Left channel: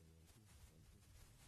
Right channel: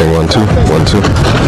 Testing 1 2 1 2.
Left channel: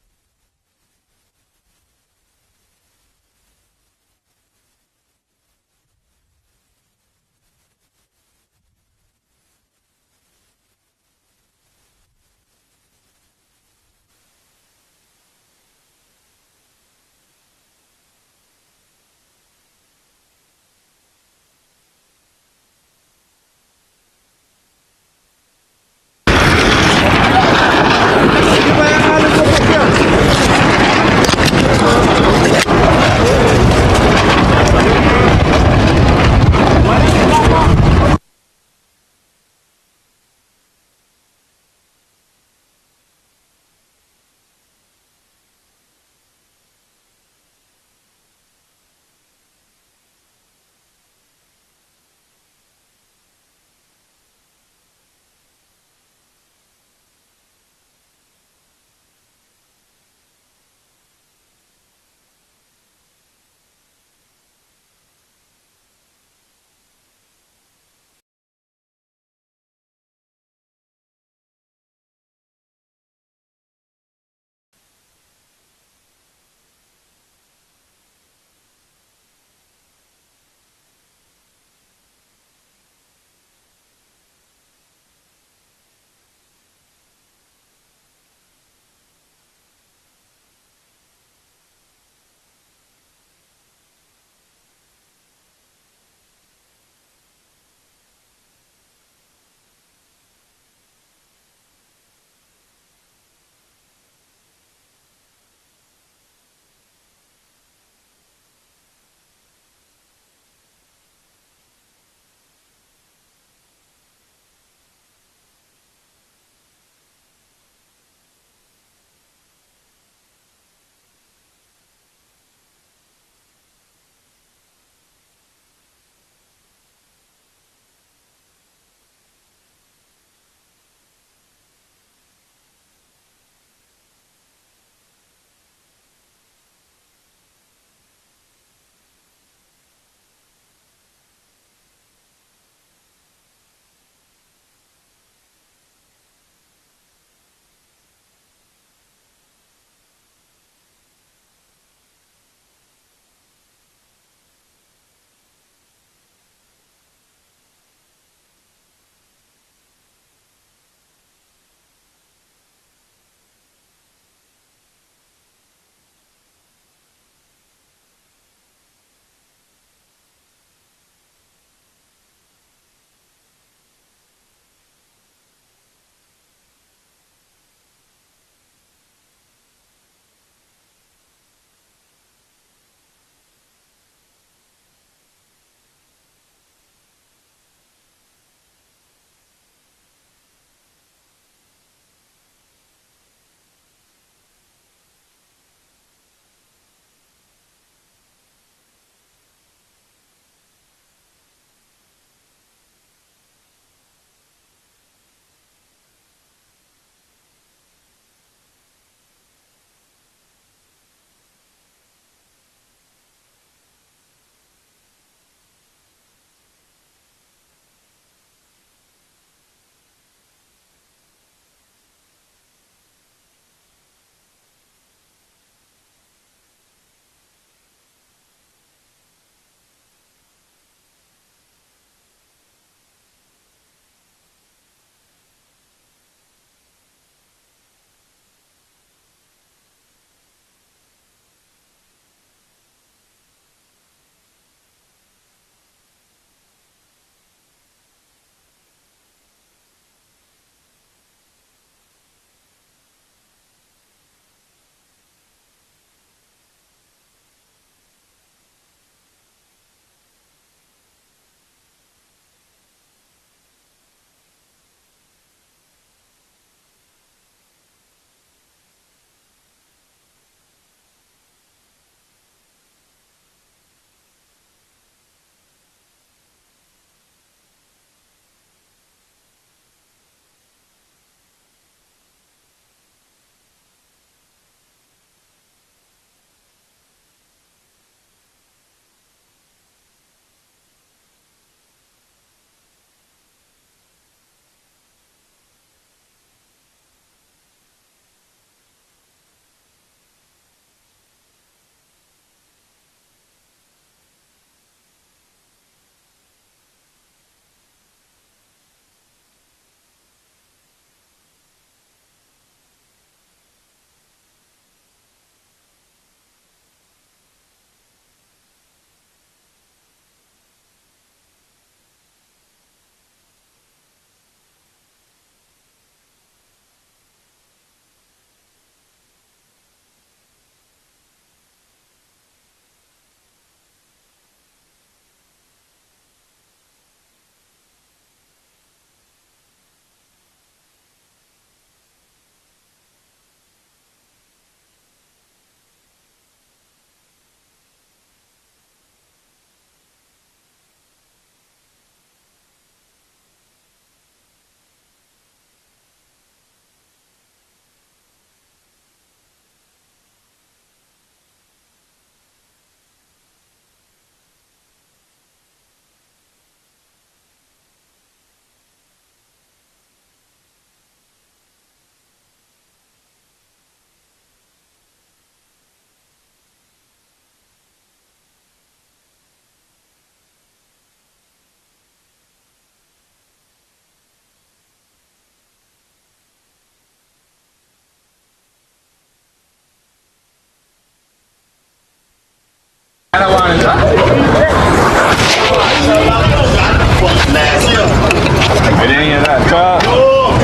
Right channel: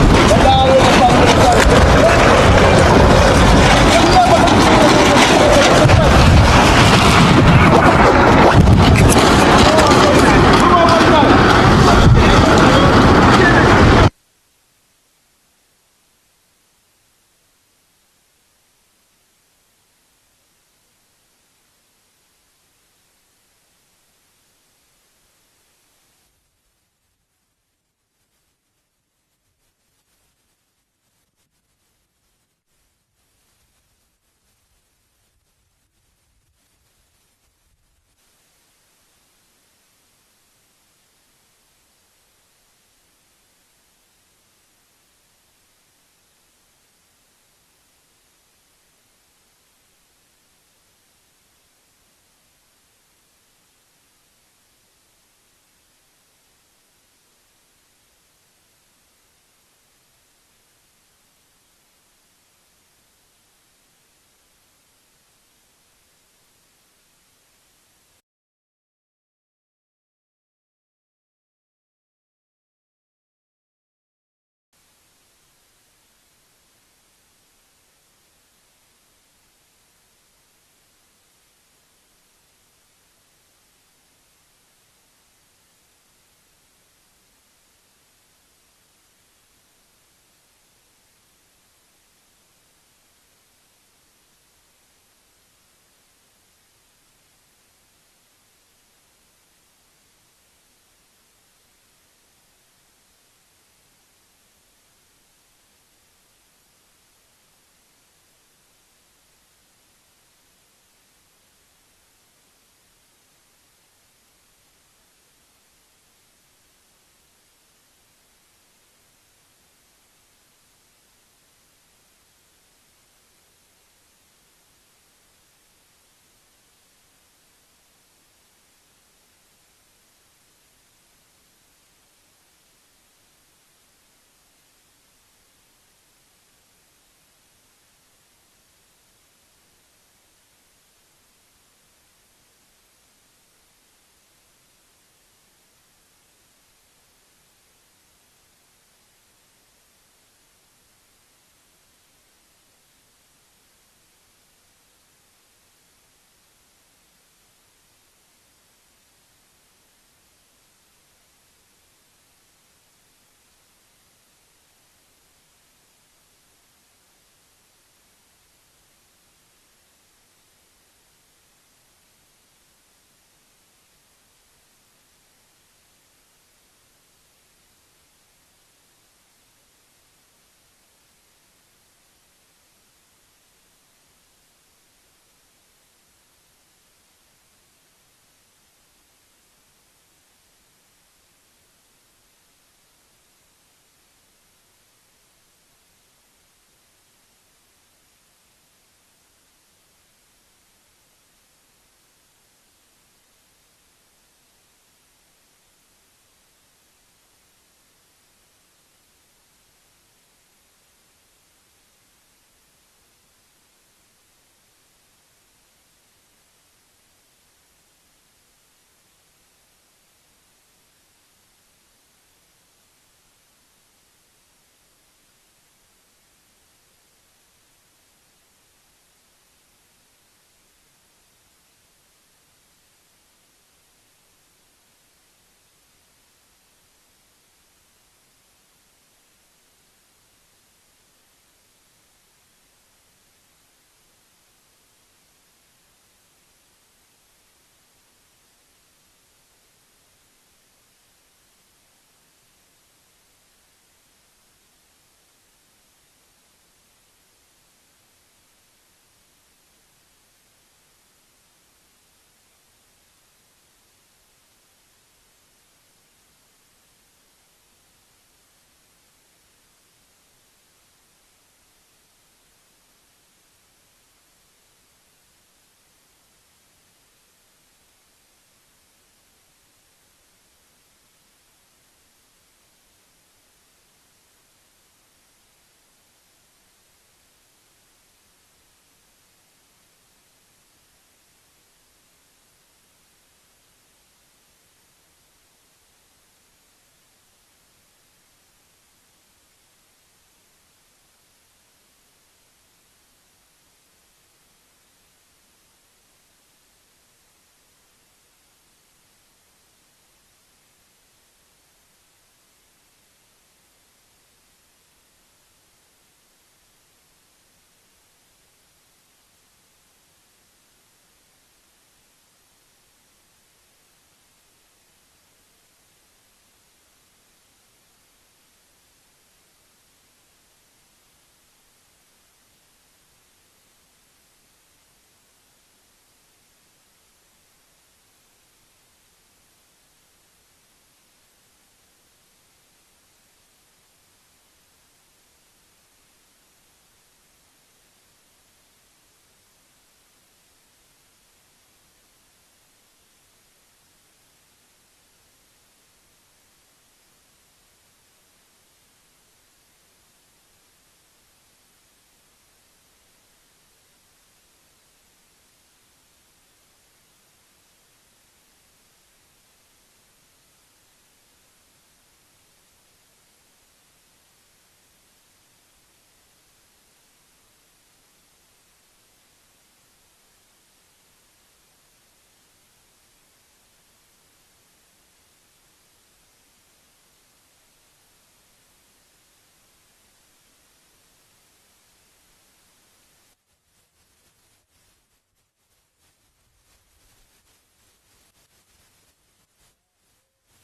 I didn't hear that. Oh.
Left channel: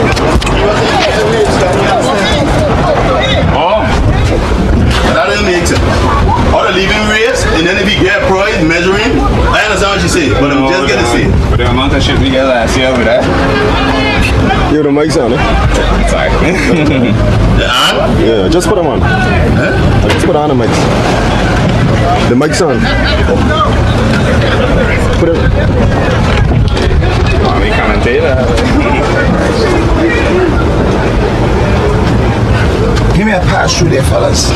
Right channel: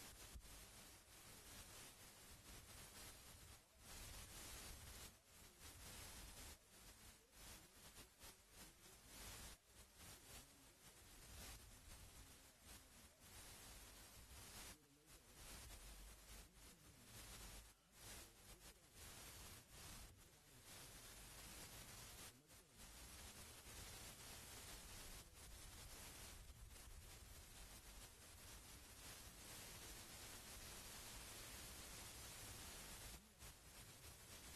That doesn't make sense. Or the leaving rates, and then if you get price measuring, I understand what you say, but I'm just gonna say. But the amount of shit we got last year with that. Yo, the mic's on, eh? Sorry. Yeah, just put them on. Just put on the mics. The mic's on. Put it. Oh, we commentator. Give me a pass through there, fellas.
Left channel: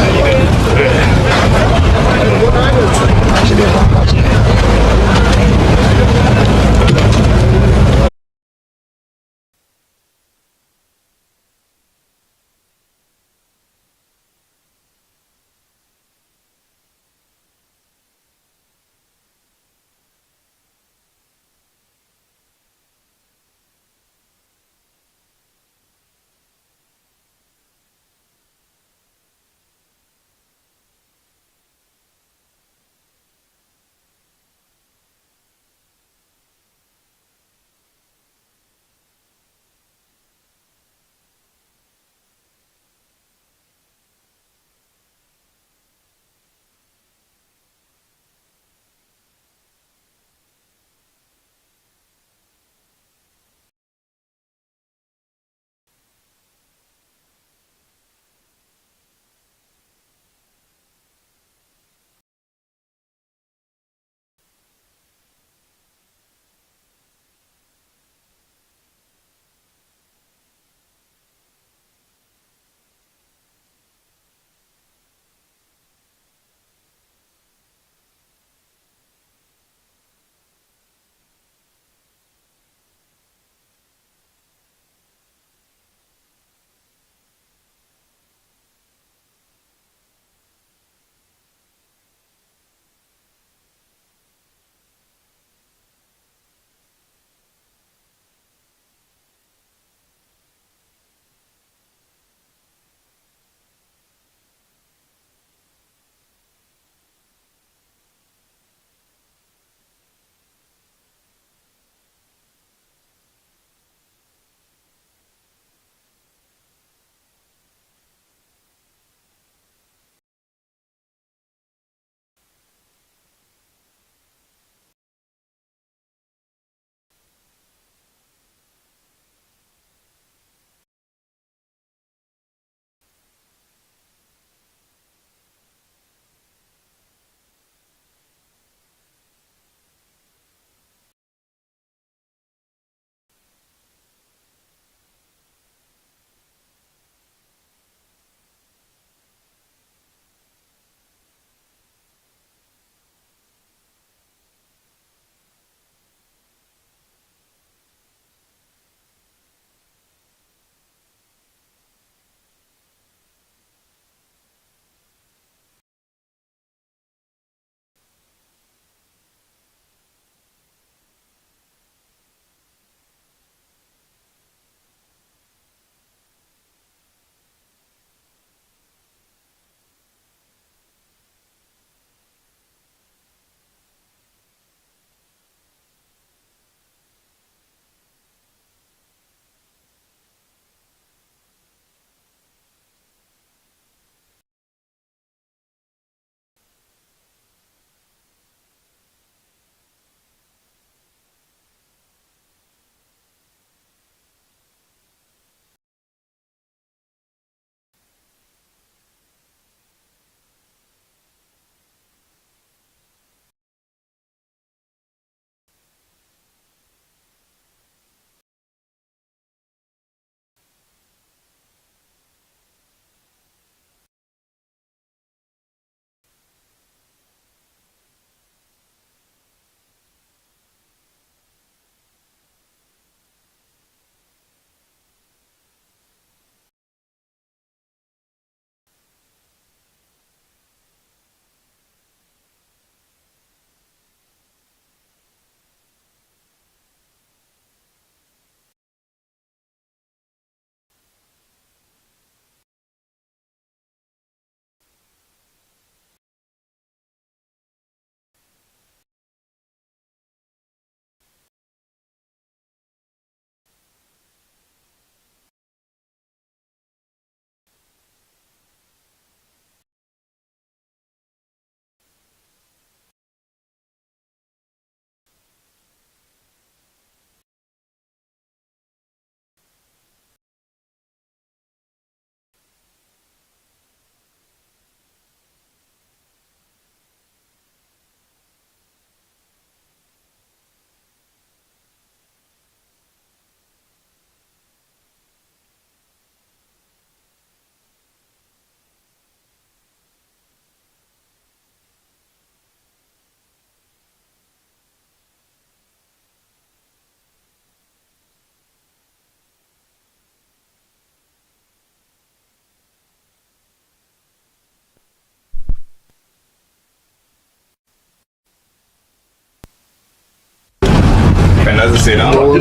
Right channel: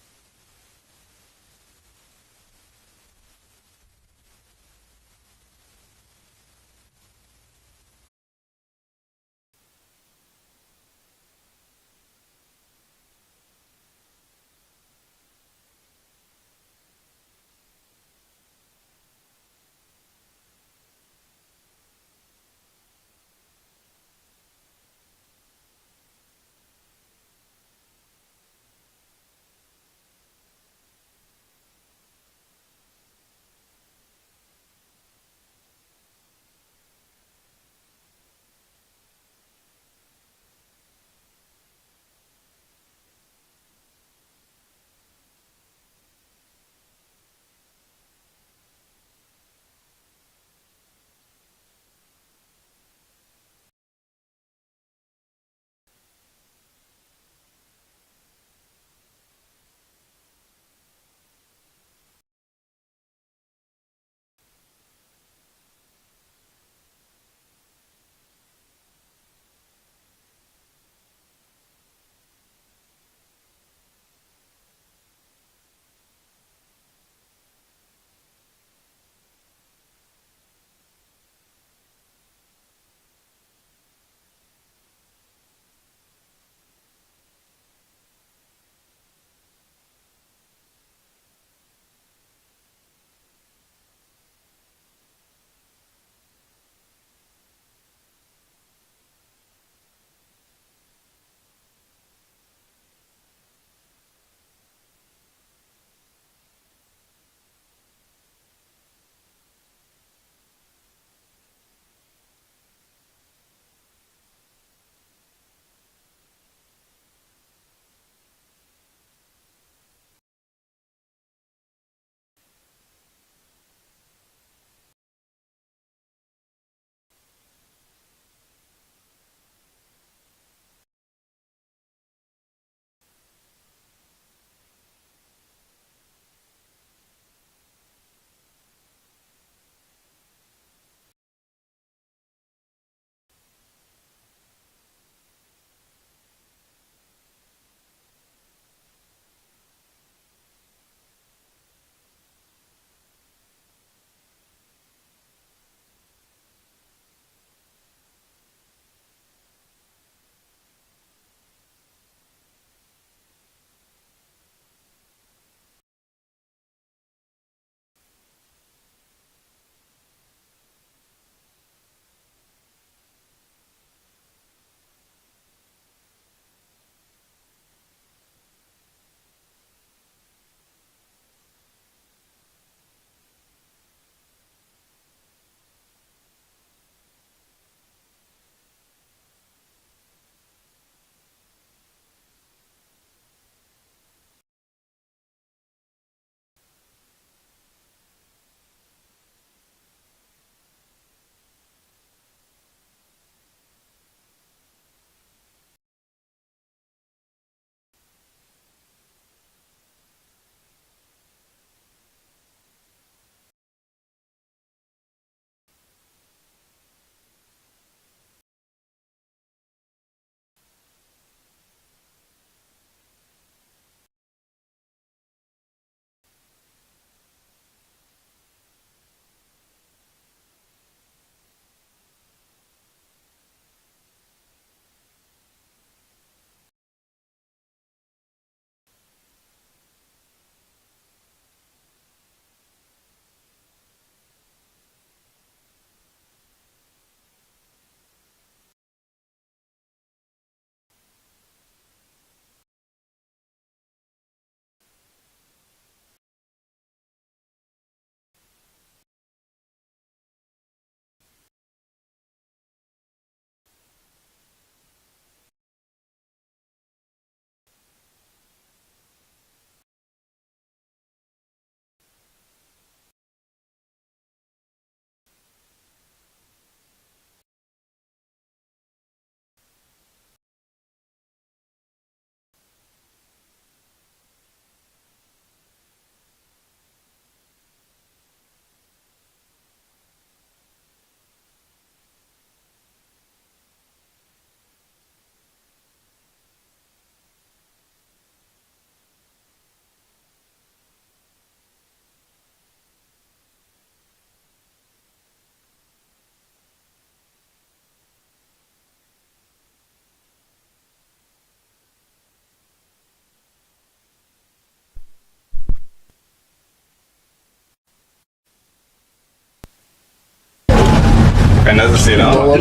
say that. Put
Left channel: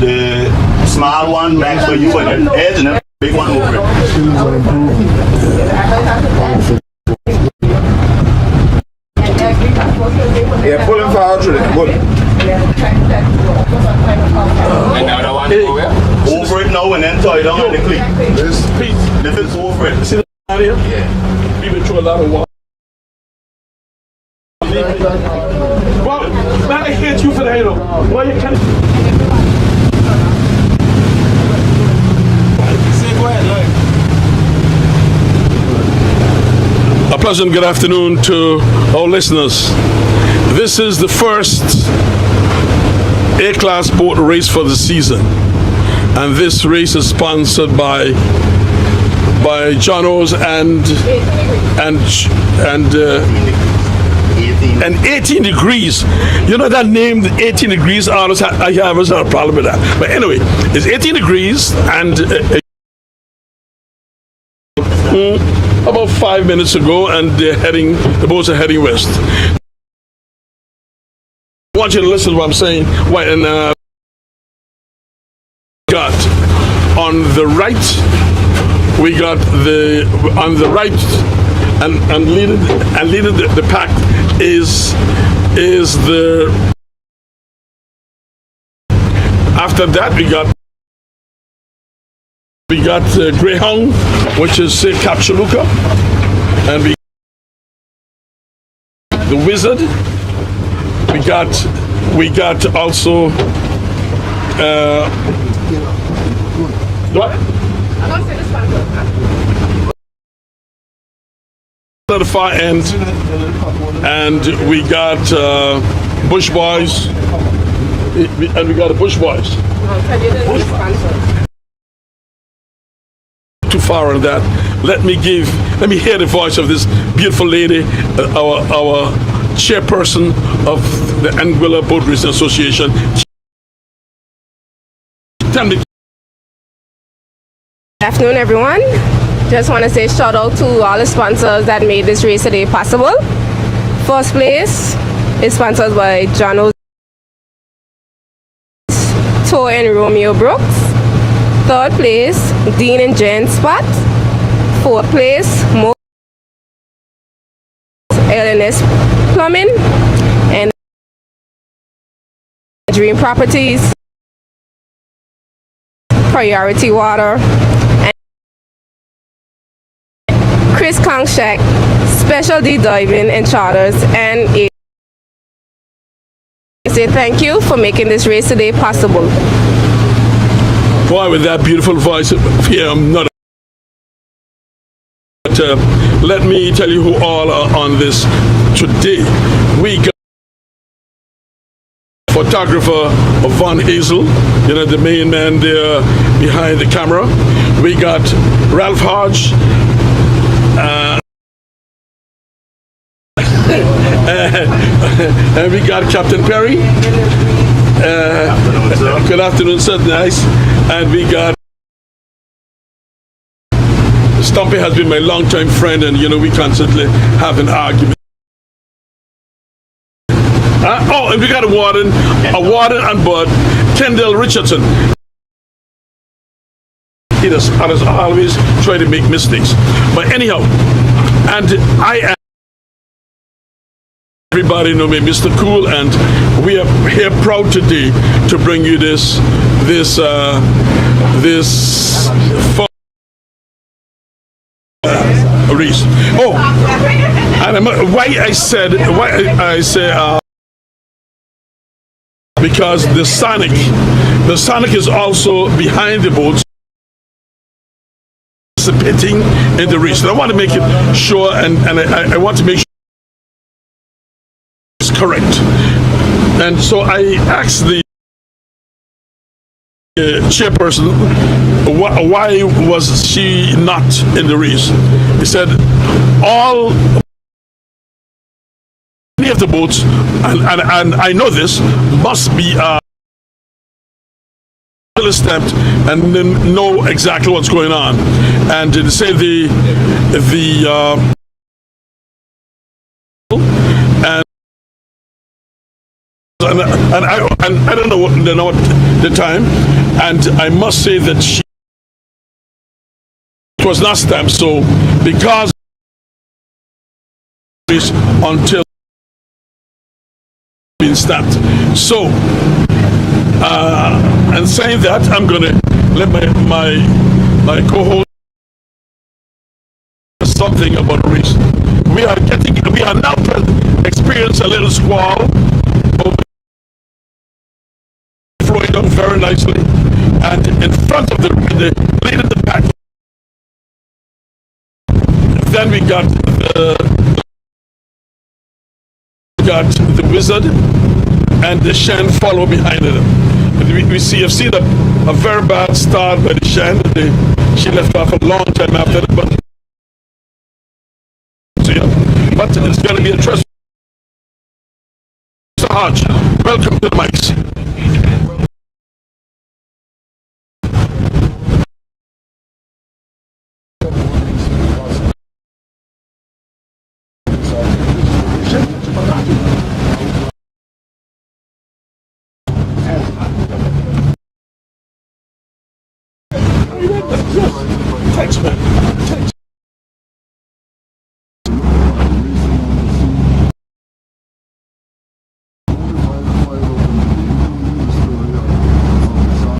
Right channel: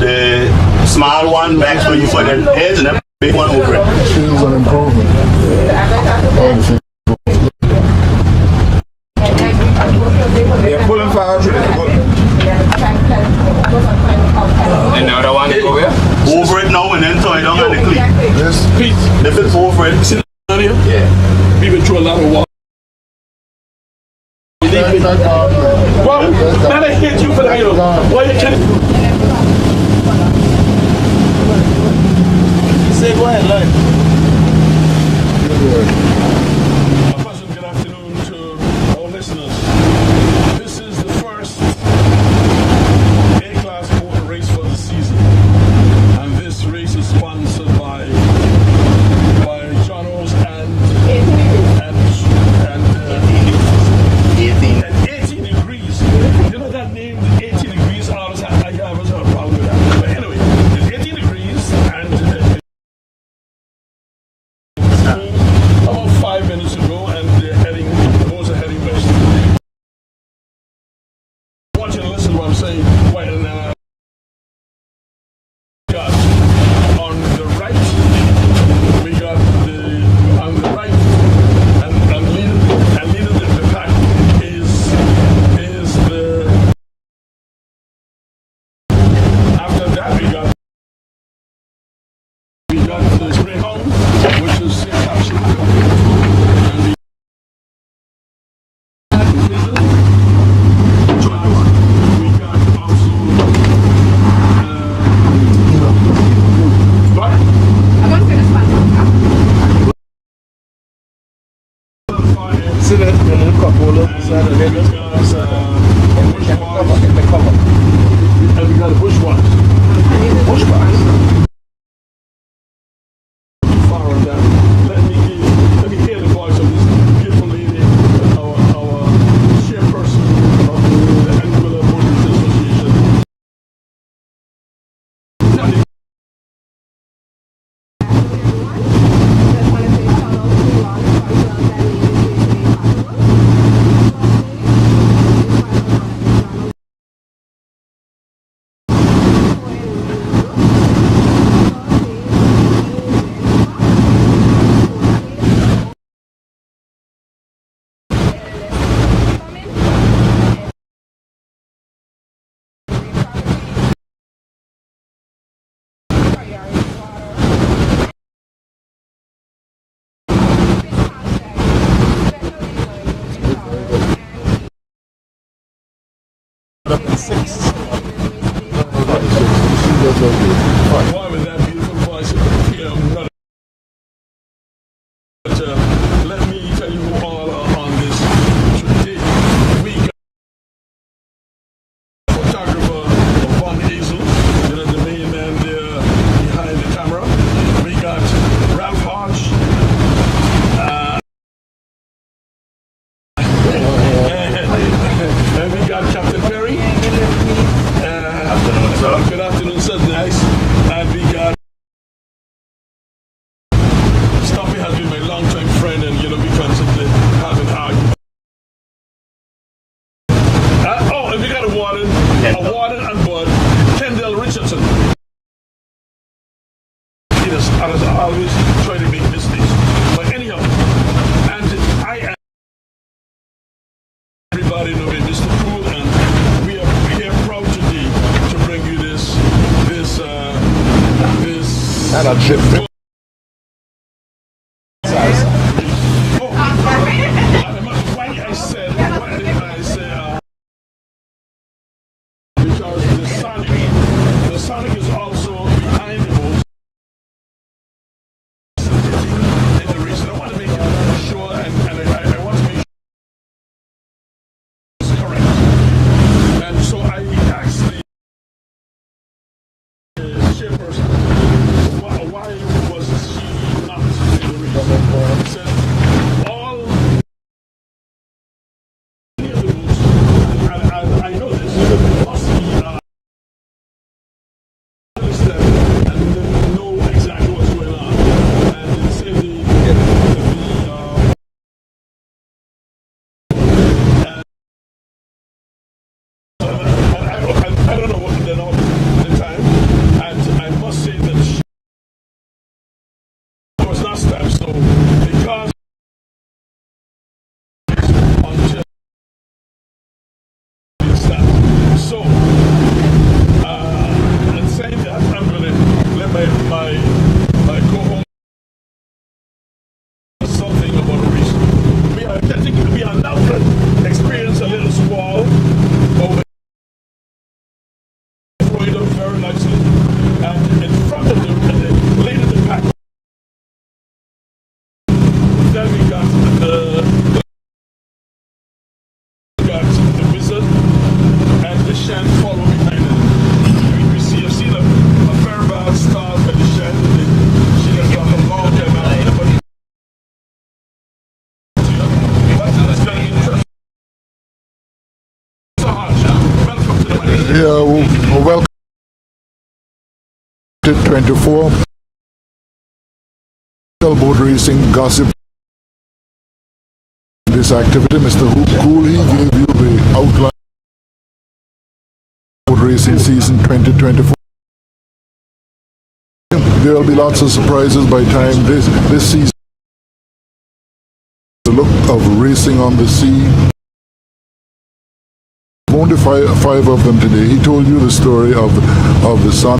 the small one back so you put the edge and then big one over it. Things on improving. They're pulling for actually. And now the one over here. Over it now and then tie down at the cleat. Yes. If it's over it, See down here? Yeah. We've been through a lot of water. Well, man, I hate you for that, you know. Why you can't... A pleasant good afternoon to our listeners. This is the first A-class boat race for the season, and this race is sponsored by John's and 18 degrees. You know that name, 18 degrees. I have a problem with that. But anyway, it's 18 degrees and about 5 minutes ago, and the boats are heading west. I want you to listen to what I'm saying. Got on the right, and leading the pack is the. After that, we got Greyhound, which is Capsuluca, and the Wizard. We got also what? At the far end, and we got Bush Boys, and we got the Bush Boys. Too far on that. Let me hear the voice of this beautiful lady, our chairperson of the Anguilla Boat Racing Association. Tell me. Good afternoon, everyone. Just want to say shout out to all the sponsors that made this race today possible. First place is sponsored by John's Tour and Romeo Brooks. Third place, Dean and Jen Spot. Fourth place, LNS Plumbing and Dream Properties, Priority Water, and Chris Kongshak, Special D Diving and Charters, and a say thank you for making this race today possible. Boy, with that beautiful voice, I'm not. But, let me tell you who all are on this today. We got photographer Von Hazel, the main man there behind the camera. We got Ralph Hodge. And we got Captain Perry. Good afternoon, sir. Nice. And we got Stumpy has been my longtime friend, and we constantly have an argument. And we got a warden on board, Kendall Richardson. He has always tried to make mistakes. But anyhow, and I am. Everybody know me, Mr. Cool, and we are here proud today to bring you this race. Oh, and why I say because the Sonic is also behind the boats, participating in the race. And I want to make it sure, and I want to make sure it's correct. And so I asked the chairperson, why was she not in the race? He said, many of the boats, and I know this, must be stamped and know exactly what's going on. And they say and and I don't know what the time, and I must say that it was last time. So because until being stamped. So and saying that, I'm going to let my co-host something about race. We are now experiencing a little squall over flowing down very nicely, and in front of the lead of the pack. Then we got the Wizard and the Shan follow behind it. You've seen a very bad start by the Shan. She left off a long time after that, but it's going to be a trust. Mr. Hodge, welcome to the mic. Yeah, welcome to 24. Boat racing gossip. This activity, Mr. Cooley gave you the outline. Boat racing season 2024. There will be lots of surprises by time this season. The look of racing on the sea. Only five of them today. He told you the story of the son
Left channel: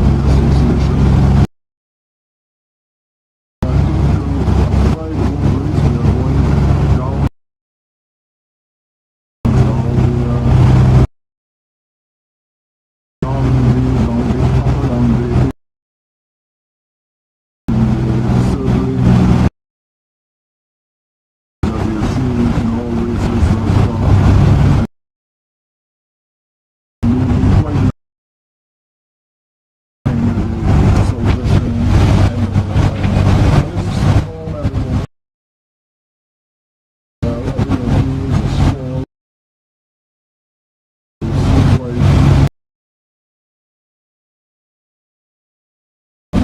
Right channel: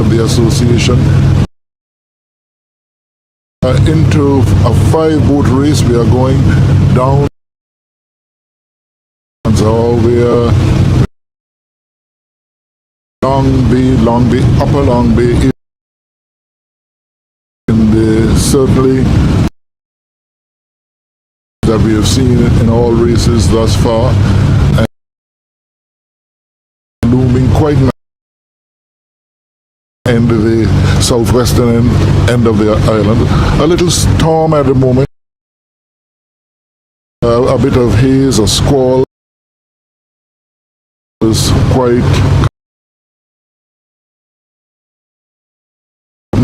of the association. Into a 5-boat race, we are going down all the Long Bay, Upper Long Bay, and certainly that we have seen in all races thus far, and looming quite in the southwestern end of the island. A little storm at the moment, a bit of haze or squall is quite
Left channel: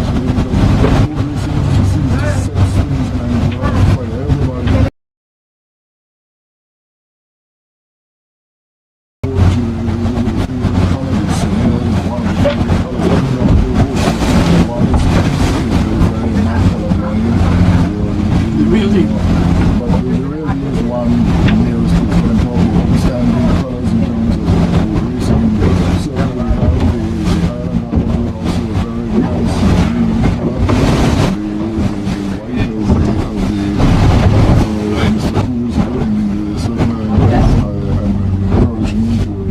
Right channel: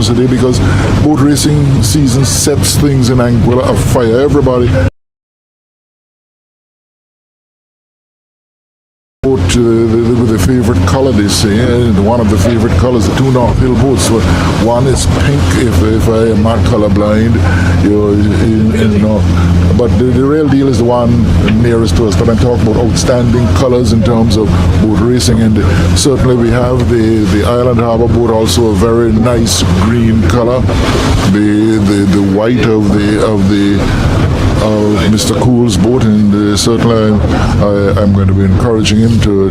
today because boat racing season sets things in Anguilla afire. Everybody with the favorite color, they say, one of the favorite colors, the two North Hill boats. So one is pink, if I am not colorblind, but the real deal is the one nearest to us. But I'm talking about outstanding colors in terms of boat racing, and certainly we have the Island Harbour boat, also a very nice green color. The white of Mr. Cool's boat, and certainly I'm going to be encouraging him to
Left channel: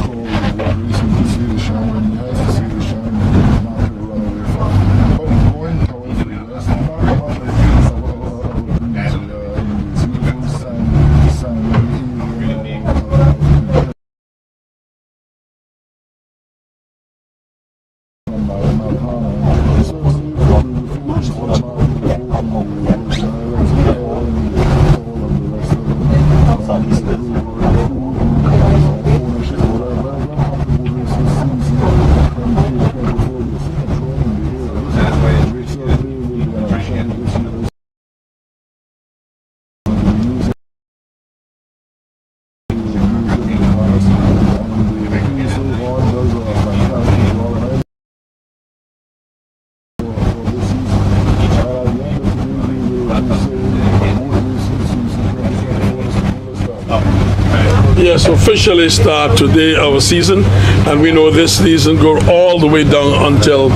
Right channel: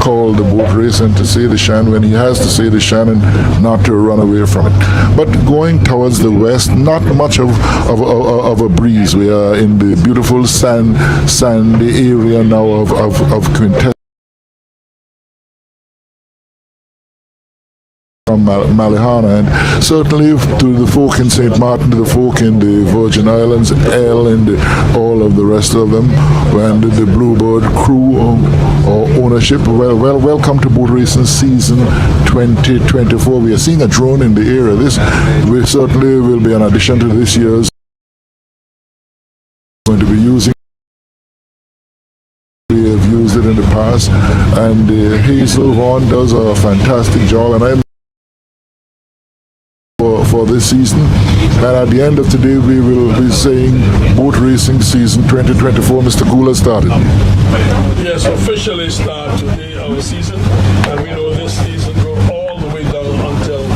call the boat race and to say the Shan when he has to say the Shan and not to run away from it. But going towards the west, not much of a breeze. We are in the beautiful sandy area now of Quintessa. From Malihana, and certainly to the folk in St. Martin, to the folk in the Virgin Islands, Elle and all of the rest of them, and the Bluebird crew or ownership. Welcome to boat racing season 2024. We are seeing a drone in the area. This we certainly will be an addition to this year's. Going to be using. We have used it in the past, and Hazel Horn does a fantastic job, and I'm for this season, and at the end of today we will be saying boat racing season 2024. Mr. Cooler started. Yes, officially start today our season, and we know this season go all the way down until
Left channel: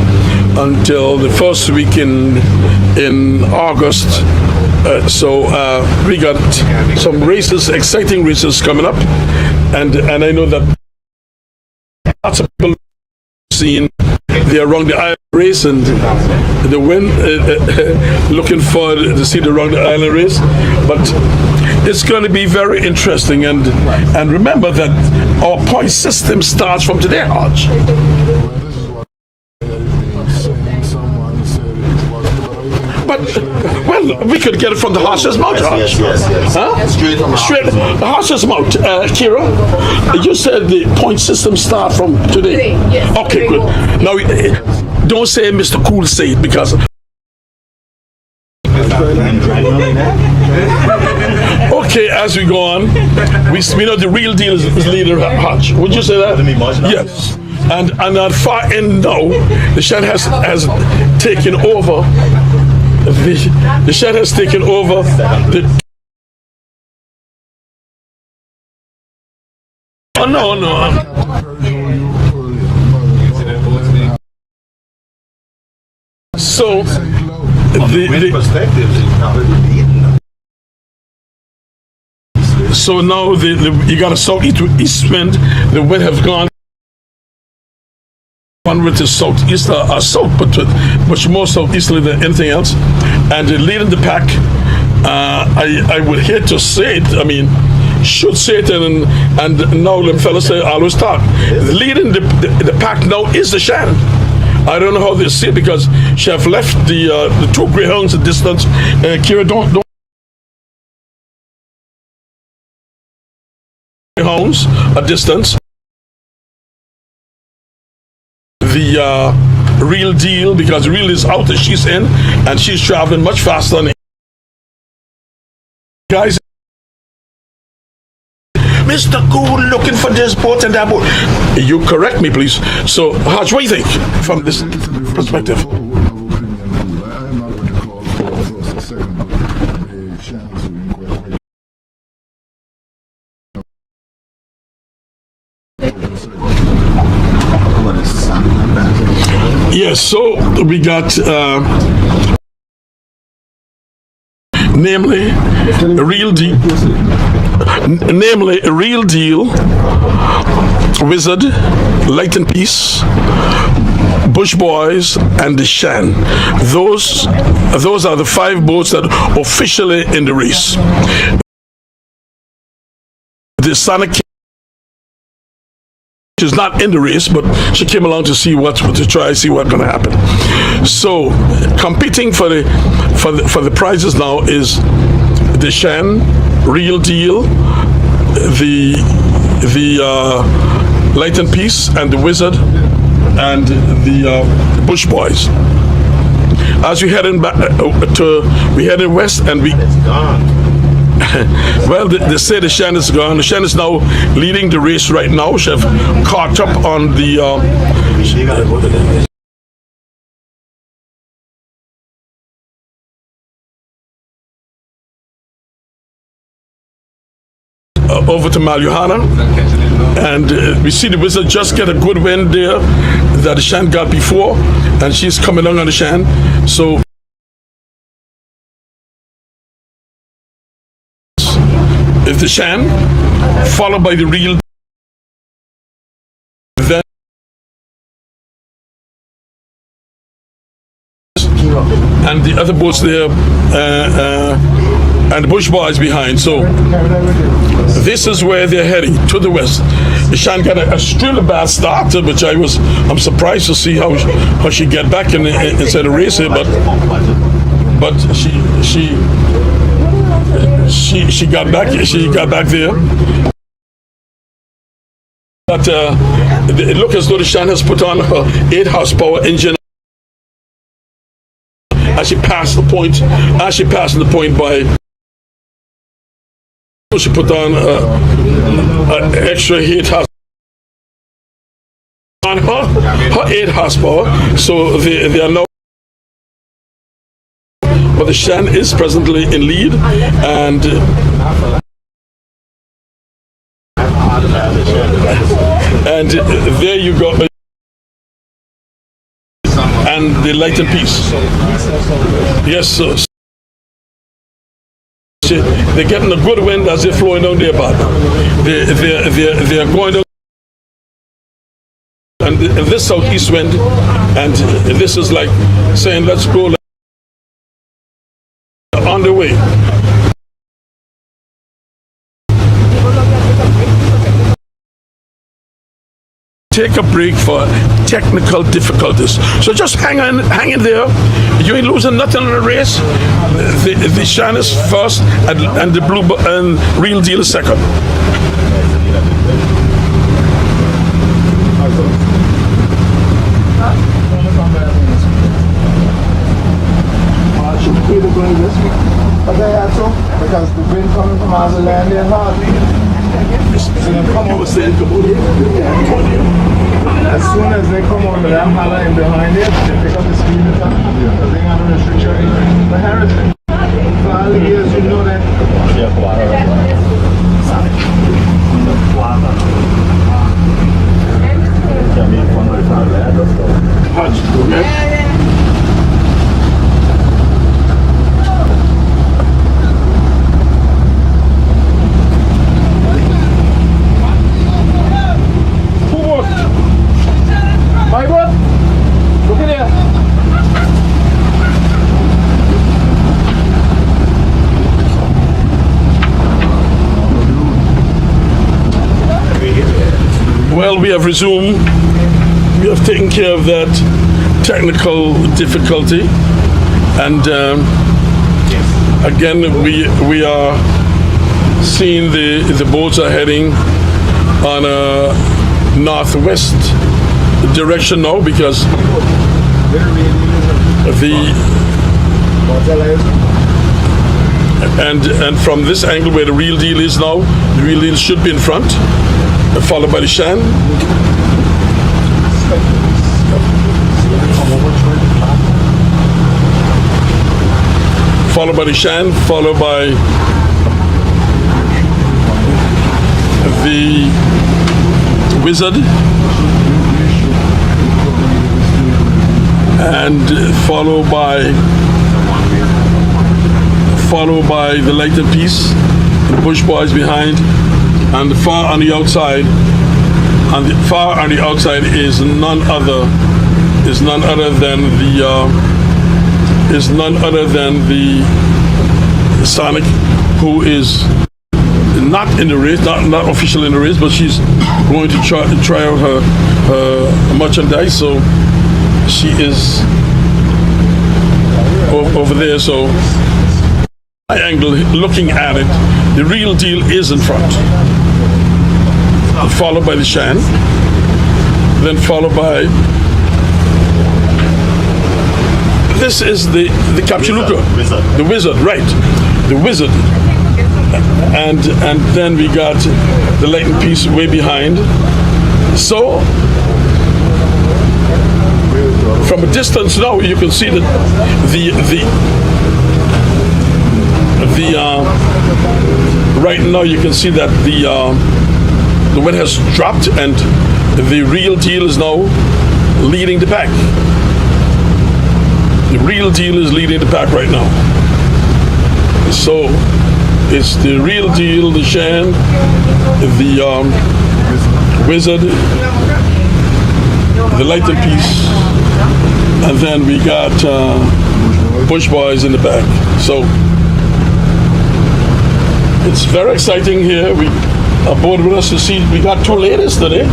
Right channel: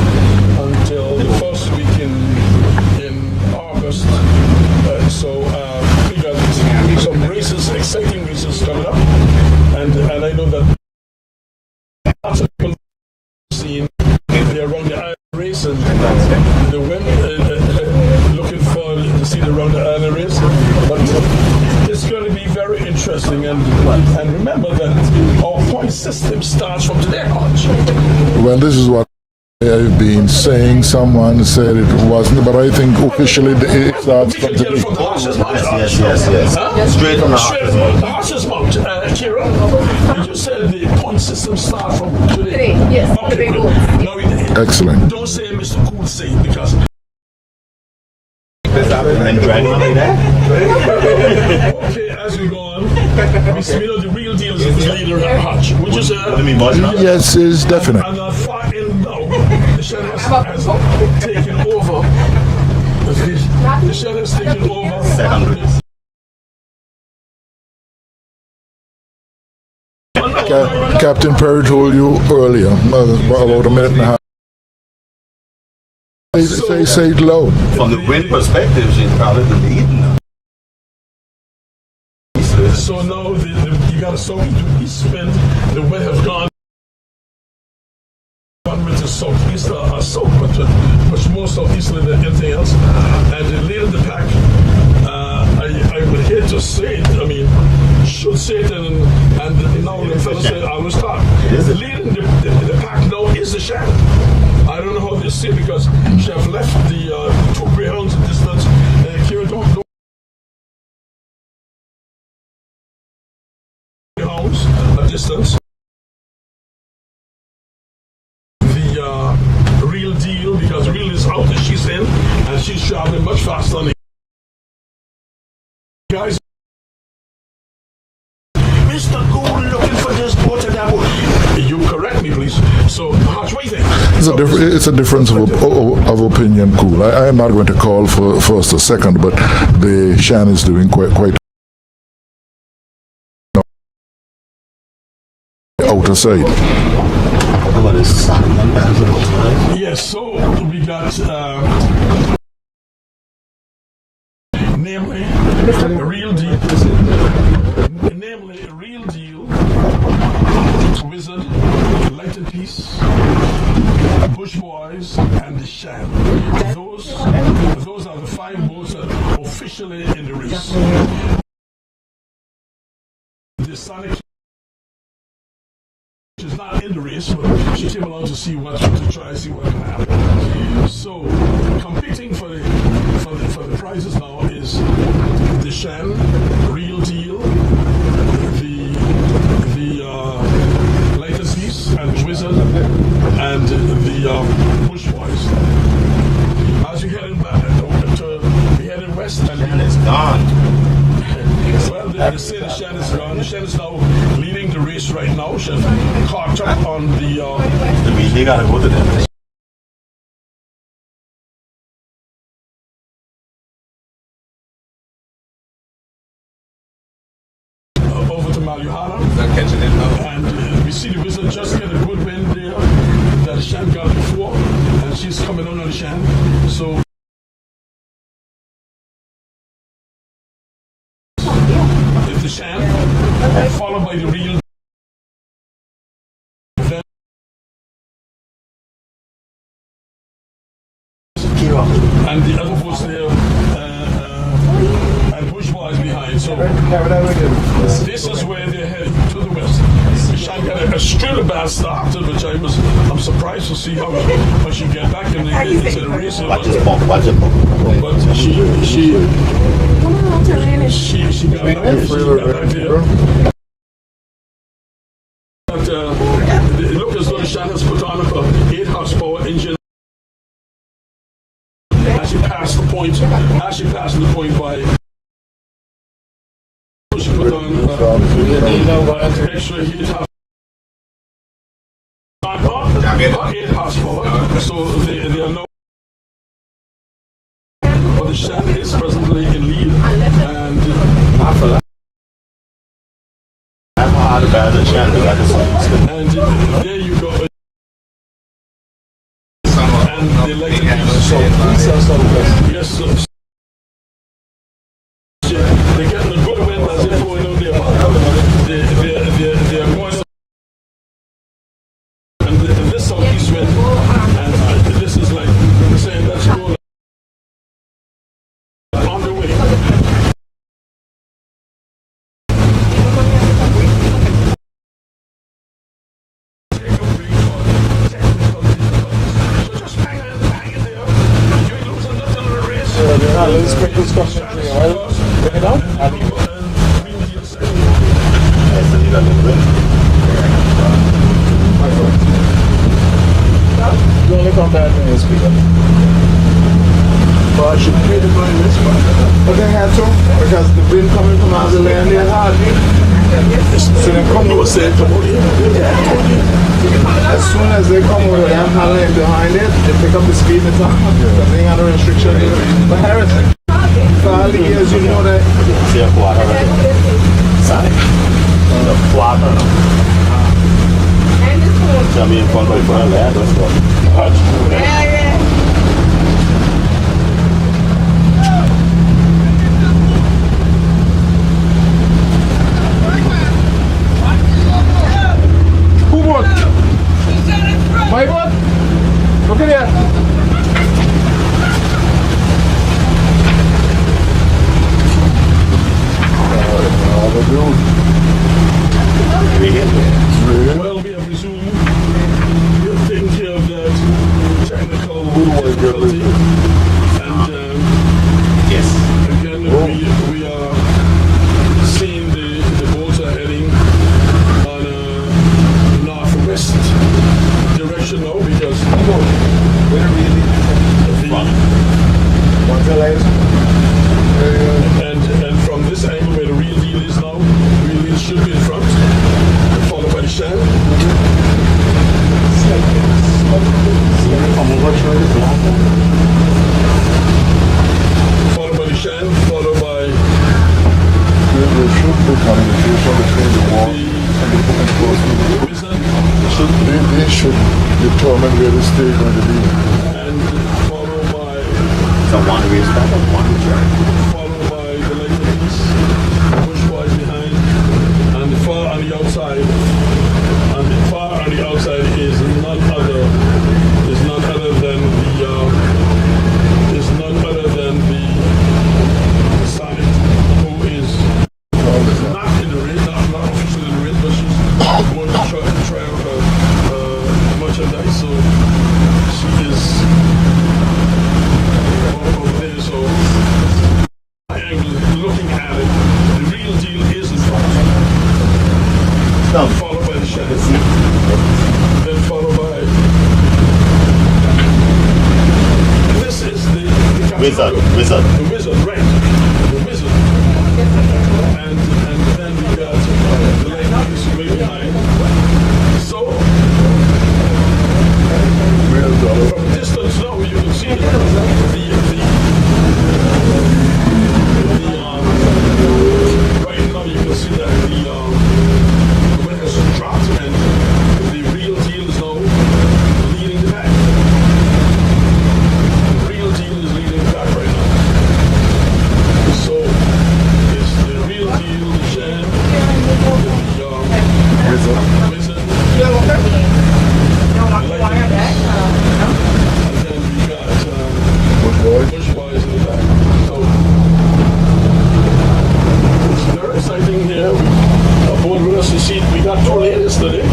the first week in August. So we got some races, exciting races coming up, and I know that lots of people seen the Around the Island race and the win, looking forward to see the Around the Island race, but it's going to be very interesting, and remember that our point system starts from today, Hodge. Well, this is what I've been saying. Someone said it wasn't, but I think officially we could get it from the horse's mouth. Yes. Huh? Straight from the the horse's mouth. Kira, you said the point system start from today. Yes. Okay, good. Now, excellent. don't say Mr. Cool say it, because Okay, as we go on, we know the real deal is leader Hodge. Would you say that? Yes, it's definite. And at far end now, the Shan has taken over. The Shan has taken over the. Oh no. Captain Perry told you earlier, about a minute and a half. So Say it low. From the wind perspective, she's probably the lead. So now you got a southeast wind. The wind has gone one with the southeast or south, but much more southeasterly than anything else. And leading the pack, I would hate to say it. I mean, should say it, and now the fellas say always talk. Leading the pack now is the Shan. I don't know how they see it because she have left the two greyhounds at distance. Kira, don't greyhounds at distance. The real deal, because real is out and she's in, and she's traveling much faster than guys. Mr. Gould looking for this boat and that boat. You correct me, please. So, Hodge, what do you think? It's a difference of opinion, Cool. I am not going to call for first or second, but the Shan is doing quite outer side. Yes, so we got namely a real deal, Wizard, Light and Peace, Bush Boys, and the Shan. Those are the 5 boats that are officially in the race. The Sonic is not in the race, but she came along to see what's going to happen. So, competing for the prizes now is the Shan, Real Deal, the Light and Peace, and the Wizard, and the Bush Boys. As we heading back we heading west, and it's gone. Well, they say the Shan is gone. The Shan is now leading the race right now. She have caught up on the. Over to Maluhana, and we see the Wizard just get a good win there that the Shan got before, and she's coming along on the Shan. So if the Shan, followed by the Real, then and the other boats there, and the Bush Boys behind. So this is where they're heading, to the west. The Shan got a still bad start, which I'm surprised to see how she get back inside the race here, but she got back. She got back there. But it looks as though the Shan has put on her 8 horsepower engine. As she passed the point by. She put on an extra 8 horsepower on her 8 horsepower. So they are now. But the Shan is presently in lead, and there you go. And the Light and Peace. Yes, sir. They're getting a good wind as they're flowing down their back. They're going up, and this southeast wind, and this is like saying, let's go on the way. Take a break for technical difficulties. So just hang in there. You ain't losing nothing in the race. The Shan is first, and the Blue and Real Deal is second. Well, I should really go to this one. Okay, have to, because the wind coming from out of there. them come You were out, saying, come on here. as soon as they come out of that highlight behind it, they pick up the speed and time because they ain't got no restriction. But Harrison, for all the years you know that. Who won? My boat? Look at that. Well, we have resumed. We have taken care of that technical difficulty, and again, we are seeing the boats are heading on a northwest direction now because and from this angle where the real deal is now, the real deal should be in front, followed by the Shan. Followed by the Shan, followed by the Wizard, They should determine where to stay on the beach. and followed by the Light and Peace, the Bush Boys behind, and the far on the outside. And the far on the outside is none other than the Sonic, who is not in the race, not official in the race, but she's going to try out her merchandise. So she is over there. So my angle, looking at it, the real deal is in front, followed by the Shan, then followed by this is the Capchaluca, the Wizard, right? The Wizard. And then we got the Light and Peace way behind. So from a distance now, you can see that right now you can see that the wind has dropped and the real deal is now leading the pack. The real deal is leading the pack right now. So it's the real deal, the Shan, the Wizard, the Light and Peace, and then we got Bush Boys in the back. So it's very exciting here. We are board with us to see. We got two ladies today.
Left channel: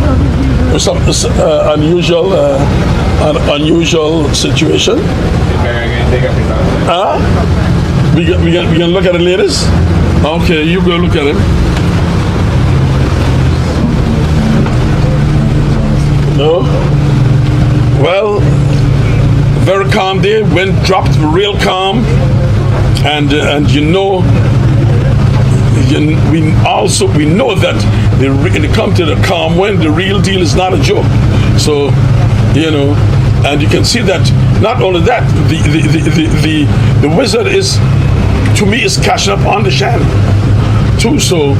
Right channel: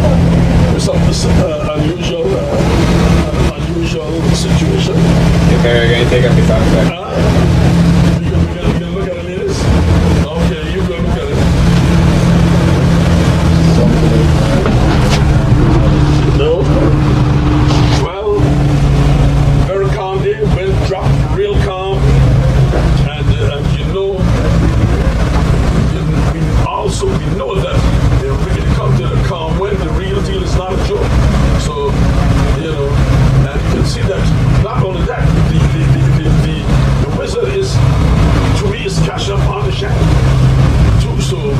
Some unusual situation. We gonna look at the ladies. Okay, you go look at it. No. Well, very calm day. Wind dropped, real calm, and we know that when it comes to the calm wind, the real deal is not a joke. So, and you can see that. Not only that, the Wizard is, to me, is catching up on the Shan too. So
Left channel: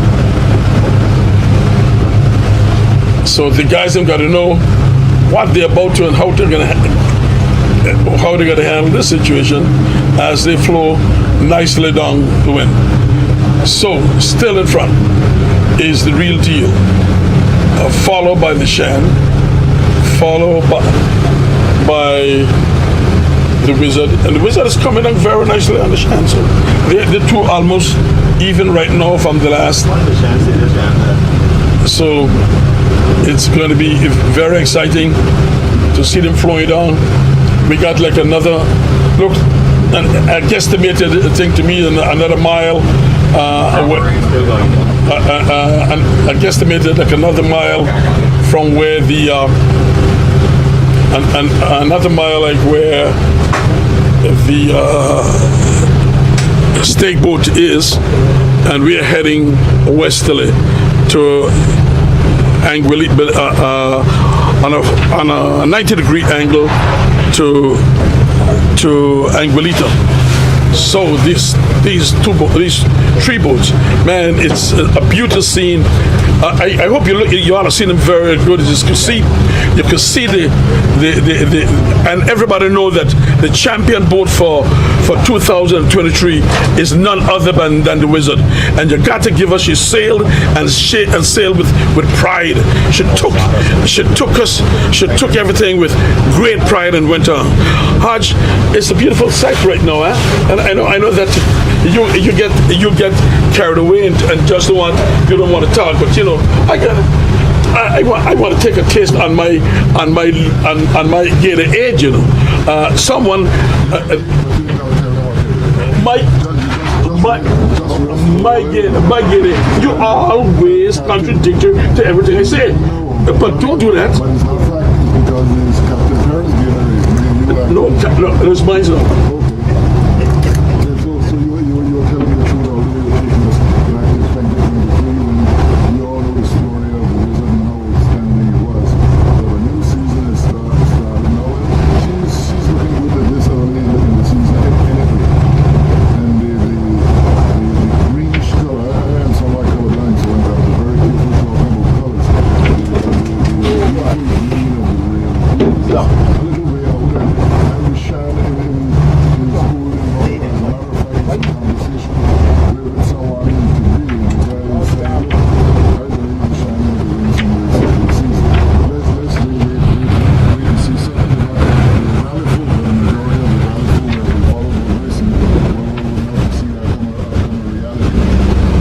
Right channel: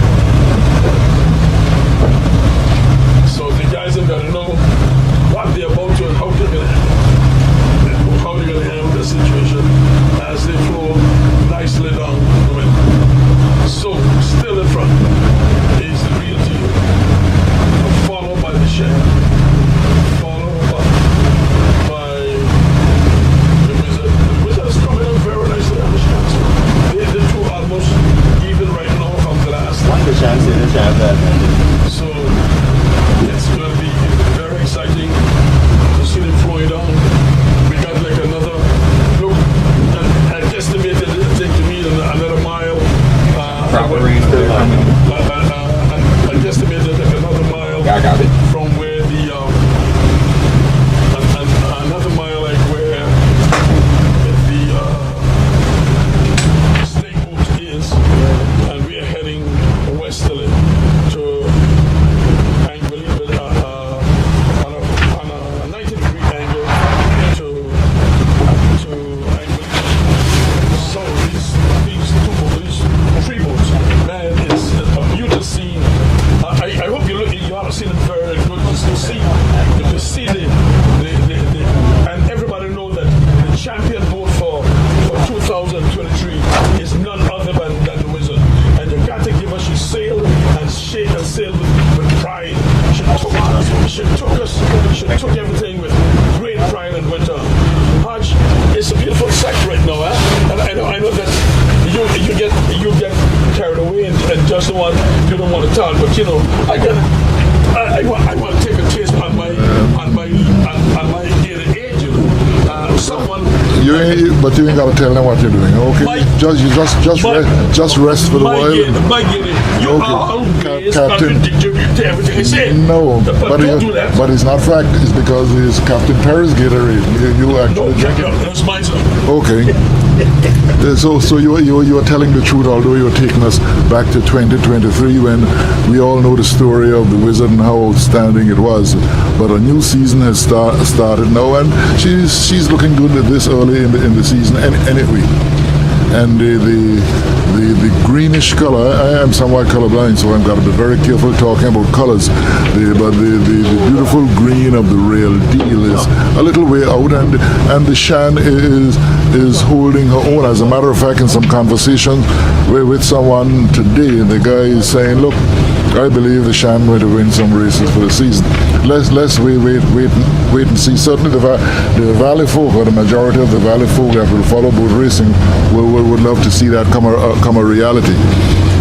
the guys have got to know what they're about to and how they're gonna handle this situation as they flow nicely down the wind. So still in front is the real deal, followed by the Shan, followed by the Wizard, and the Wizard is coming down very nicely on the Shan. So the two almost even right now from the last. So it's going to be very exciting to see them flowing down. We got like another look. I guesstimated, I think, to me another mile. I guesstimated like another mile from where the another mile like where Steakboat is, and we are heading westerly to Anguilita on a 90-degree angle to Anguilita. So these three boats, man, it's a beautiful scene. I hope you ought to see them very good. You can see the and everybody know that the champion boat for 2023 is none other than the Wizard. And you got to give her. She sailed and sailed with pride. She took everything with great pride and went on. Hodge, it's a beautiful sight right now, eh? And I know that you get carried away and just you don't want to talk, but you know I want to take a taste on my gator age, you know. But you ain't gotta tell them what you're doing, okay? Just rest for the while. You always contradictory to everything I say. No, but don't do that. But it's not fact. It's because it's Captain Perry's Gatorade. You actually no, it's mine. Okay. So you were telling the truth, although you were taking us back to 2023 when we all know the story of the Wizard and how outstanding it was. But a new season has started now, and she's looking good this early in the season anyway. And the greenish color, I am somewhat colorblind, so I've got to be very careful talking about colors. But the beautiful green of the Real Deal is a little way out, and the Shan is holding her own. As a matter of fact, in some conversation with someone today, the guy is saying, look, I believe the Shan going to win some races for the season. Let's wait and see. Certainly the Valley folk, or the majority of the Valley folk that will follow boat racing, would love to see that come a reality.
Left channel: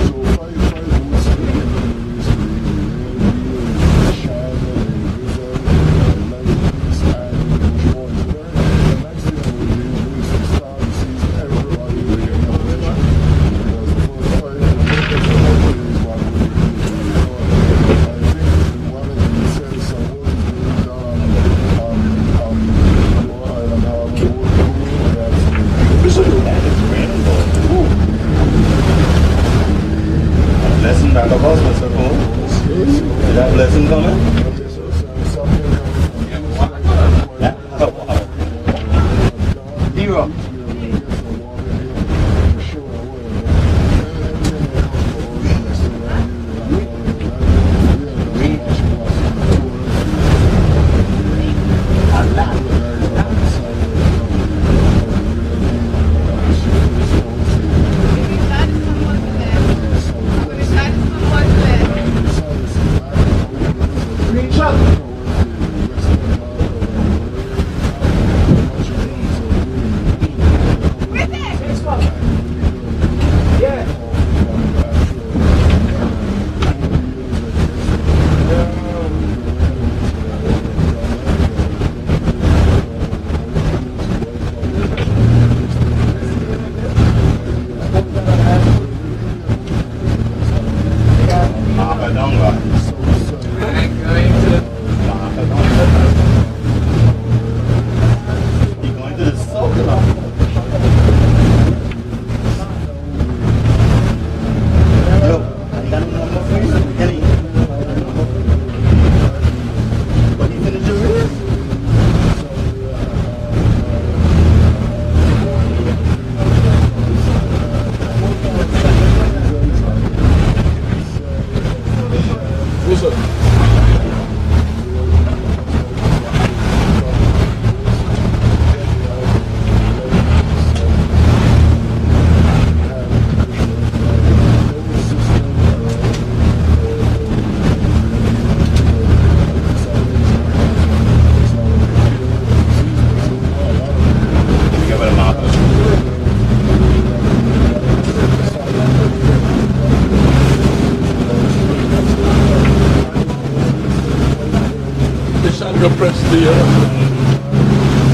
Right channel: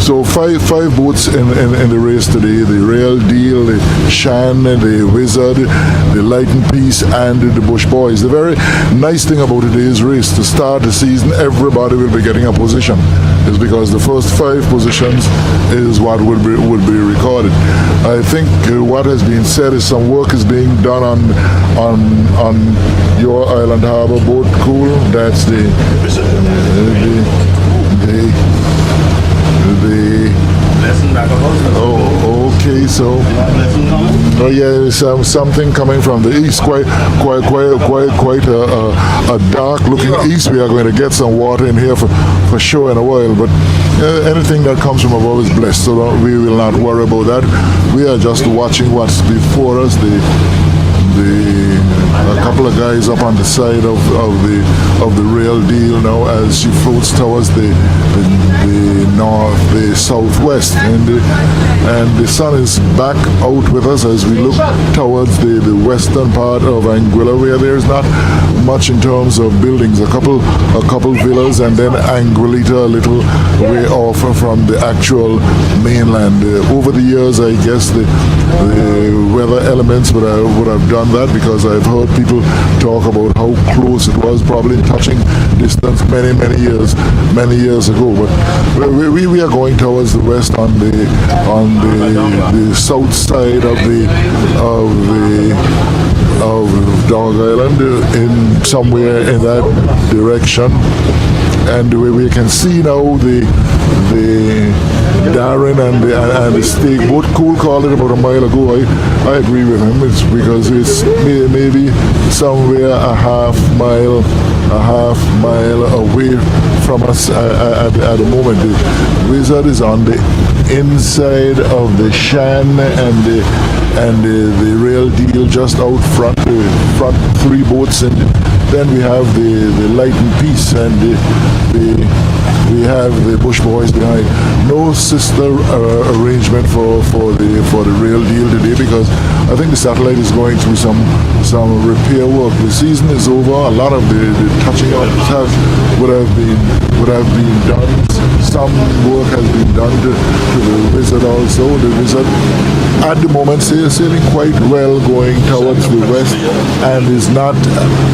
So five boats in the race today: the Real Deal, the Shan, the Wizard, the Lighten Peace, and the Bush Boys. The very nice thing about today's race, to start the season, everybody will be getting a position. It's because the first 5 positions is what would be recorded. I think what has been said is some work is being done on your Island Harbor boat. Cool. That's the Lesson back of us. okay, so yeah, something coming from the east, quite a dark looking east. We are going to get some water in here for sure in a while, but anything that comes from above is blessed, so we will not worry about that. We are just watching what's before us. A couple of guys up on the side of the Real Deal now as she floats towards the southwest, and the sun is back out with us as we look towards the western part of Anguilla, where there's not much in terms of buildings. A couple villas, and then Anguilita a little way off from the actual mainland. Over the years, I guess the weather elements would have done that, because I've heard people talk about how close it was, probably touching distance many years ago. But we are going towards the west on the south side of Dog Island, in somewhere in that direction, and we can see now the Darren and the Steakboat. Cool called it about a mile ago. I agree with him. It's because it's maybe somewhere a half mile away from us at the moment. The Wizard is on the inside of the Shan, and the Real Deal just out front. The front 3 boats, and then we have the Lighten Peace, and we have the Bush Boys behind. No sister arrangement for the Real Deal today, because I think the satellite is going through some repair work. The season is over. A lot of the touching up would have been done. Some work has been done to the Wizard also. The Wizard at the moment is sailing quite well, going towards the west, and the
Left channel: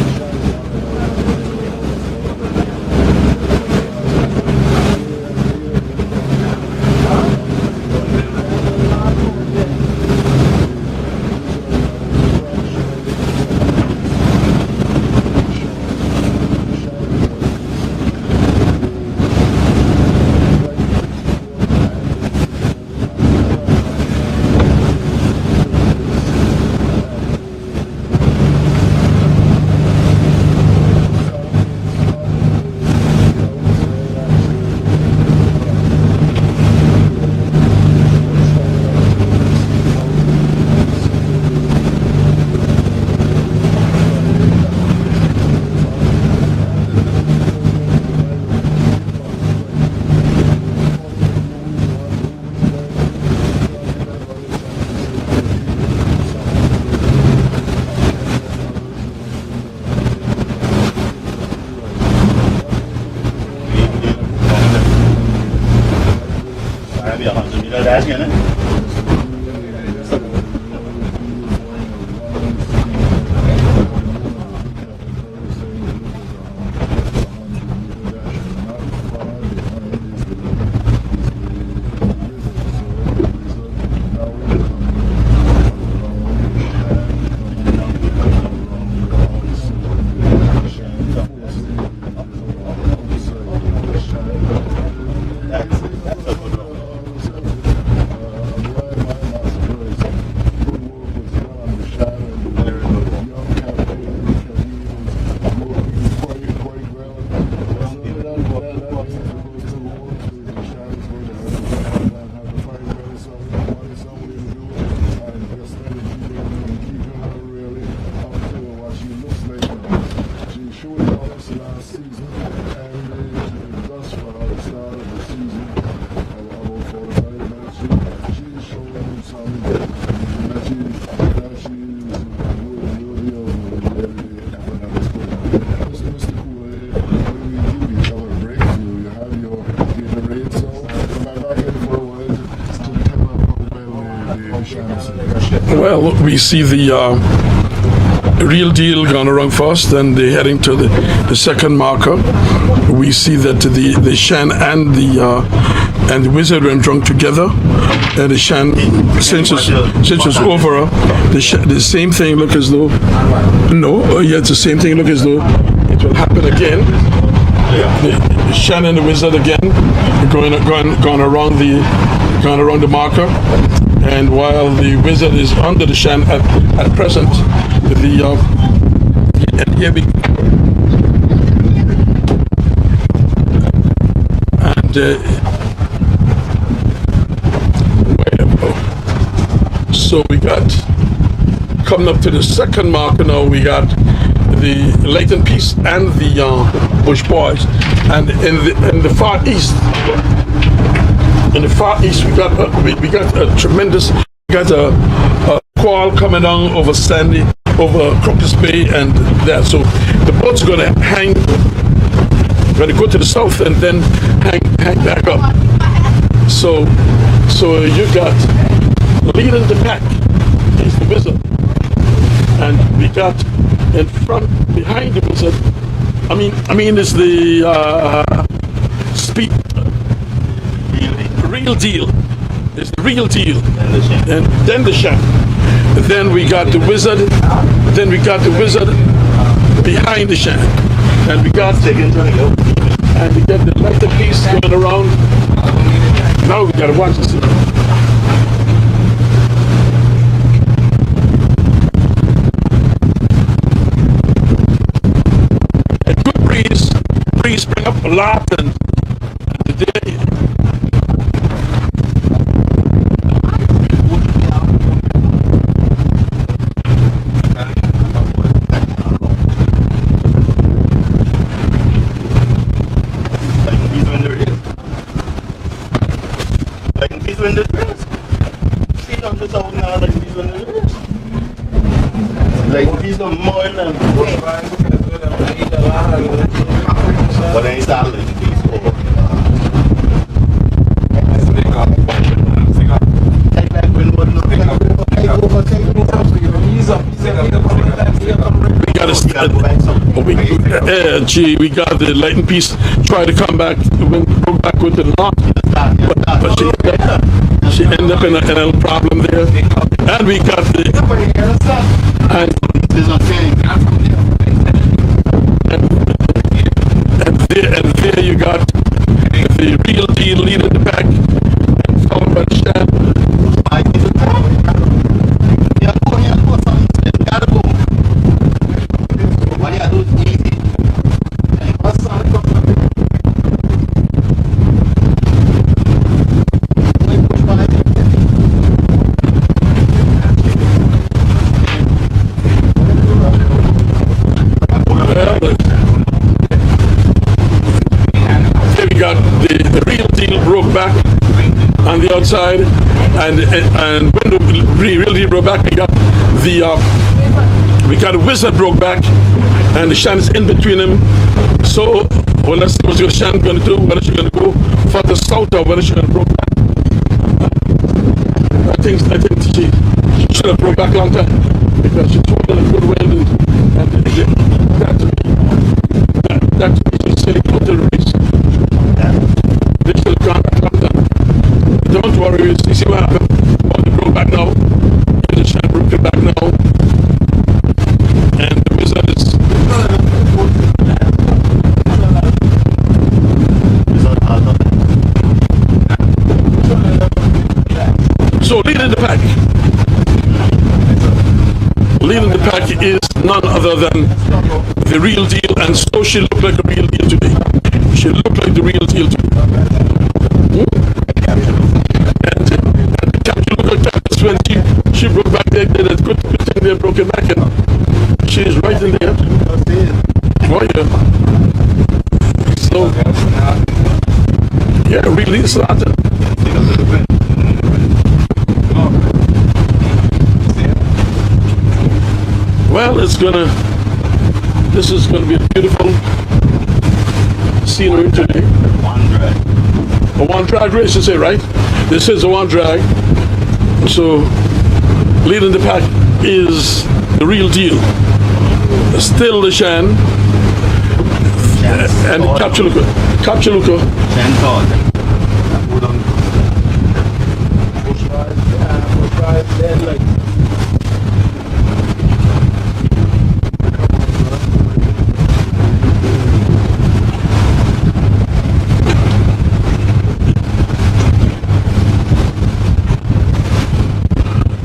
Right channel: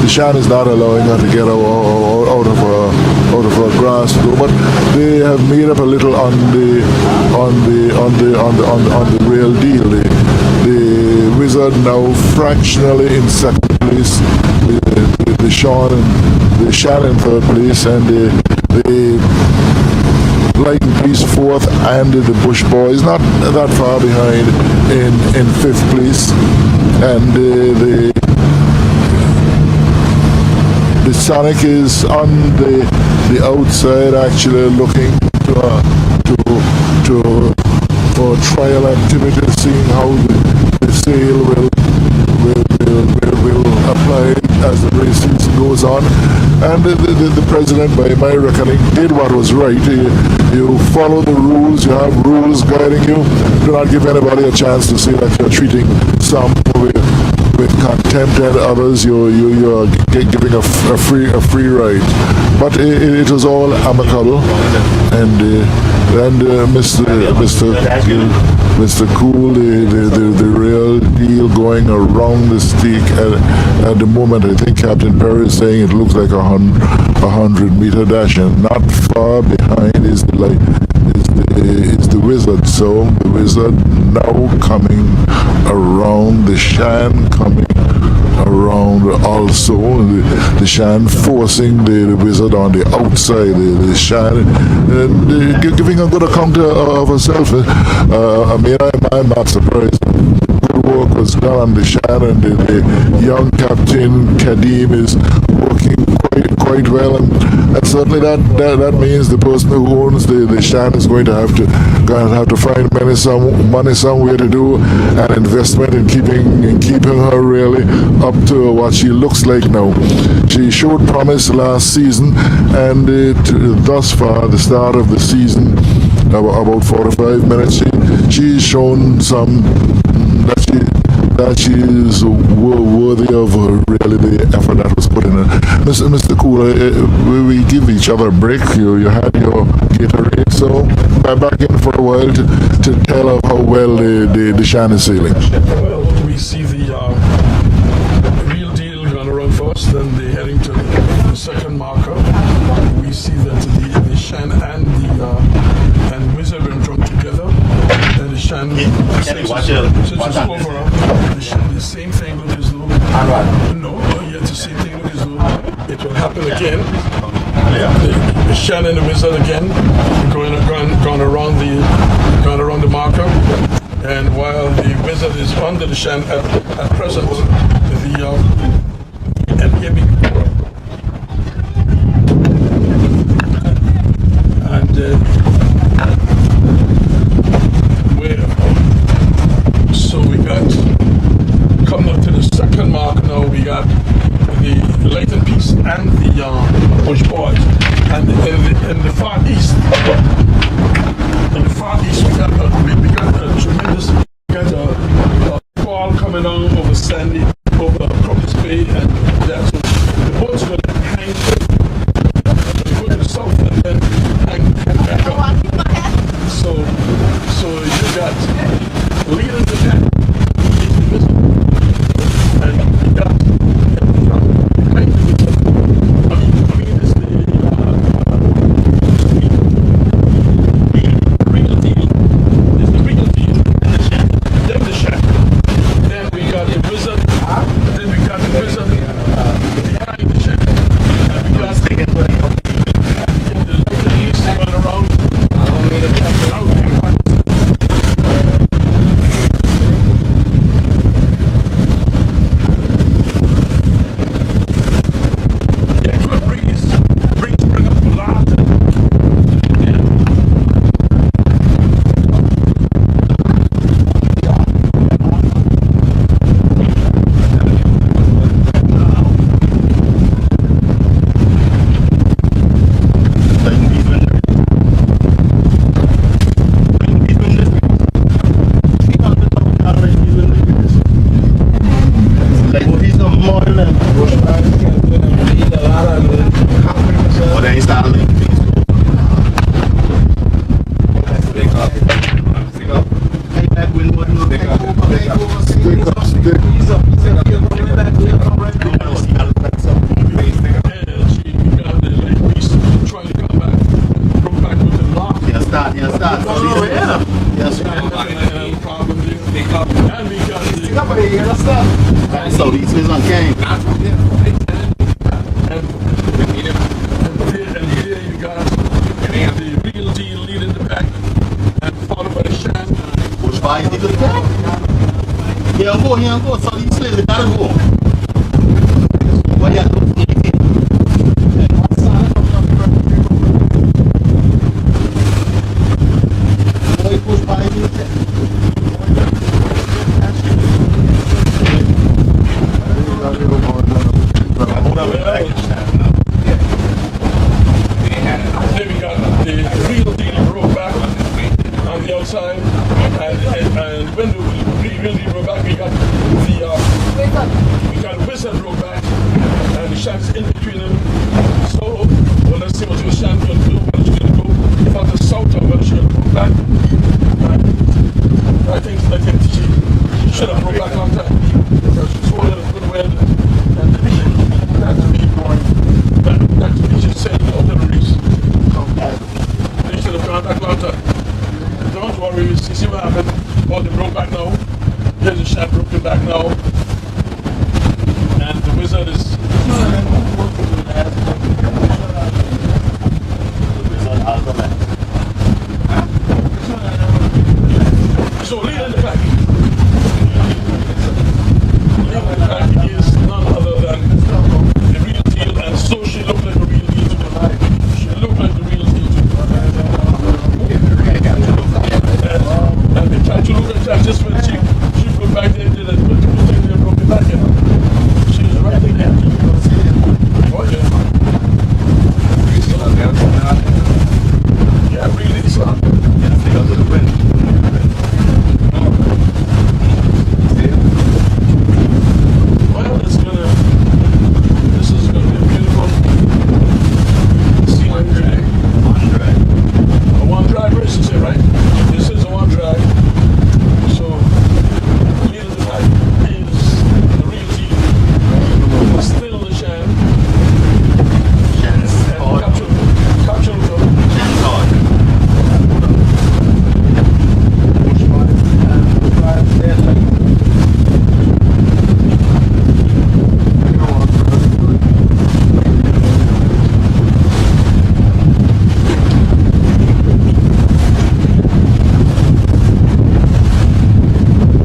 Shan is not allowing her to get out of her grass, but they have made up a little on the Real Deal. The Wizard now fractionally in second place, with the Shan in third place, and the Lighton Peace 4th, and the Bush Boys not that far behind in 5th place. And the Sonic is on the outside, actually looking for trial activity, seeing how the sail will apply as the race season goes on. And the president, by my reckoning, did what was right. You follow the rules, you have rules guiding you. Do not give anybody a chance to say that you're treating some with contempt and others you're giving a free ride. But it was all amicable, and Mr. Cool, the real deal going around the stick at the moment. I think Captain Perry is saying it looks like a 100-meter dash, and not far behind is the Wizard. So the Wizard now coming around the Shan, coming around also the Shan, forcing the Wizard on the outside, the Shan, giving a good account of herself. I'm not surprised. Good work was done on the Shan, and the young Captain Kadim is working quite well, and certainly that means the person who owns the Shan is going to have to find money somewhere to do an investment in keeping her really up to what she looks like now. She showed promise last season, and thus far, the start of the season, about 45 minutes, she's shown some that she is worthy of really the effort that was put in. Mr. Cool, we give each other a break. You had your Gatorade, so I'm back in for a while to tell of how well the Shan is sailing. Well, we see the Real Deal gone around first, and they're heading to the second marker. We see that the Shan and the Wizard went drunk together, and the Shan, since it's over, the same thing look as though it's the same thing look as though it will happen again. The Shan and the Wizard again going around the marker, and while the Wizard is under the Shan at present, so we got, coming up to the second marker now, we got the Lighton Peace and the Bush Boys, and in the far east, we got a tremendous, squall coming down over Sandy, over Crocus Bay, and that. So the boat's going to hang, going to go to the south and then hang back up. So you got leading the pack, he's the Wizard, and we got in front, behind the Wizard. I mean, it's the speed, Real Deal. It's the Real Deal, and then the Shan. Then we got the Wizard. Then we got the Wizard behind the Shan, and we got the Lighton Peace going around. Now we gotta watch this. Yeah, good breeze bring up a lot, and but then he started making these over. Take back when what no take over. We got the Lighton Peace try to come back, broke back with the lock. But she ended up in a little problem there. And we got the... And so these business came. And there you got the real deal leading the pack, and followed by the Shan. Push by, take it. Here go, solid slip, you gotta go. What you do? Easy. Push by, Then we got the real deal broke back on the outside, and when the real deal broke back, we got the wizard broke back, and the Shan is in between them. So, well, let's see what the Shan going to do. Whether she's going to go for the south or whether she's going to broke back. I think she should have broke back a long time because she's holding a good weld and that to be just silly out the race. They should have gone back a long time. Don't worry, you see what happened. Oh, they broke back now. Yeah, the Shan broke it back now. And the wizard is so leading the pack. Leading the pack is none other than the real deal, and so she looked like the real deal today. She looked like the real deal today. And the captain looked at just when she broke back there, did a good thing there, broke it back, and she is right in there. Oh yeah. So yeah, really started. Well, this is gonna be a beautiful scenery today. A one drag race, you say, right? This is a one drag. So, leading the pack is the real deal. Still the Shan. And Kapchaluka.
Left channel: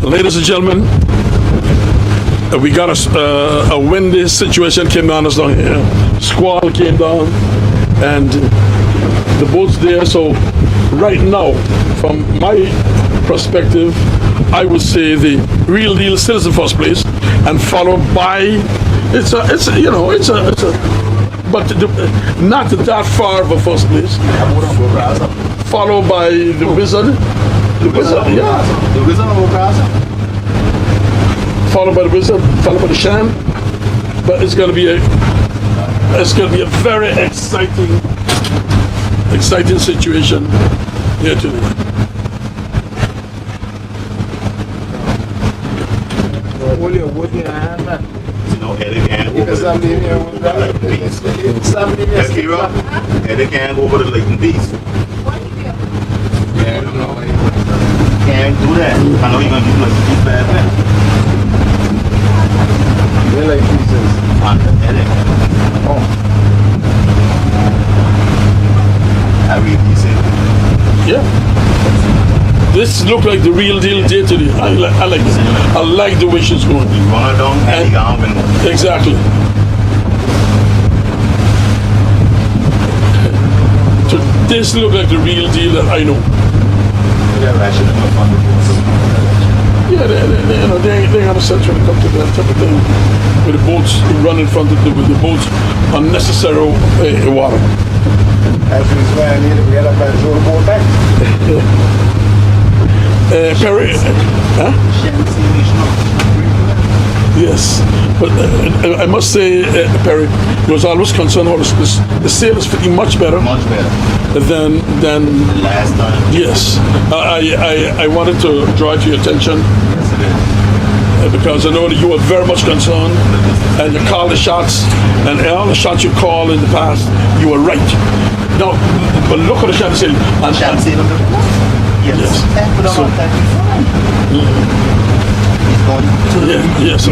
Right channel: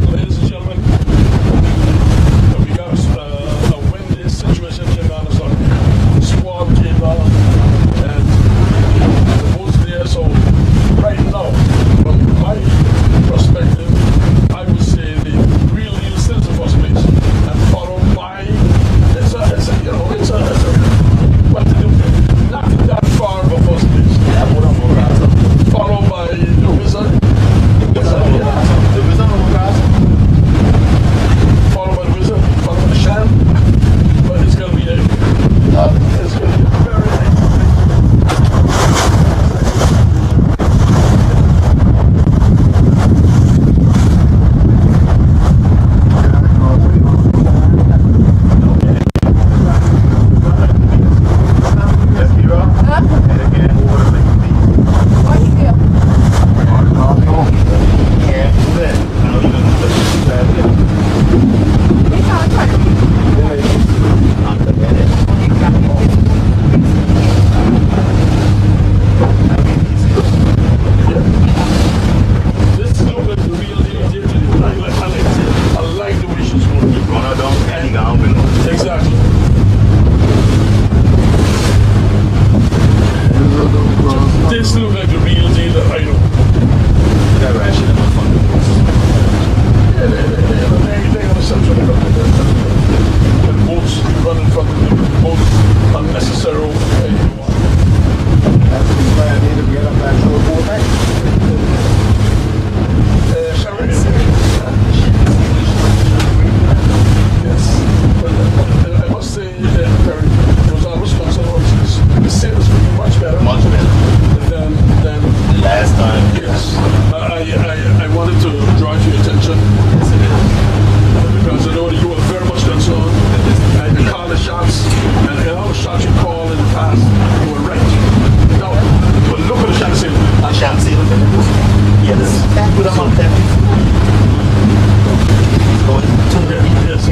Ladies and gentlemen, we got a windy situation came down us down here. Squall came down, and the boat's there. So right now, from my perspective, I would say the real deal still is in first place, and followed by but not that far of a first place. Followed by the wizard. Yeah. The wizard or followed by the wizard, followed by the Shan. But it's gonna be a very exciting situation here today. No, Eddie can't go over the Leighton Beast. Eddie can't go over the Leighton Beast. Can't do that. I know you're gonna do a bad thing. Yeah. This looks like the real deal day today. I like the way she's going. Exactly. So this looks like the real deal that I know. Yeah, they're going to set you up to that type of thing. With the boats, you run in front of the boats, unnecessary water. Perry, huh? Yes, but I must say, Perry, there was always concern about the sail is fitting much better than last time. Yes, I wanted to draw to your attention because I know that you were very much concerned, and you called the shots, and all the shots you called in the past, you were right. No, but look at the shot sail. Yes. Yes.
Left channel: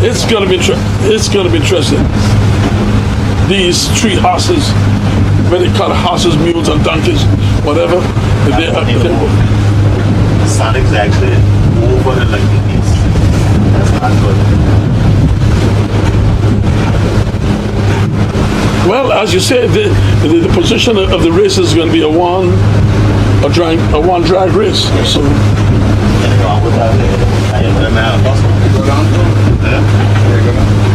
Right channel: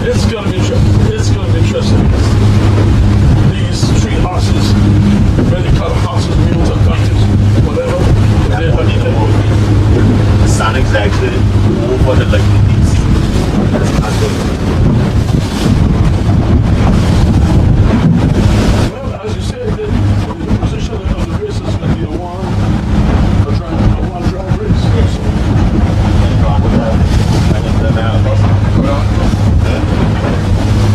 It's gonna be interesting. These 3 horses, whether they call horses, mules, and donkeys, whatever. Stand exactly over the lightning piece. That's not good. Well, as you said, the position of the race is going to be a one drag race. So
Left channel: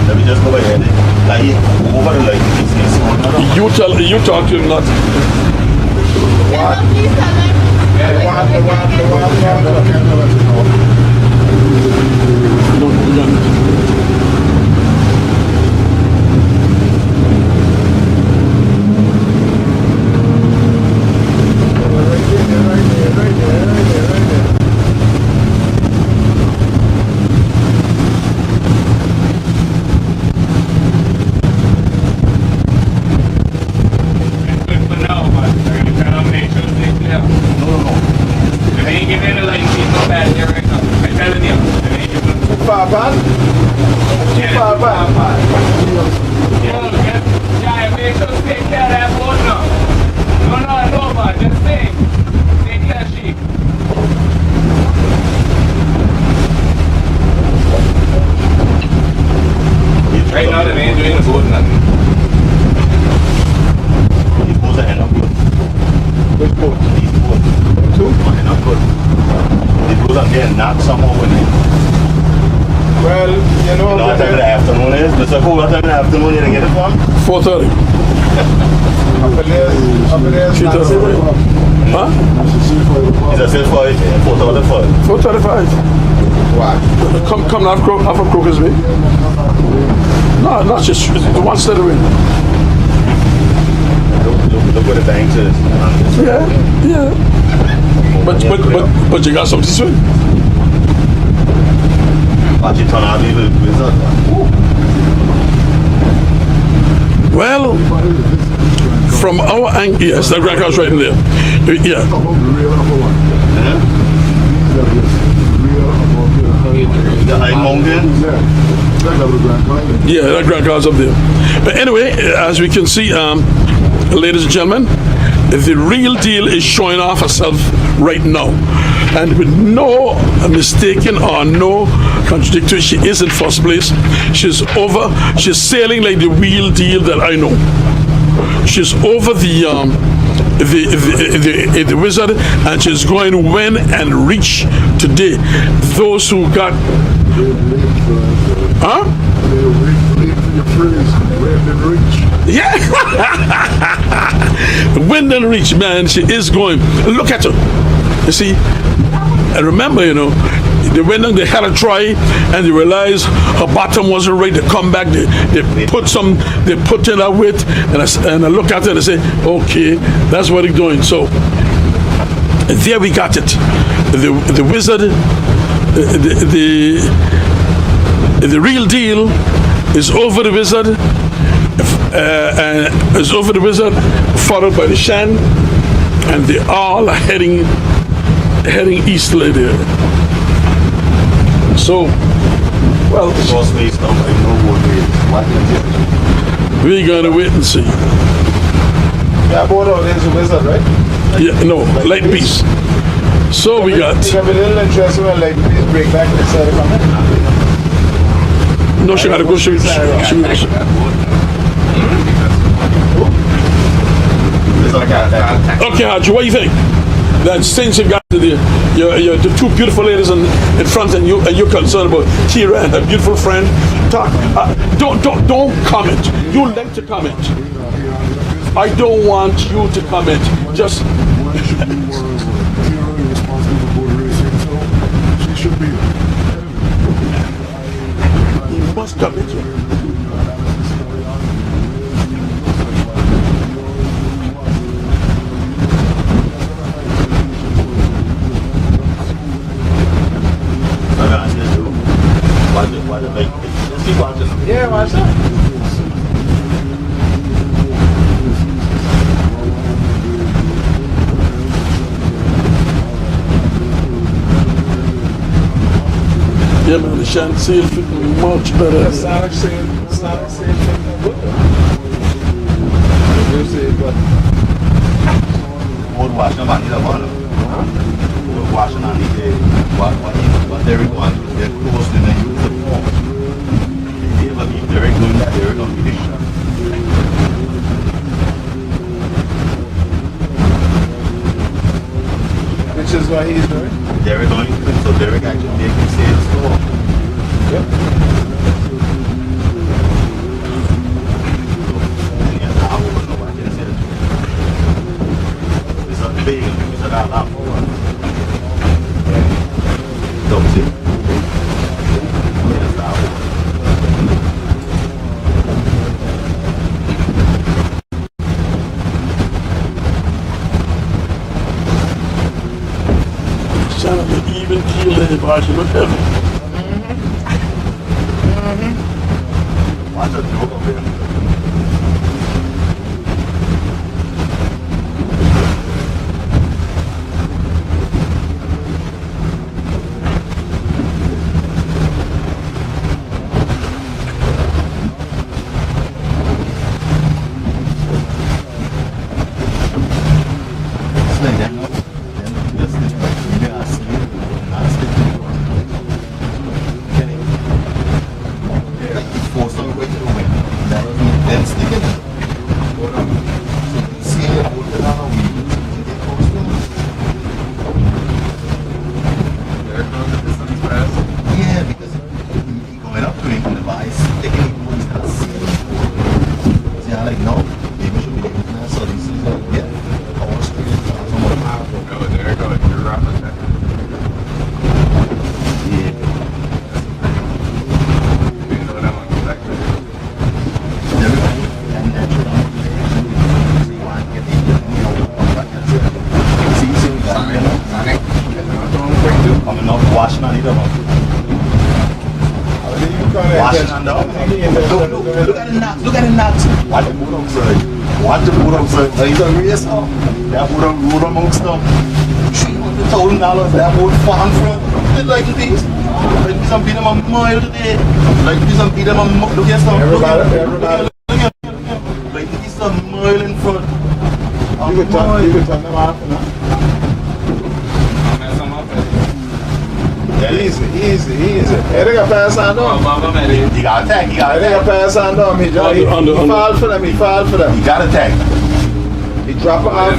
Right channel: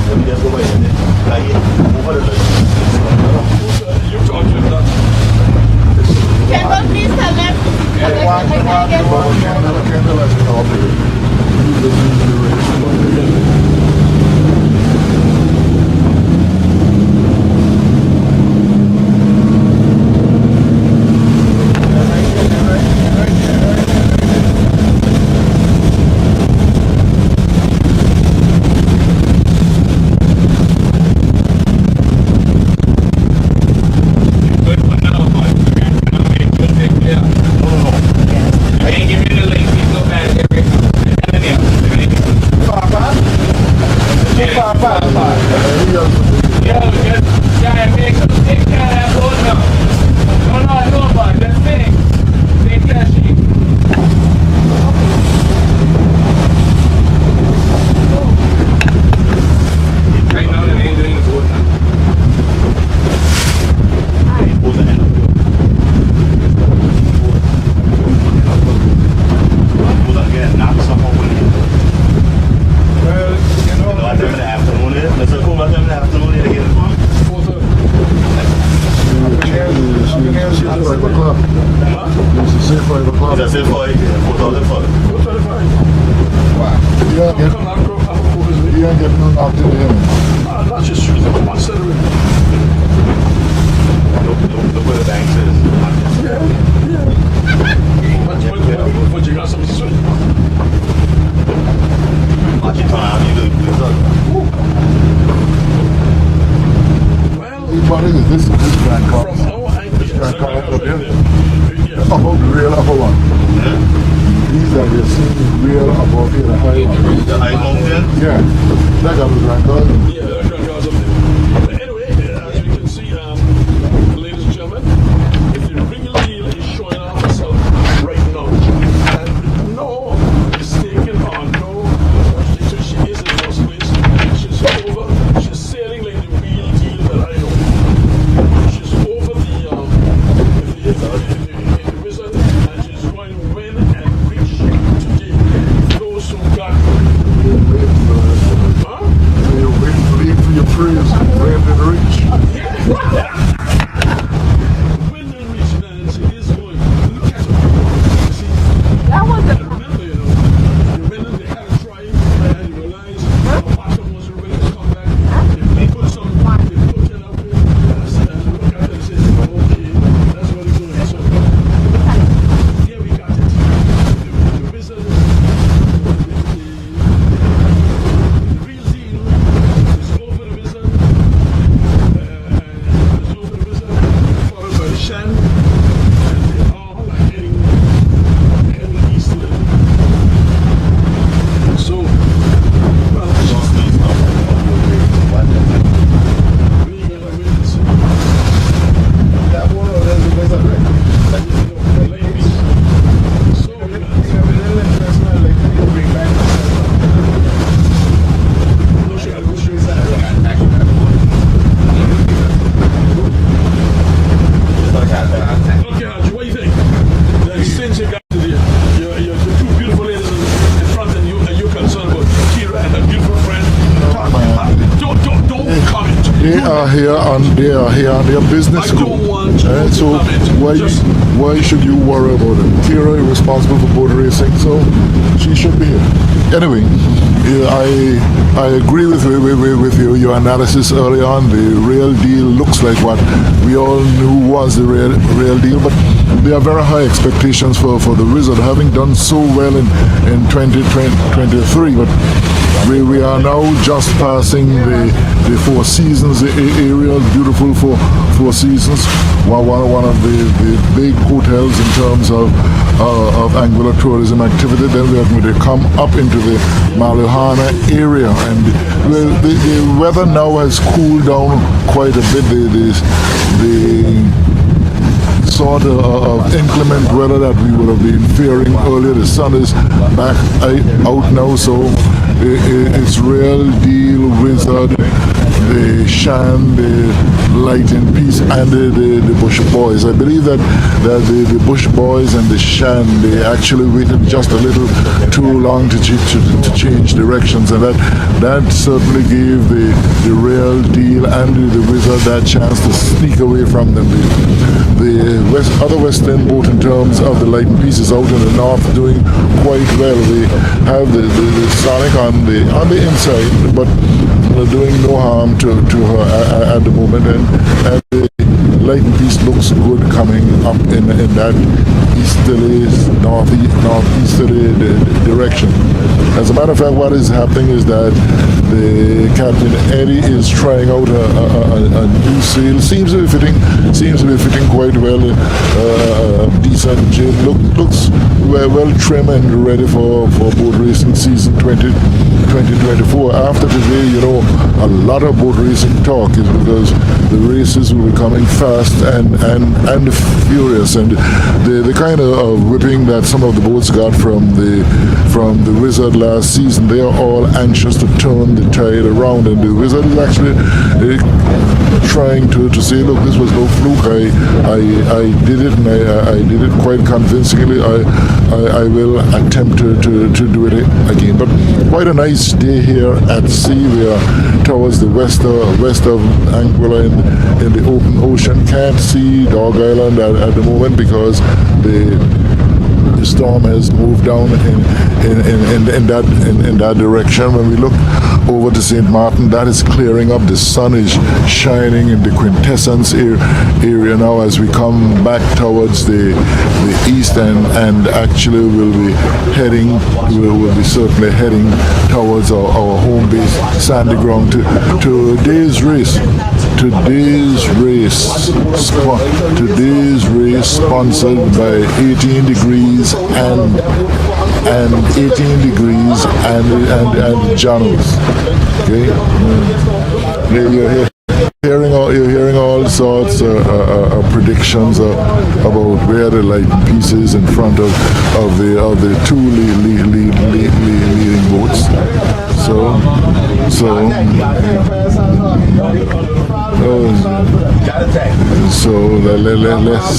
Let me just go by here. Like over the lightning piece. you talk to him not. Please tell them. The one. Good for now, but they're going to try to make sure they clear. If they ain't giving the light, it's not bad here right now. I'm telling you. If they ain't giving yeah, make sure to take care of that boat now. No, but just take care, sheep. Right now, they ain't doing the boat nothing. These boats are end up good. Which boat? These boats. Two end up good. These boats are getting knocked somehow when they. Well, you know, What time of the afternoon is? There's a whole lot of time in the afternoon you get it from? 4:30. up in there, Huh? Is that still 4? 4,000 4:35. Come now, off of Crocus Way. No, not just the one straight away. Look what the banks is. Yeah. But you got something to swing. Watch it turn out the blizzard. Well, from our angle, yes, that Grand Car's right in there. Yeah. Real upper one. These are you're seeing real above here, the The high mountain? Yeah, that got the Grand Car. Yeah, that Grand Car's up there. But anyway, as we can see, ladies and gentlemen, the real deal is showing off herself right now. And with no mistaken or no contradictory, she is in first place. She's sailing like the real deal that I know. She's over the Wizard, and she's going to win and reach today. Those who got, huh? Wait for your phrase, win and reach. Yeah. Win and reach, man. She is going. Look at her. You see? And remember, you know, they went and they had a try and they realized her bottom wasn't right. They come back, they put in that weight, and I look at it and I say, okay, that's what they're doing. So there we got it. The Wizard, the real deal is over the Wizard, is over the Wizard, followed by the Shan, and they all are heading easterly there. So, well, Lost space now, I know what we're gonna wait and see. Yeah, both of them is a Wizard, right? Yeah, no, light piece. So we got. It's gonna be a little interesting when light piece break back to the No, she gotta go shoot. Okay, Haji, what do you think? That since you got the two beautiful ladies in front, and you're concerned about Kira and her beautiful friend, talk. Don't comment. They are here on their business. I don't want you to comment. Why should you worry about it? Kira is responsible for boat racing, so she should be here. Anyway, yeah, I agree with your analysis early on. The real deal looks like what we all knew was the real deal, but there are very high expectations for the Wizard, having done so well in 2023. But we are now just passing the Four Seasons, a real beautiful full four seasons. One of the big hotels in terms of Anguilla tourism activity. Then we are going to come up into the Malihana area. And the weather now has cooled down quite a bit. The sort of inclement weather that we would have been fearing earlier. The sun is back out now, so it's real deal Wizard, the Shan, the Light and Peace, and the Bush Boys. I believe that the Bush Boys and the Shan, they actually waited just a little too long to change directions, and that certainly gave the real deal and the Wizard that chance to sneak away from them. The other Western boat in terms of the Light and Peace is out in the north doing quite well. We have the Sonic on the inside, but doing no harm to her at the moment, and the Light and Peace looks good coming up in that easterly, northeasterly direction. As a matter of fact, what is happening is that the Captain Eddie is trying out a new sail. Seems to be fitting quite well. Decent jib, looks well trim and ready for boat racing season 2024. After today, a lot of boat racing talk is because the races will be coming fast and furious, and the kind of whipping that some of the boats got from the Wizard last season, they are all anxious to turn the tide around, and the Wizard is actually trying to say, look, this was no fluke. I did it, and I did it quite convincingly. I will attempt to do it again. But quite a nice day here at sea. We are towards the west of Anguilla in the open ocean. Can't see Dog Island at the moment because the storm has moved down in that direction. When we look over to St. Martin, that is clearing up. The sun is shining in the quintessence area now as we come back towards the east, and actually we'll be certainly heading towards our home base, Sandy Ground, to today's race sponsored by 18 Degrees and 18 Degrees and John's. You're hearing all sorts of predictions about where the Light and Peace is in front of the two leading boats. So let's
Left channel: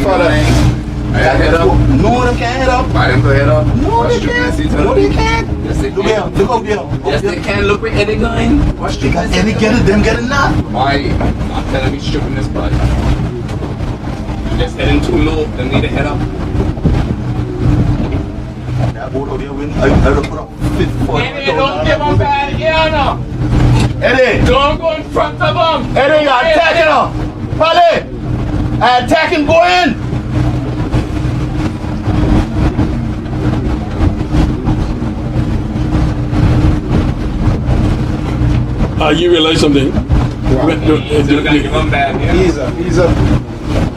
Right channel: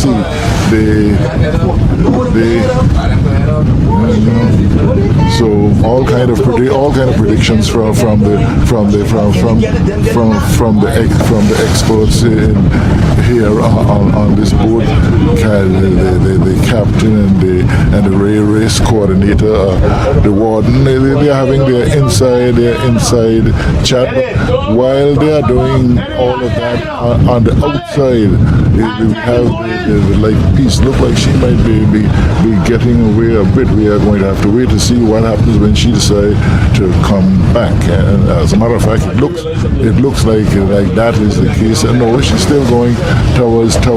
see. So all kind of predictions from the experts here on this boat, the captain and the race coordinator, the warden. They're having their inside chat while they are doing all on the outside. The Light Peace look like she might be getting away a bit. We are going to have to wait to see what happens when she decides to come back. And as a matter of fact, it looks like that is the case. No, she's still going towards the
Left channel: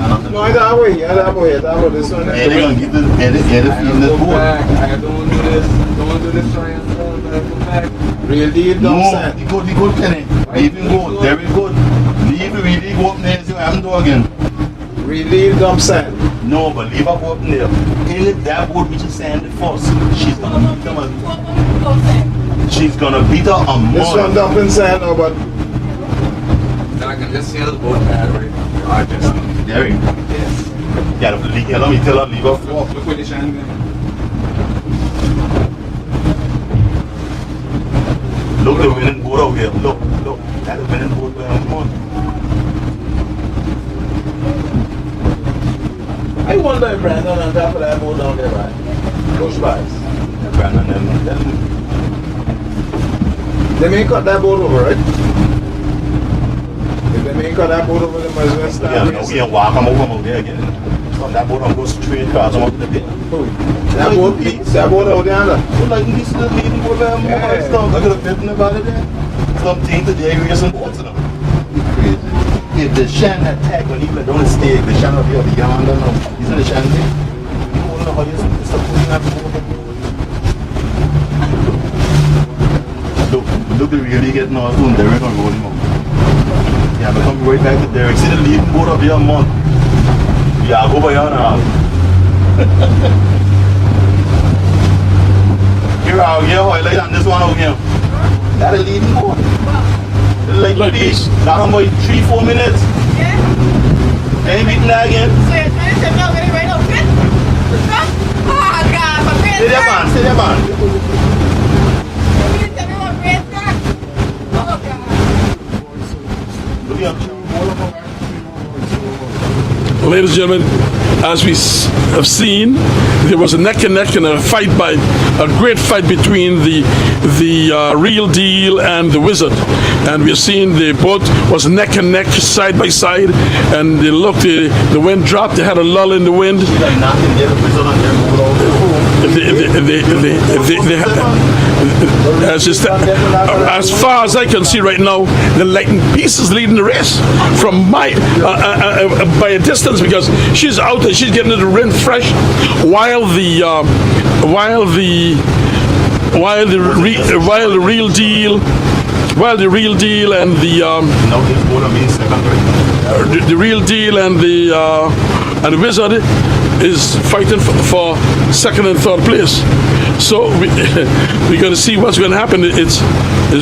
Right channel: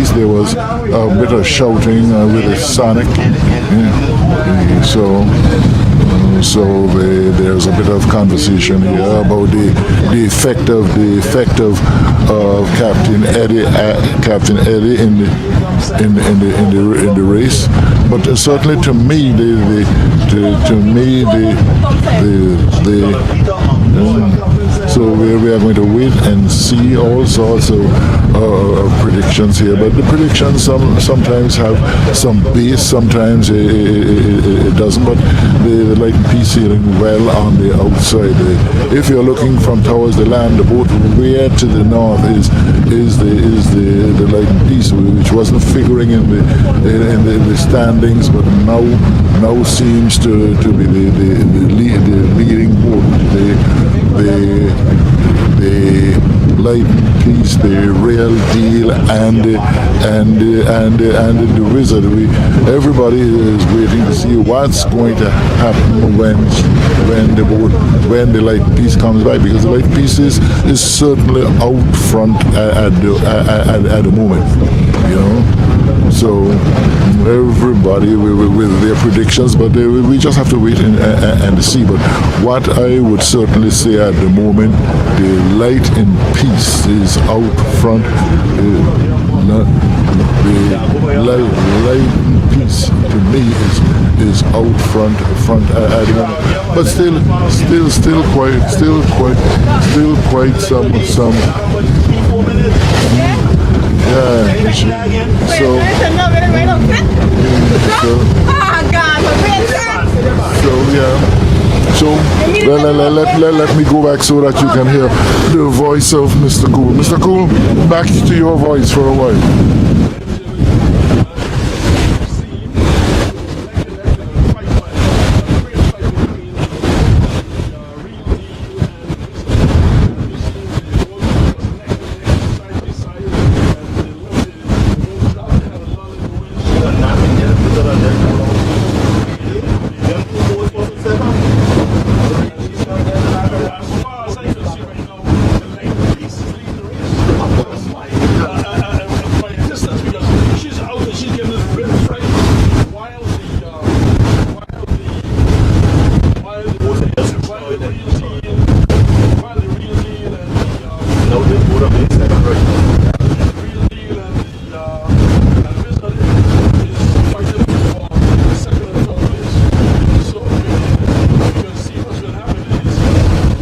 east. There was a bit of shouting with Sonic. So there's a bit of conversation here about the effect of Captain Eddie in the race. But certainly to me, so we are going to wait and see all sorts of predictions here. But the predictions sometimes have some base, sometimes it doesn't. But the Light and Peace sailing well on the outside. If you're looking from towards the land, the boat way to the north is the Light and Peace, which wasn't figuring in the standings, but now seems to be the leading boat. They may cut that boat over, right? The Light Peace, the real deal, and the Wizard. Everybody is waiting to see what's going to happen when the Light Peace comes back, because the Light Peace is certainly out front at at the moment. So everybody with their predictions, but we just have to wait and see. But what I would certainly say at the moment, the light in peace is out front. Light peace to me is out front. But still quite some. 3-4 minutes. Yeah. So yeah. So let me go back so that you can hear the voice of Mr. Cool. Mr. Cool, back to your voice for a while. Ladies and gentlemen, as we have seen, there was a neck and neck and a great fight between the Real Deal and the Wizard. And we're seeing the boat was neck and neck, side by side, and they looked, the wind dropped, they had a lull in the wind. As far as I can see right now, the Lightning Peace is leading the race from by a distance, because she's out there, she's getting the wind fresh, while the Real Deal and the Real Deal and the Wizard is fighting for second and third place. So we're going to see what's going to happen. It's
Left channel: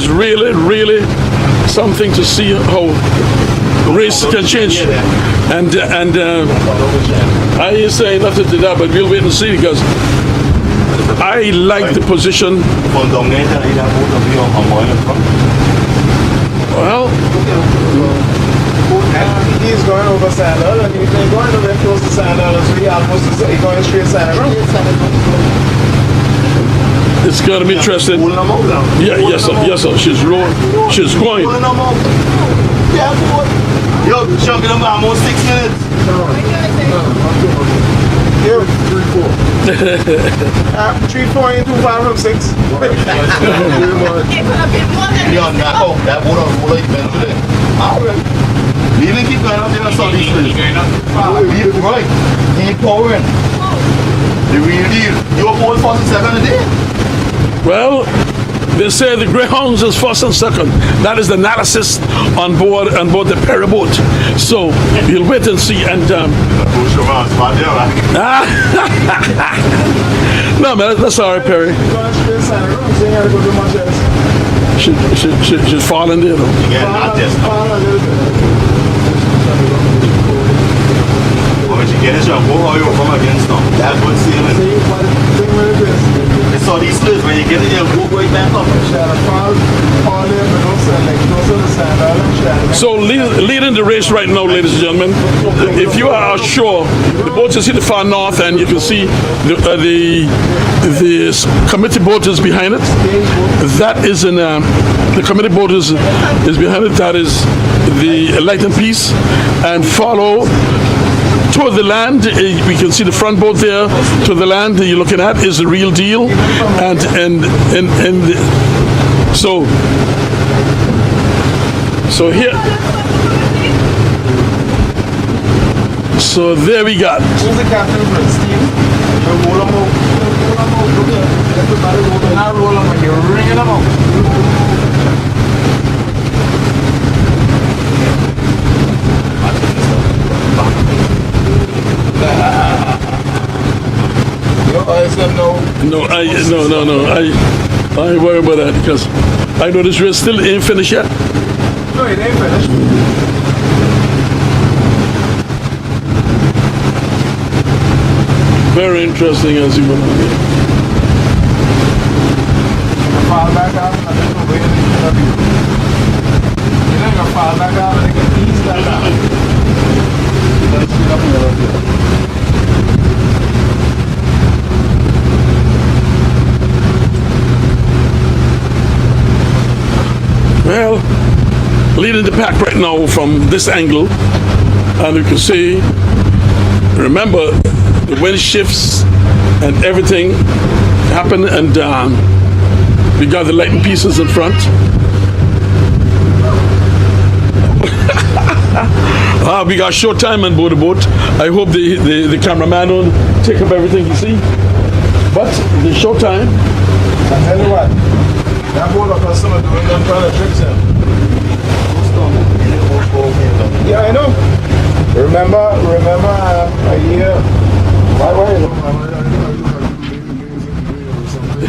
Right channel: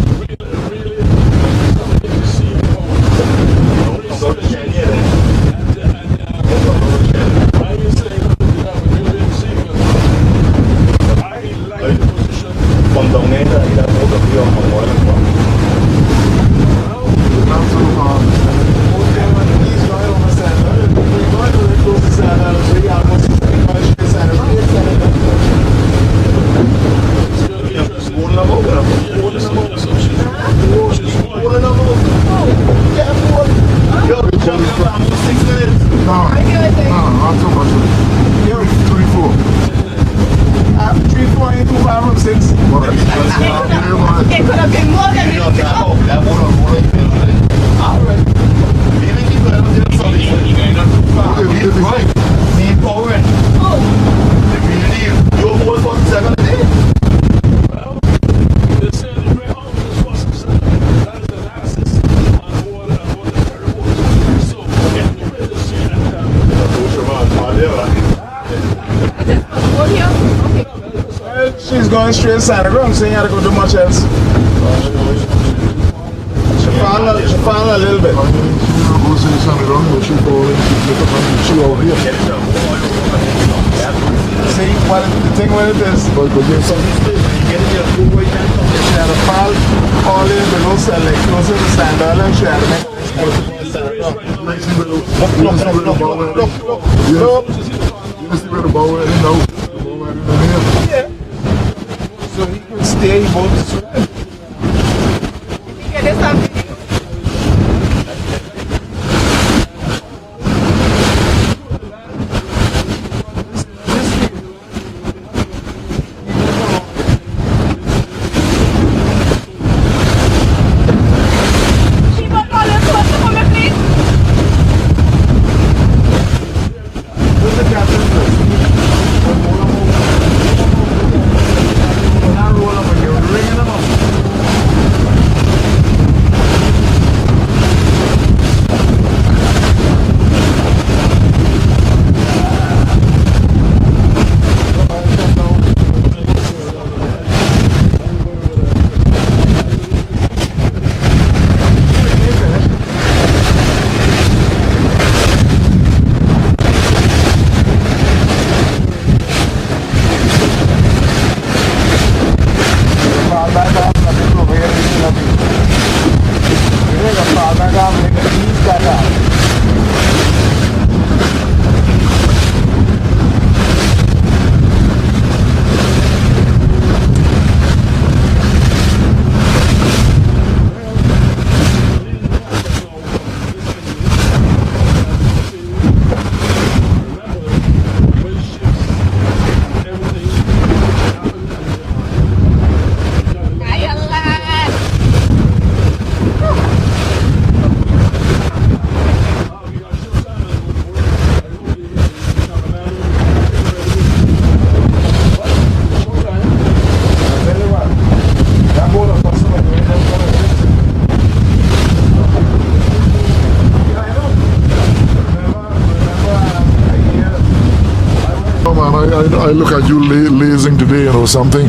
really something to see how the race can change. And I ain't saying nothing to that, but we'll wait and see, because I like the position. Well, he's going over Sandal, and he's going to close to Sandal, so he almost going straight Sandal. it's going to be interesting. Yes, sir. She's going. Yo, chunking them almost 6 minutes. No, not too much. Yeah, 3-4. 3-4 ain't too far from 6. It could have been more than That boat on roll like men today. We even keep going up there on Sunday. He's right. He's powering. The Real Deal. Your boat first and second today. Well, they say the Greyhounds is first and second. That is the analysis on board the Perry boat. So we'll wait and see. And no, man, that's all right, Perry. She's going straight Sandal Ground, so you had to go do much else. She's falling there, though. Fall a little bit. When you get it, you'll go how you come against them. That's what sailing. See, but the thing with it is, So these days, when you get it, you'll go right back up. she had a fall all the way closer to Sandal, and she had So leading the race right now, ladies and gentlemen, if you are ashore, the boat is in the far north, and you can see the committee boat is behind it. That is the committee boat is behind it. That is the Light and Peace, and follow toward the land. We can see the front boat there. To the land that you're looking at is the Real Deal, and so here. So there we got. Who's the captain for it? Steve? Roll him out. Not roll him out, you're ringing him out. No. I ain't worried about that, because I know this race still ain't finished yet. No, it ain't finished. Very interesting, as you were. Fall back off, I don't know where it's going to be. You know, you fall back off and it eats back off. Well, leading the pack right now from this angle, and you can see, remember, the wind shifts and everything happened, and we got the Lightning Pieces in front. we got short time on board the boat. I hope the cameraman will take up everything you see. But the short time. I tell you what, that boat of us doing them kind of trips. Yeah, I know. Remember a year. Oh man, I look at you lazing today, something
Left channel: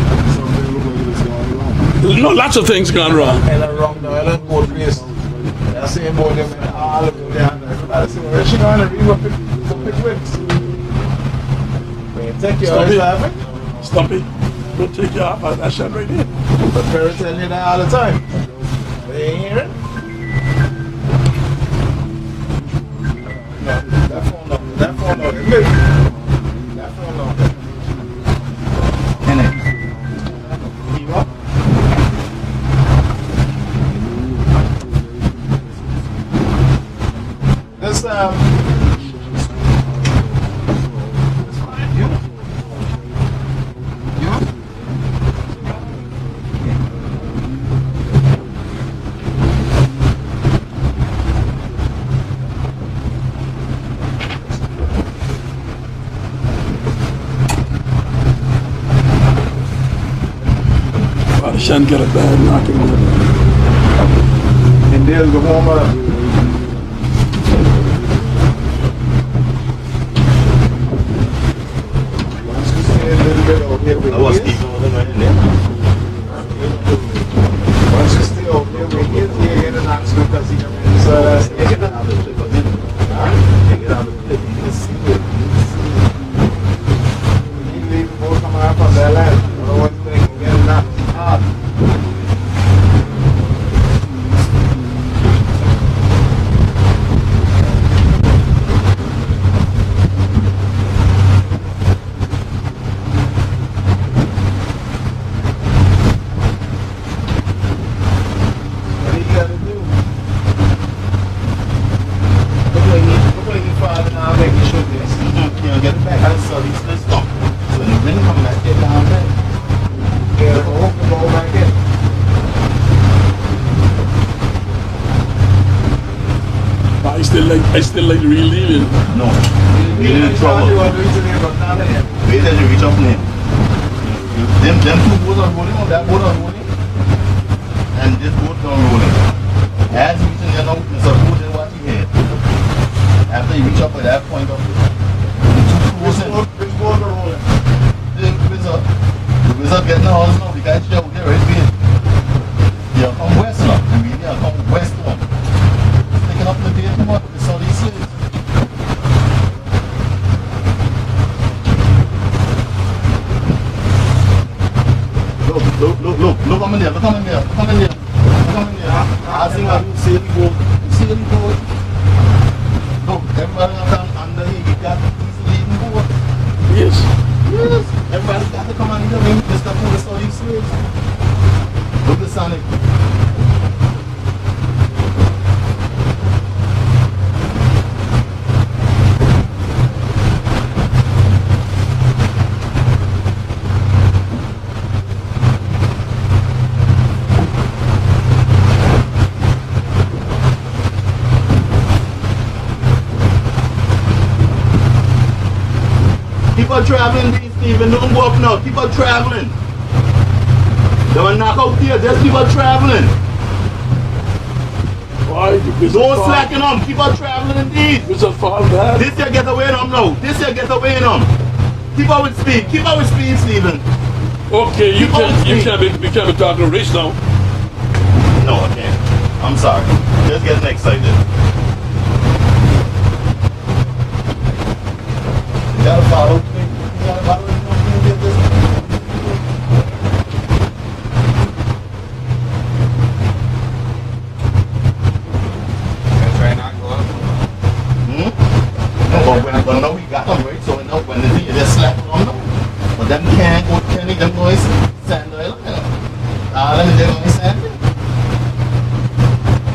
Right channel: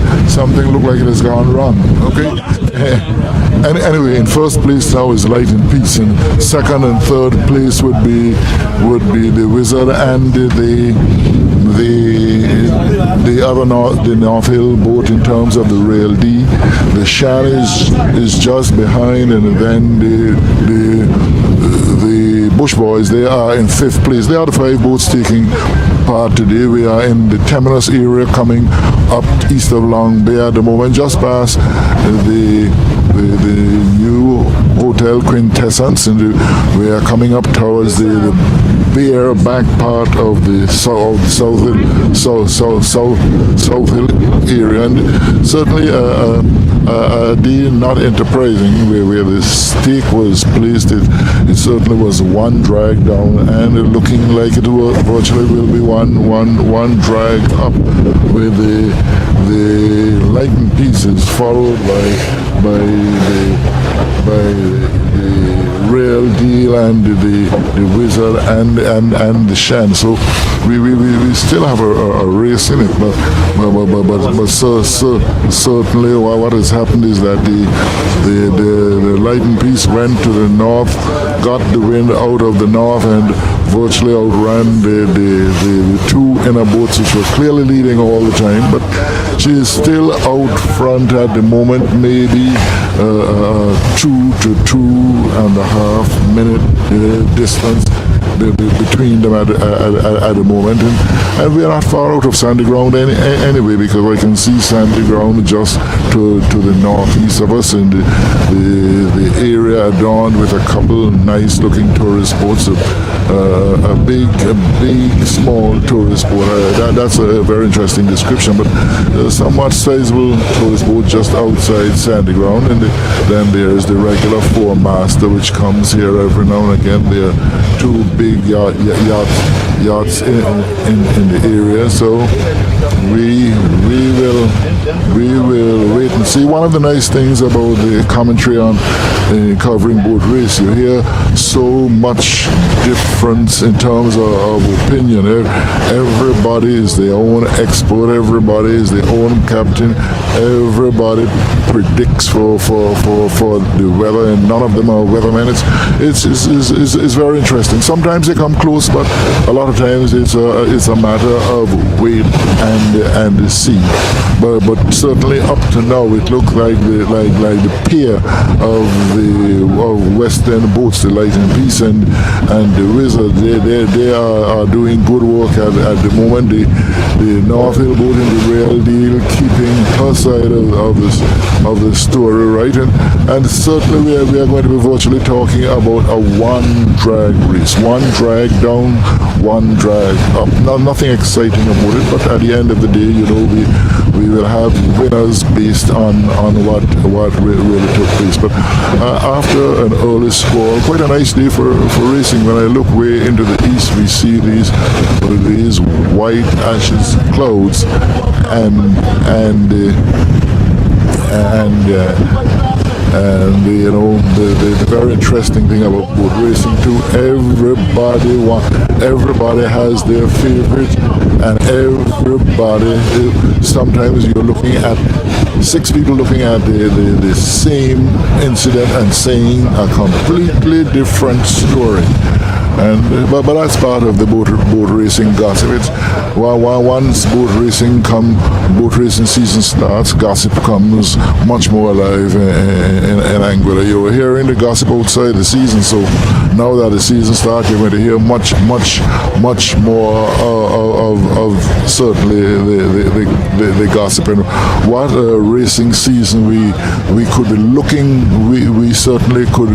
look like it has gone wrong. No, lots of things gone wrong. Anyway, in first place now is Light and Peace. In second and third place would be the Wizard and the other the North Hill boat in terms of the Rail D. The Shan is just behind, and then the Bush Boys, they are in fifth place. They are the 5 boats taking part today. We are in the terminus area coming up east of Long Bay at the moment, just past the new Hotel Quintessence, and we are coming up towards the bare back part of the South Hill area, and certainly a day not enterprising where the stake was placed. It certainly was one drag down, and looking like it will virtually will be one drag up, with the Light and Pieces followed by Rail Deal and the Wizard and the Shan. So we still have a race in it, but certainly what has happened is that the Light and Peace went to the north, got the wind out of the north, and virtually outran the 2 inner boats, which were clearly leading all the time. But she is still out front at the moment, maybe 2 to 2.5 minute distance between them at the moment, and we are not far out of Sandy Ground anyway, because I can see Sandy Ground just to the northeast of us, in the area adorned with a couple nice looking tourist boats, a big small tourist boat. That's a very interesting description, but somewhat sizable tourist boat just outside Sandy Ground, and then there's the regular 4-master which comes here every now and again. There are 2 big yachts in the area, so we will wait and see. One of the nice things about the commentary on covering boat race, you hear so much difference in terms of opinion. Everybody is their own expert, everybody is their own captain, everybody predicts for the weather, and none of them are weathermen. It's very interesting. Sometimes they come close, but a lot of times it's a matter of wait and the sea. But certainly up to now, it looked like the pair of Western boats, the Light and Peace and the Wizard. They are doing good work at the moment. The North Hill boat and the Rail Deal keeping her side of the story right, and certainly we are going to be virtually talking about a one drag race, one drag down, one drag up. Nothing exciting about it, but at the end of the day, we will have winners based on what really took place. But after an early score, quite a nice day for racing. When I look way into the east, we see these white ashes clouds, and the very interesting thing about boat racing too, everybody has their favorite, and everybody, sometimes you're looking at 6 people looking at the same incident and saying a completely different story. But that's part of the boat racing gossip. Once boat racing season starts, gossip comes much more alive in Anguilla. You were hearing the gossip outside the season, so now that the season starts, you're going to hear much more of certainly the gossip. And what a racing season we could be looking. We certainly could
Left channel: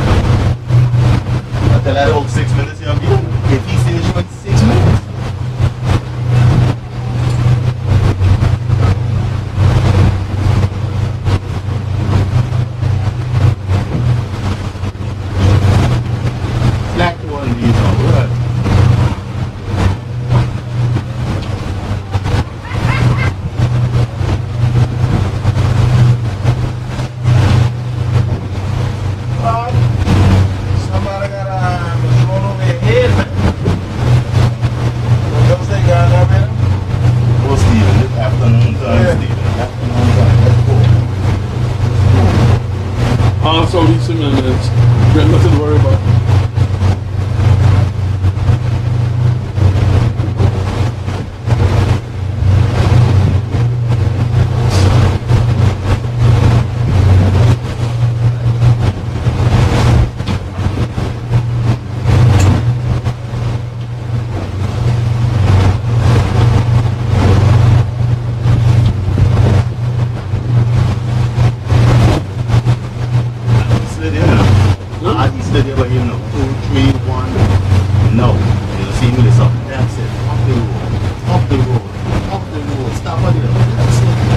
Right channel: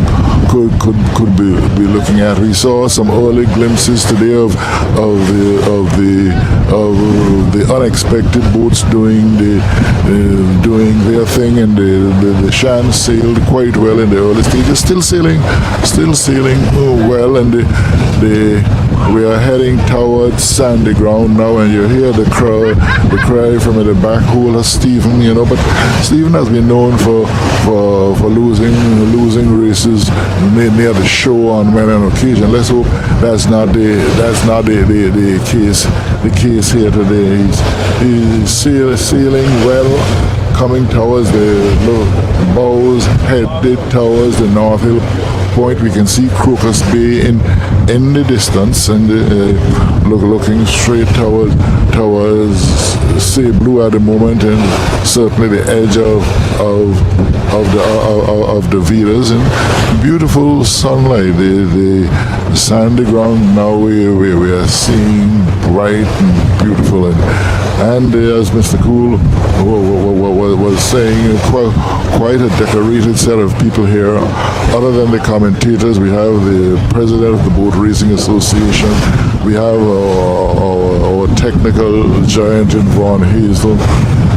be looking at. We saw some early glimpses today of the unexpected boats doing their thing, and the Shan sailed quite well in the early stages. Still sailing well, and we are heading towards sandy ground now, and you hear the cry from the back hole of Stephen, you know. But Stephen has been known for losing races near the shore on many an occasion. Let's hope that's not the case here today. He's sailing well, coming towards the bows, headed towards the North Hill Point. We can see Crocus Bay in the distance, and looking straight towards Say Blue at the moment, and certainly the edge of the Vedas, and beautiful sunlight. The sandy ground now we are seeing bright and beautiful, and as Mr. Gould was saying, quite a decorated set of people here. Other than the commentators, we have the president of the Boat Racing Association, we have our technical giant in Vaughan Hazelton,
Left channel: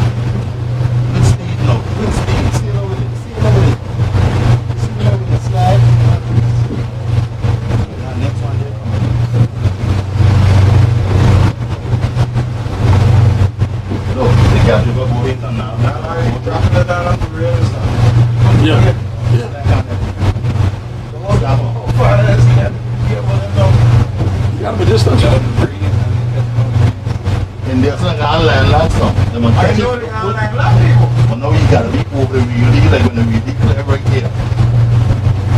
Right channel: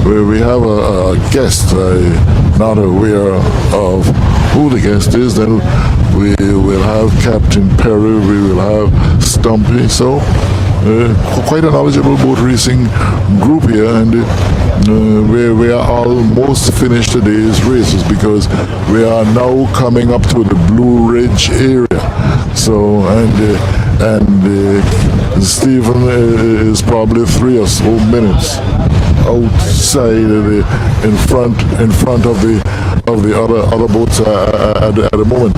where we have a guest. I'm not aware of who the guest is. Then we will have Captain Perry, we will have Stumpy. So quite a knowledgeable boat racing group here, and we are almost finished today's races because we are now coming up to the Blue Ridge area. So and Stephen is probably 3 or so minutes outside in front of the other boats at the moment.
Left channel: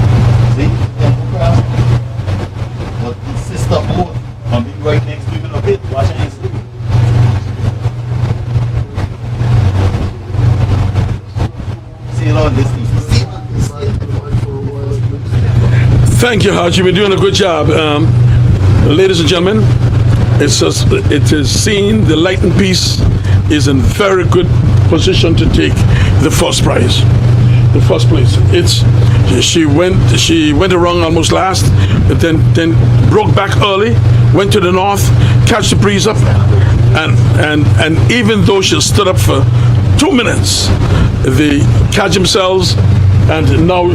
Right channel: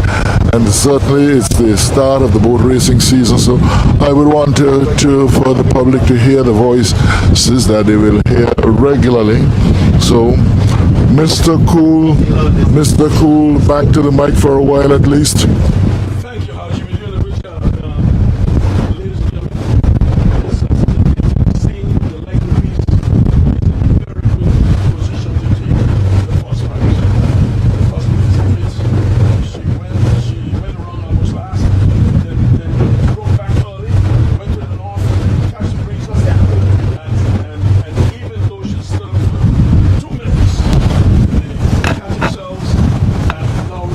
And certainly it's the start of the boat racing season, so I would want for the public to hear the voices that they will hear regularly. So Mr. Cool, back to the mic for a while at least. Thank you, Haj. You've been doing a good job. Ladies and gentlemen, it is seen the Light and Peace is in very good position to take the first prize. The first place. She went around almost last, but then broke back early, went to the north, catch the breeze up, and even though she stood up for 2 minutes, they catch themselves, and now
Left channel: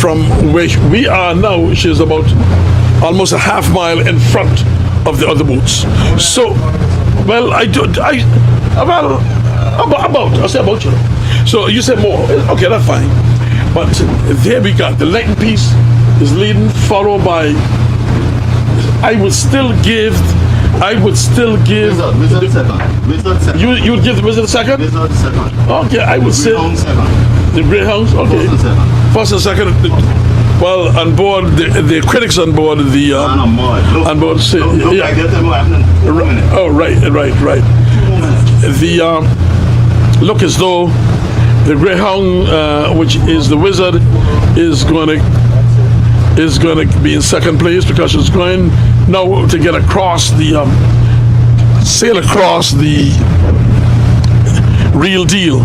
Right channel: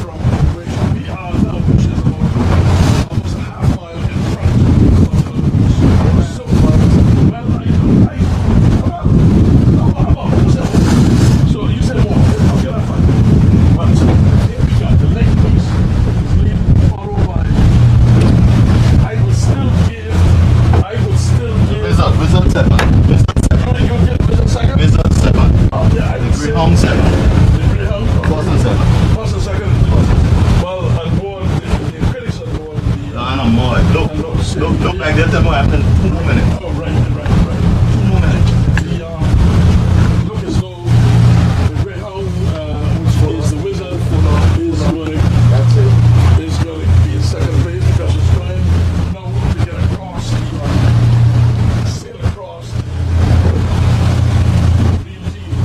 from where we are now, she's about almost a half mile in front of the other boats. So, well, I'll say about you. So you said more. Okay, that's fine. But there we got the Light and Peace is leading, followed by. I would still give. Wizard second. You would give the Wizard second? Wizard second. Okay, I would say. Greyhound second. The Greyhounds? Okay. First and second. First and second. Well, on board, the critics on board, Look, on board say. Look, Yeah. I get them right. Oh, right. The look as though the Greyhound, which is the Wizard, is going to be in second place because it's going now to get across the sail across the Real Deal,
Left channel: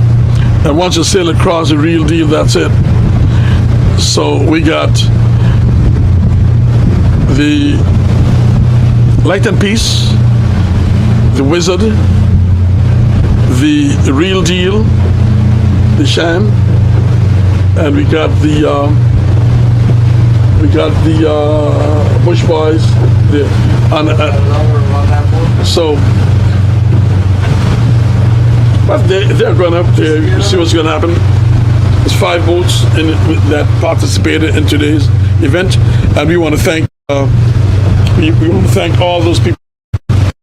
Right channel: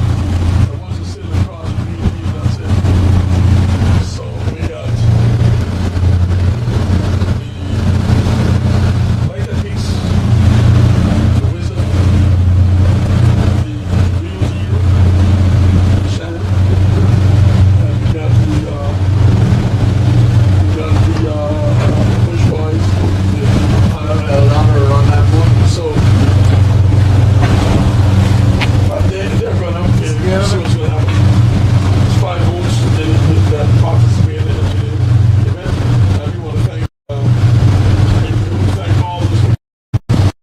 and once you sail across the Real Deal, that's it. So we got the Light and Peace, the Wizard, the Real Deal, the Sham, and we got the Bush Boys. So, but they're going to see what's going to happen. There's 5 boats that participated in today's event, and we want to thank all those people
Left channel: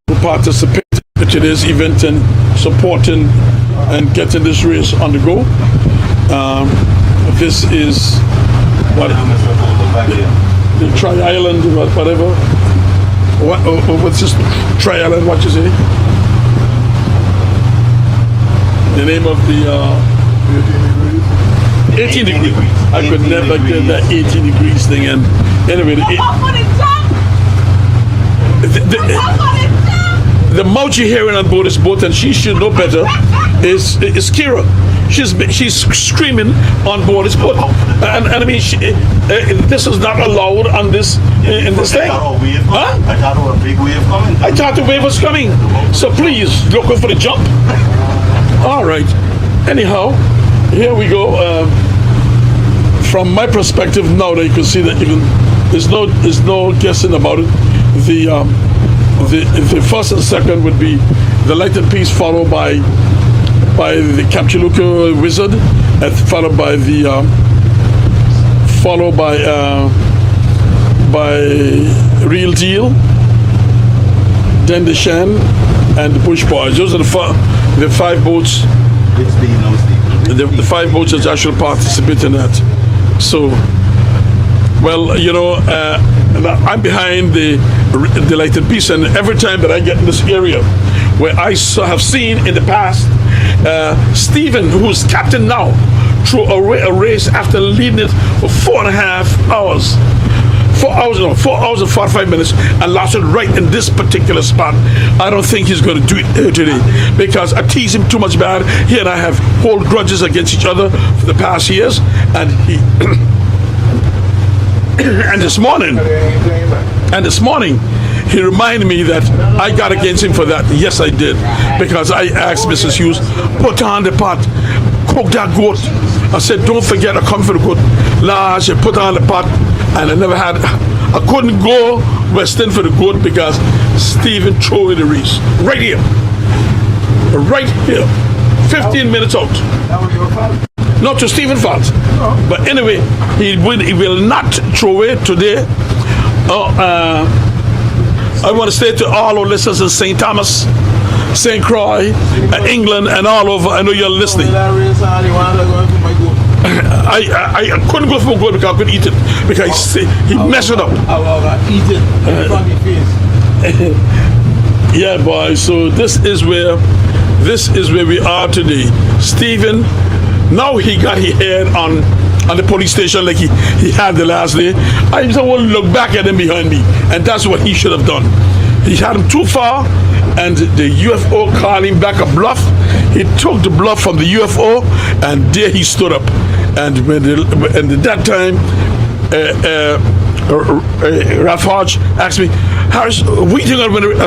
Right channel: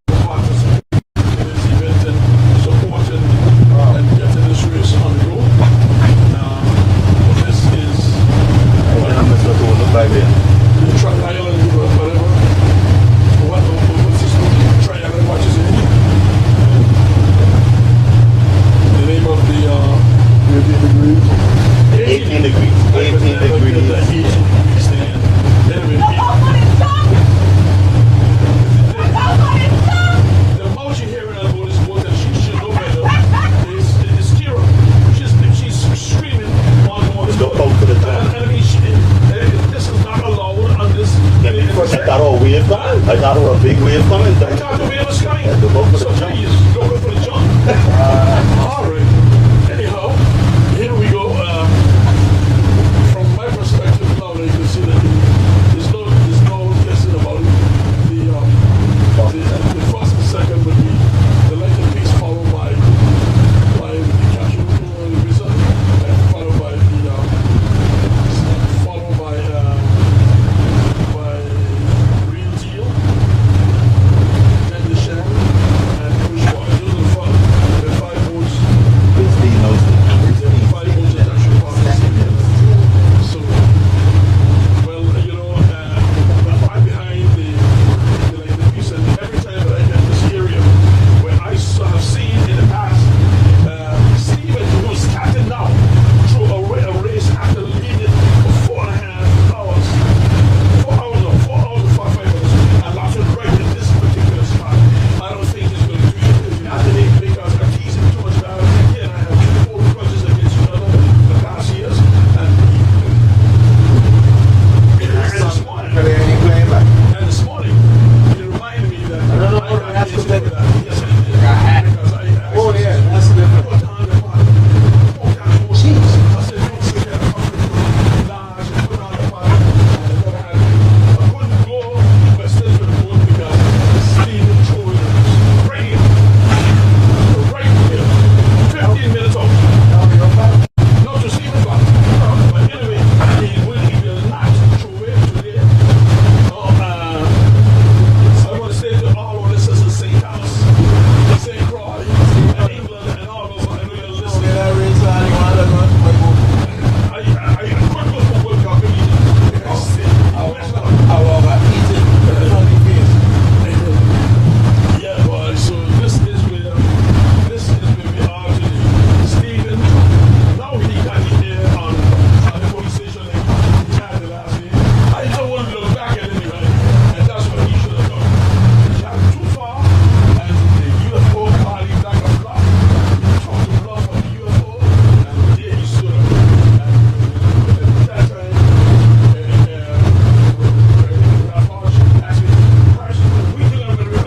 who participated in today's event and supporting and getting this race on the go. This is what the Tri-Island, whatever. What's this Tri-Island? What you say? The name of the 18 degrees. I could never get that 18 degrees thing. And anyway, the mouth you're hearing on board this boat, and she should know better, is Kira. She's screaming on board this boat, and I mean, this is not allowed on this in this thing. I thought a wave coming. I thought a big wave coming. I thought the wave was coming. So please look for the jump. All right. anyhow, here we go. From my perspective, now that you can see that there's no guessing about it. The first and second would be the lighted piece, followed by the Capchuluka Wizard, and followed by Real Deal, then the Shan, and the Push Boys. Those are the five boats. The five boats that actually participate in that. So, well, I'm behind the lighted piece, and every time that I get in this area, where I have seen in the past, Stephen, who's captain now, threw a race after leading it for 4.5 hours. 4 hours and 45 minutes, and lost it right in this particular spot. I don't think he's going to do it here today because I tease him too much bad. He and I have hold grudges against each other for the past years, and and this morning he reminded me that I got against him for that. Yes, I did, because I asked Mrs. Hughes, put on the pot, cook that goat. I said, don't forget I come for the goat. Last year, put on the pot, and I couldn't go western for the goat because Stephen threw the race. Right here. 15 minutes out. Not to Stephen fault. But anyway, he will not throw it today. I want to say to all our listeners in St. Thomas, St. Croix, England, and all over, I know you're listening. I couldn't go for a goat because I couldn't eat it because he messed it up. Yeah, boy. So this is where we are today. Stephen, now he got his head on the police station like he had the last day. I just want to look back at him behind me, and that's what he should have done. He had him too far, and the UFO called him back a bluff. He took the bluff from the UFO, and there he stood up. And at that time, Ralph Hodge asked me, Harris, what do you think I'm going to? I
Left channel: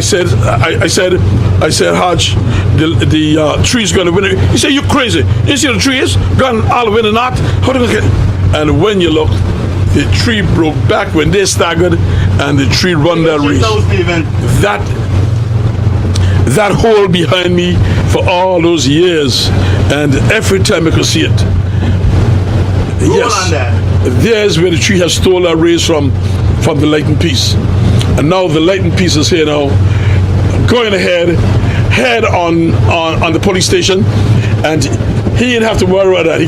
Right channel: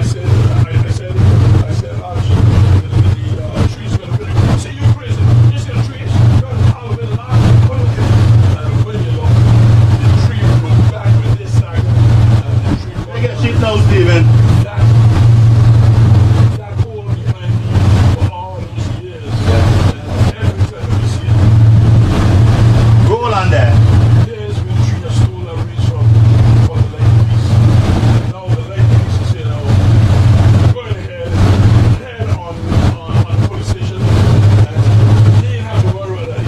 said, Hodge, the tree's going to win it. He said, you're crazy. You see the tree is gone all win or not? How do you look at it? And when you look, the tree broke back when they staggered, and the tree run that race. That hole behind me for all those years, and every time I could see it. Yes, there's where the tree has stolen that race from the lighting piece, and now the lighting piece is here now, going head on the police station, and he didn't have to worry about that. He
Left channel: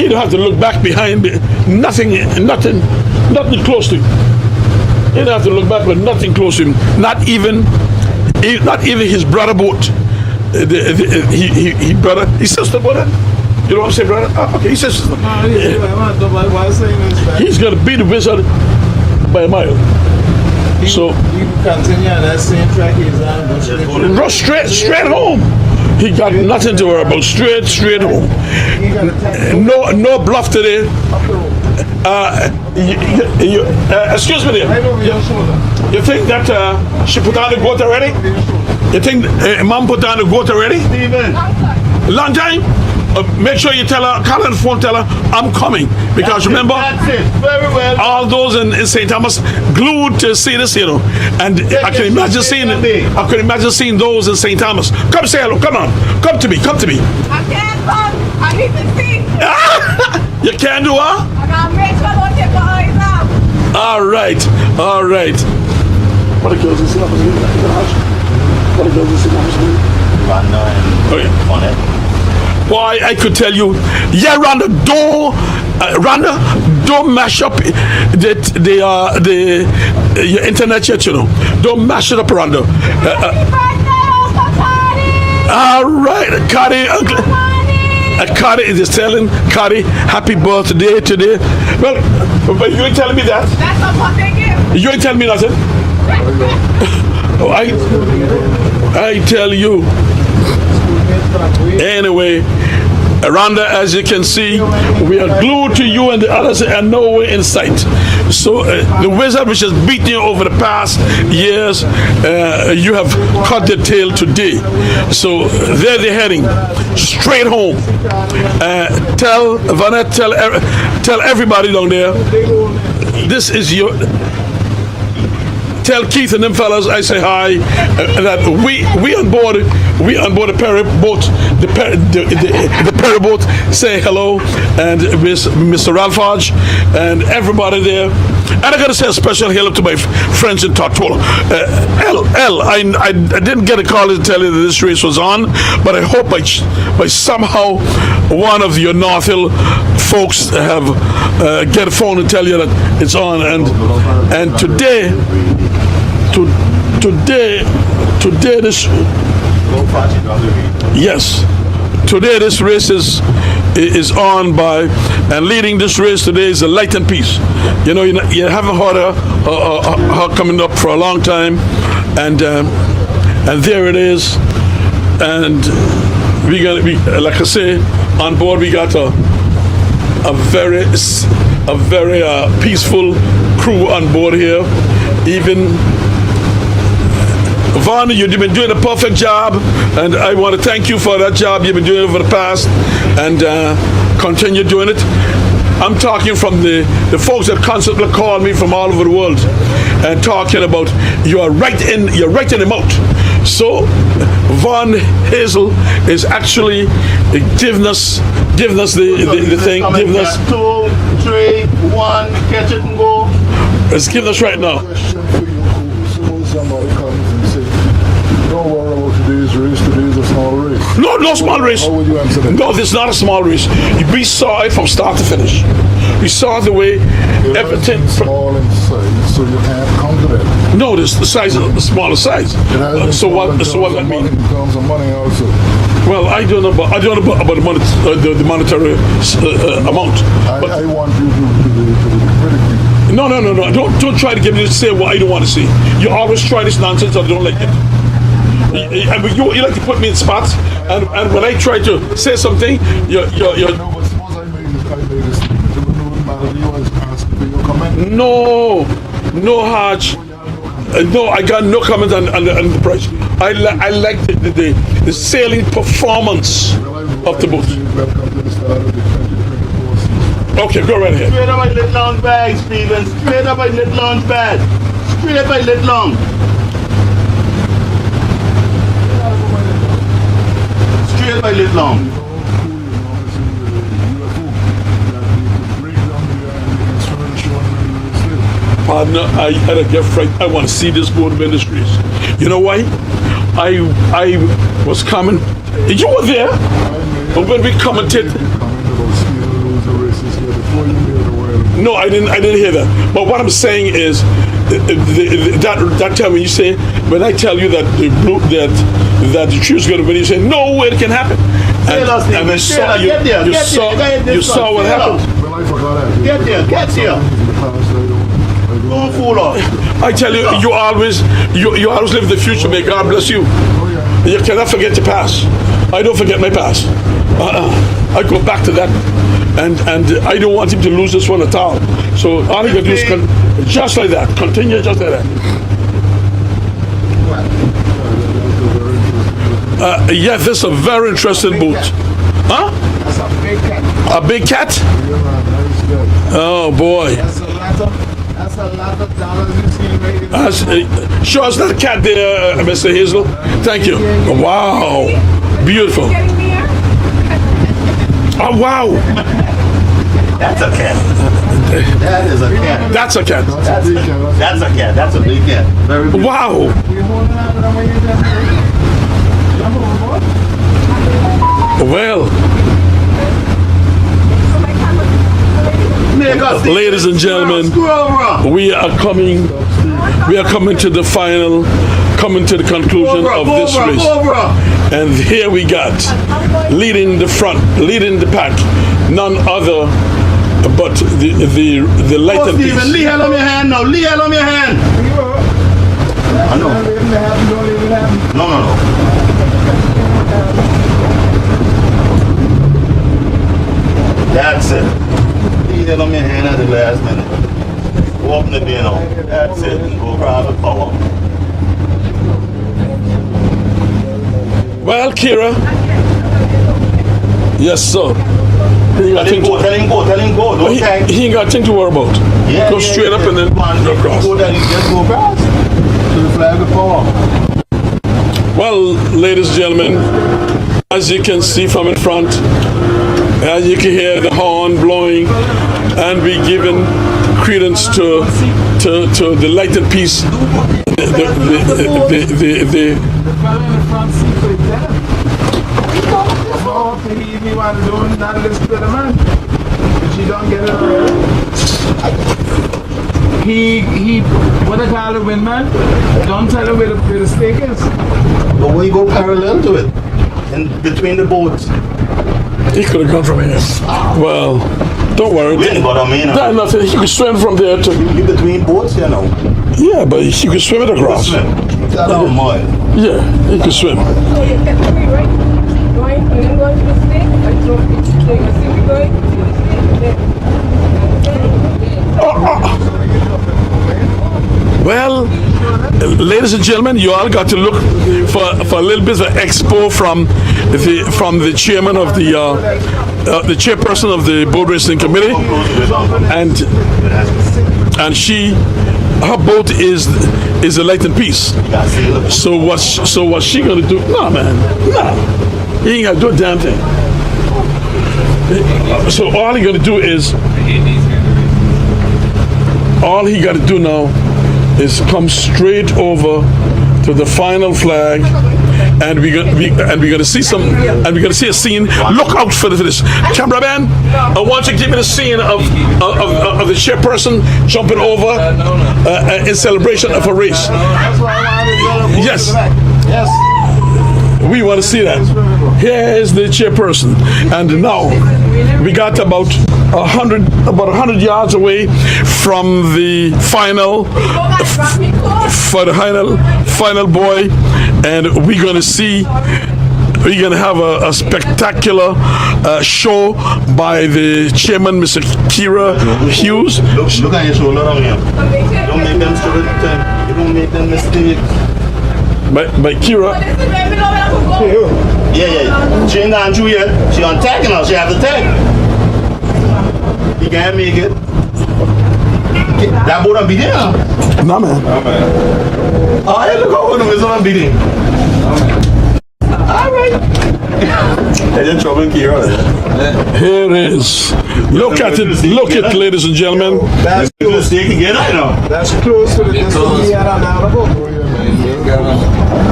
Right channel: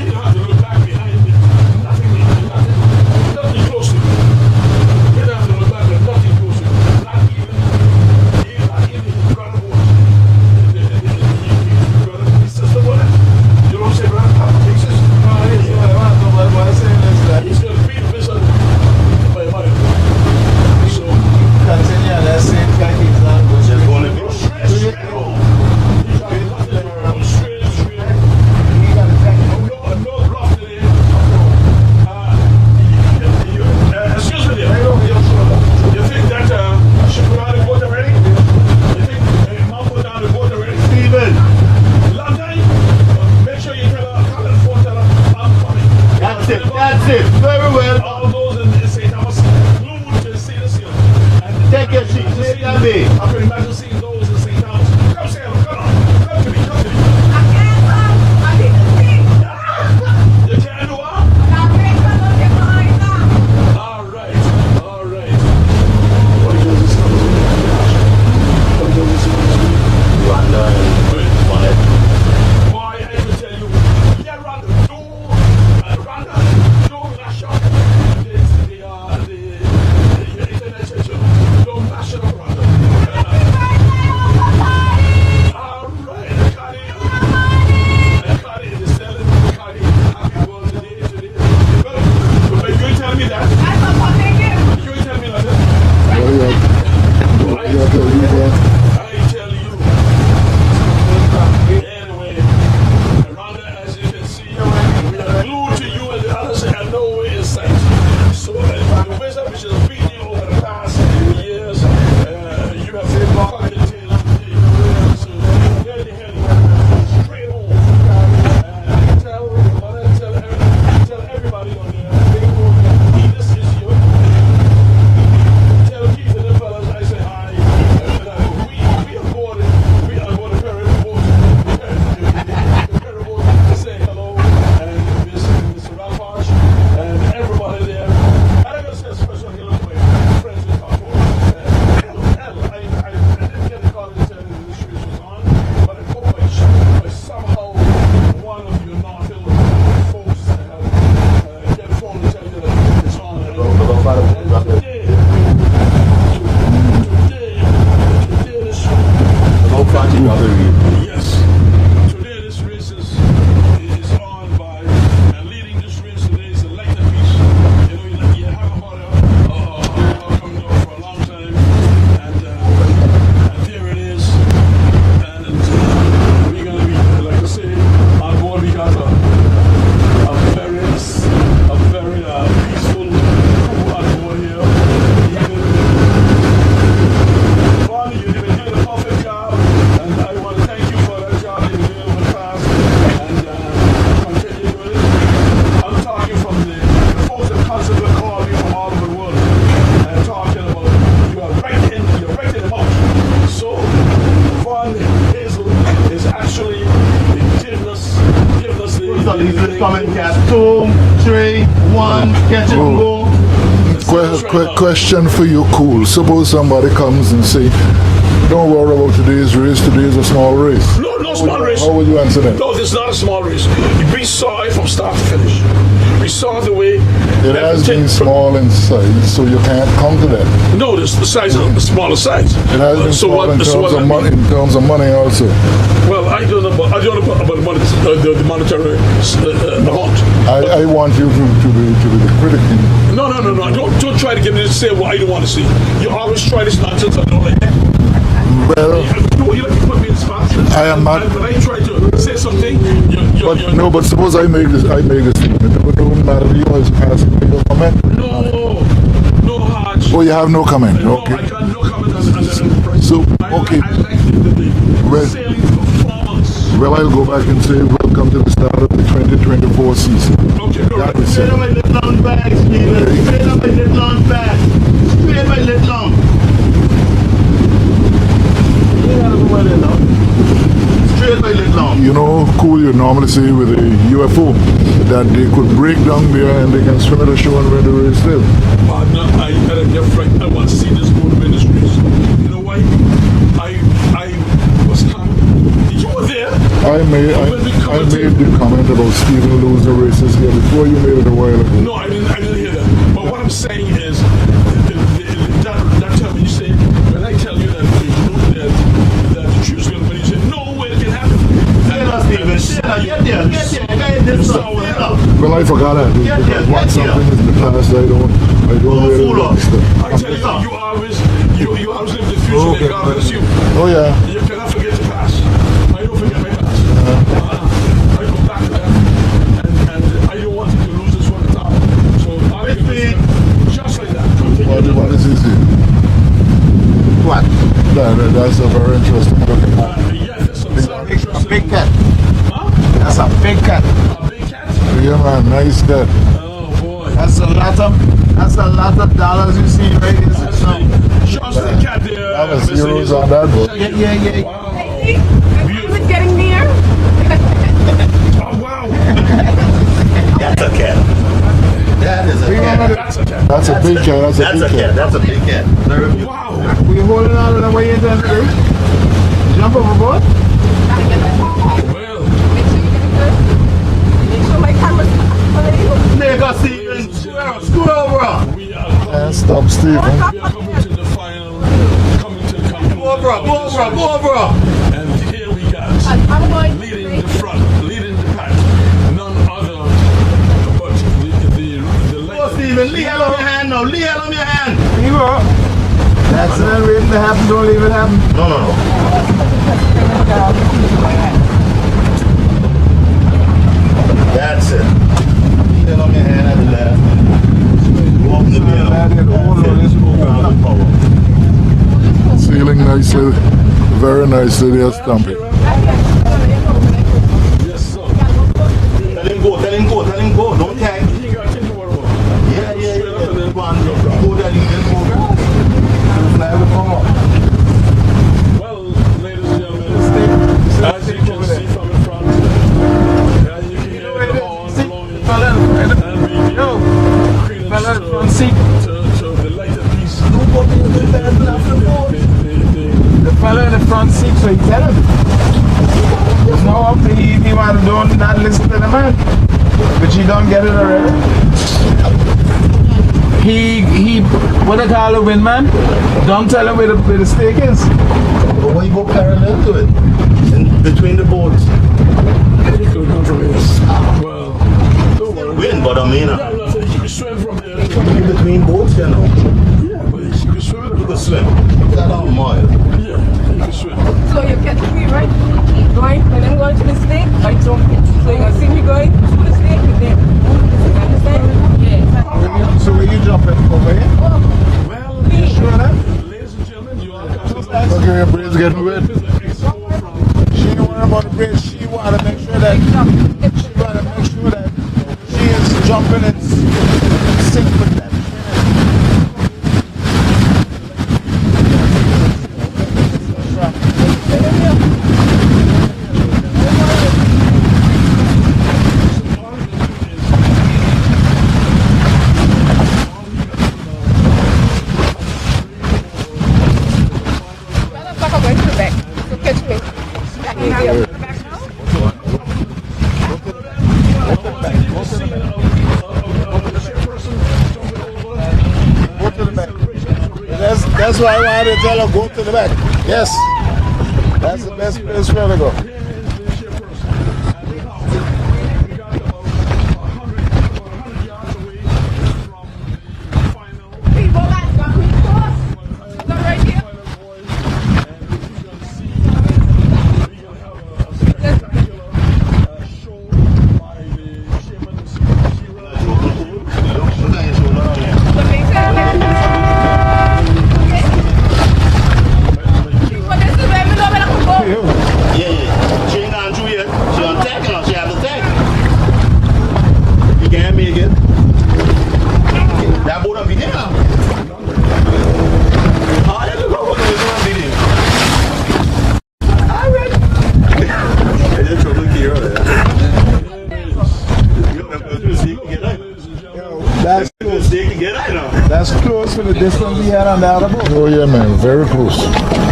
didn't have to look back behind. Nothing close to him. He didn't have to look back with nothing close to him. Not even his brother boat. His sister brother. You know what I'm saying, brother? Okay, he says he's gonna beat the wizard by a mile. So you continue on that same track straight home. He got nothing to worry about. Straight home. No bluff today. Excuse me there. You think that she put on the goat already? You think Mom put on the goat already? Long time? Make sure you tell her, call on the phone, tell her, I'm coming. Because remember, Very well. all those in St. Thomas glued to see this, And I can imagine seeing those in St. Thomas. Come say hello, come on. Come to me. I can't come. I need to see. You can't do what? All right. What are girls in St. Thomas doing? What are girls in St. Thomas doing? Boy, I could tell you, yeah, Rhonda, don't mash up your internet yet, Don't mash it up, Rhonda. All right, Cardi is telling Cardi happy birthday today. Well, but you ain't telling me that. That's a birthday gift. You ain't telling me nothing. I tell you. Anyway, Rhonda, as you can see, we are glued to you and the others are nowhere in sight. So the wizard which has beaten you over the past years, you have cut the tail today. So there they're heading straight home. Tell Vanette, tell everybody down there, this is your. Tell Keith and them fellas I say hi. That we on board the ferry boat, the ferry boat say hello, and Mr. Ralph Hodge and everybody there. And I gotta say a special hello to my friends in Tortola. I didn't get a call to tell you that this race was on, but I hope by somehow one of your North Hill folks have get a phone and tell you that it's on. And today this today this race is on by, and leading this race today is a Light and Peace. You know, you haven't heard her coming up for a long time, and there it is. And we got to be, like I say, on board we got a very peaceful crew on board here. Even Vaughn, you've been doing a perfect job, and I want to thank you for that job you've been doing over the past, and continue doing it. I'm talking from the folks that constantly call me from all over the world and talking about you're right in the mouth. So Vaughn Hazel is actually giving us the thing, giving us 2, 3, 1, catch it and go. Let's give us right now. Question for you, Cool. Suppose somebody comes and say, don't worry about today's race, today's a small race. No small race. How would you answer that? No, this is not a small race. We saw it from start to finish. We saw the way It has everything. been small in size, so you can't come to that. No, the size is a smaller size. It has been So small what? in So terms what? of money, in terms of money also. Well, I don't know about the monetary amount. I want you to be critical. No. Don't try to get me to say what I don't want to see. You always try this nonsense. I don't like it. Well, You like to put me in spots, and when I try to say something, you're no, but suppose I make this statement. It don't matter to you as past your comment. No, Hodge. Oh, you have no comment. No, Okay. I got no comment on the price. So, okay. I like the sailing performance Well, I'll go of back the and boat. say welcome to the start of the 2024 season. Okay, go right Straight here. up by Little Long bag, Steven. Straight up by Little Long bag. Straight by Little Long. Straight by Little Long. You know, Cool, you normally say with a UFO that they could break down there and they can swim at a show and run the race still. Partner, I had a gift right. I want to see this go to ministries. You know why? I was coming. You were there. But when we commented. I made the comment about Stephen losing the races here before you made it a while ago. No, I didn't hear that. But what I'm saying is that time when you say, when I tell you that the truth's going to win, you say no way it can happen. You saw what happened. Well, I forgot that. Get there, get there. The past, I don't Fool off. I tell you, you always live the future. May God bless you. Oh, yeah. You cannot forget your past. I don't forget my past. I go back to that, and I don't want him to lose this one at all. So all you can do is just like that. Continue just like that. What? That's a very interesting look. Yeah, this is a very interesting boot. Huh? That's a big cat. A big cat? Yeah, man, nice cat. Oh boy. That's a lot of dollars you see right here. Show us that cat there, Mr. Hazel. Thank you. Wow. Beautiful. Getting near. Oh, wow. That's a cat. That is a cat. That's a cat. That's a big cat. That's a cat. That's a big cat. Very big. Wow. You holding on to the way you're jump overboard? Well, ladies and gentlemen, we are coming. Stop, Steve. We are coming to the final, coming to the conclusion of this race. And here we got, leading the front, leading the pack, none other but the Light and Peace. Steven, Lee hand on your hand now. Lee hand on your hand. You are. That's not leaving the half, don't leave it half. No. That's it. Leave it on your hand at the last minute. Go up the bin. That's it. Go around the power. Sealing nicely, very nicely. There. Well, Kira. Yes, sir. He ain't got Tell him go, tell him go, tell him go. Don't tag. he ain't got thing to worry about. Go straight up and then go across. Go that he just go across. Flag the power. Well, ladies and gentlemen, as you can see from in front, as you can hear the horn blowing, and we giving credence to the light and peace. The fellow in the front seat, so he tell him. Before he man don't not listen to the man. But he don't get it already. He what I call a win man, don't tell him where the stake is. But we go parallel to it. In between the boats. He could have gone from here. Well, don't worry. Win, but I mean. That's nothing. He could swim from there to. You between boats, you know. Yeah, but he could swim it across. Swim. That's how mile. Yeah, he could swim. So you catch me, right? Going, when I'm going to the snake, I throw it. So you see me going to the snake, and then. So when you jump in over here, Well, ladies and gentlemen, you all got to look for a little bit of expo from the chairman of the chairperson of the boat racing committee, and her boat is a light and peace. So what's she gonna do? No, man, no, he ain't gonna do a damn thing. So all he gonna do is. All he got to do now is come straight over to the final flag, and we're gonna see a scene. Look out for this. Cameraman, I want you to give me the scene of the chairperson jumping over in celebration of a race. that's why I wanted to go Yes. to the back. Yes. We want to see that. Here is the chairperson, and now we got about 100 yards away from the final for the final boy, and we're gonna have a spectacular show by the chairman, Mr. Kira Hughes. Look at your shoulder down here. By Kira. Yeah. She ain't gone through yet. She on tag now. She have to tag. You can't make it. That boat on beating now. No, man. Oh, hey, look how one of us on beating. All right. Hey, you're trouble Kira. Here it is. Look at it, ladies and gentlemen. That's You close. mistake to get right now. That's close to the distance he had on the other boat. Oh yeah, man, very close.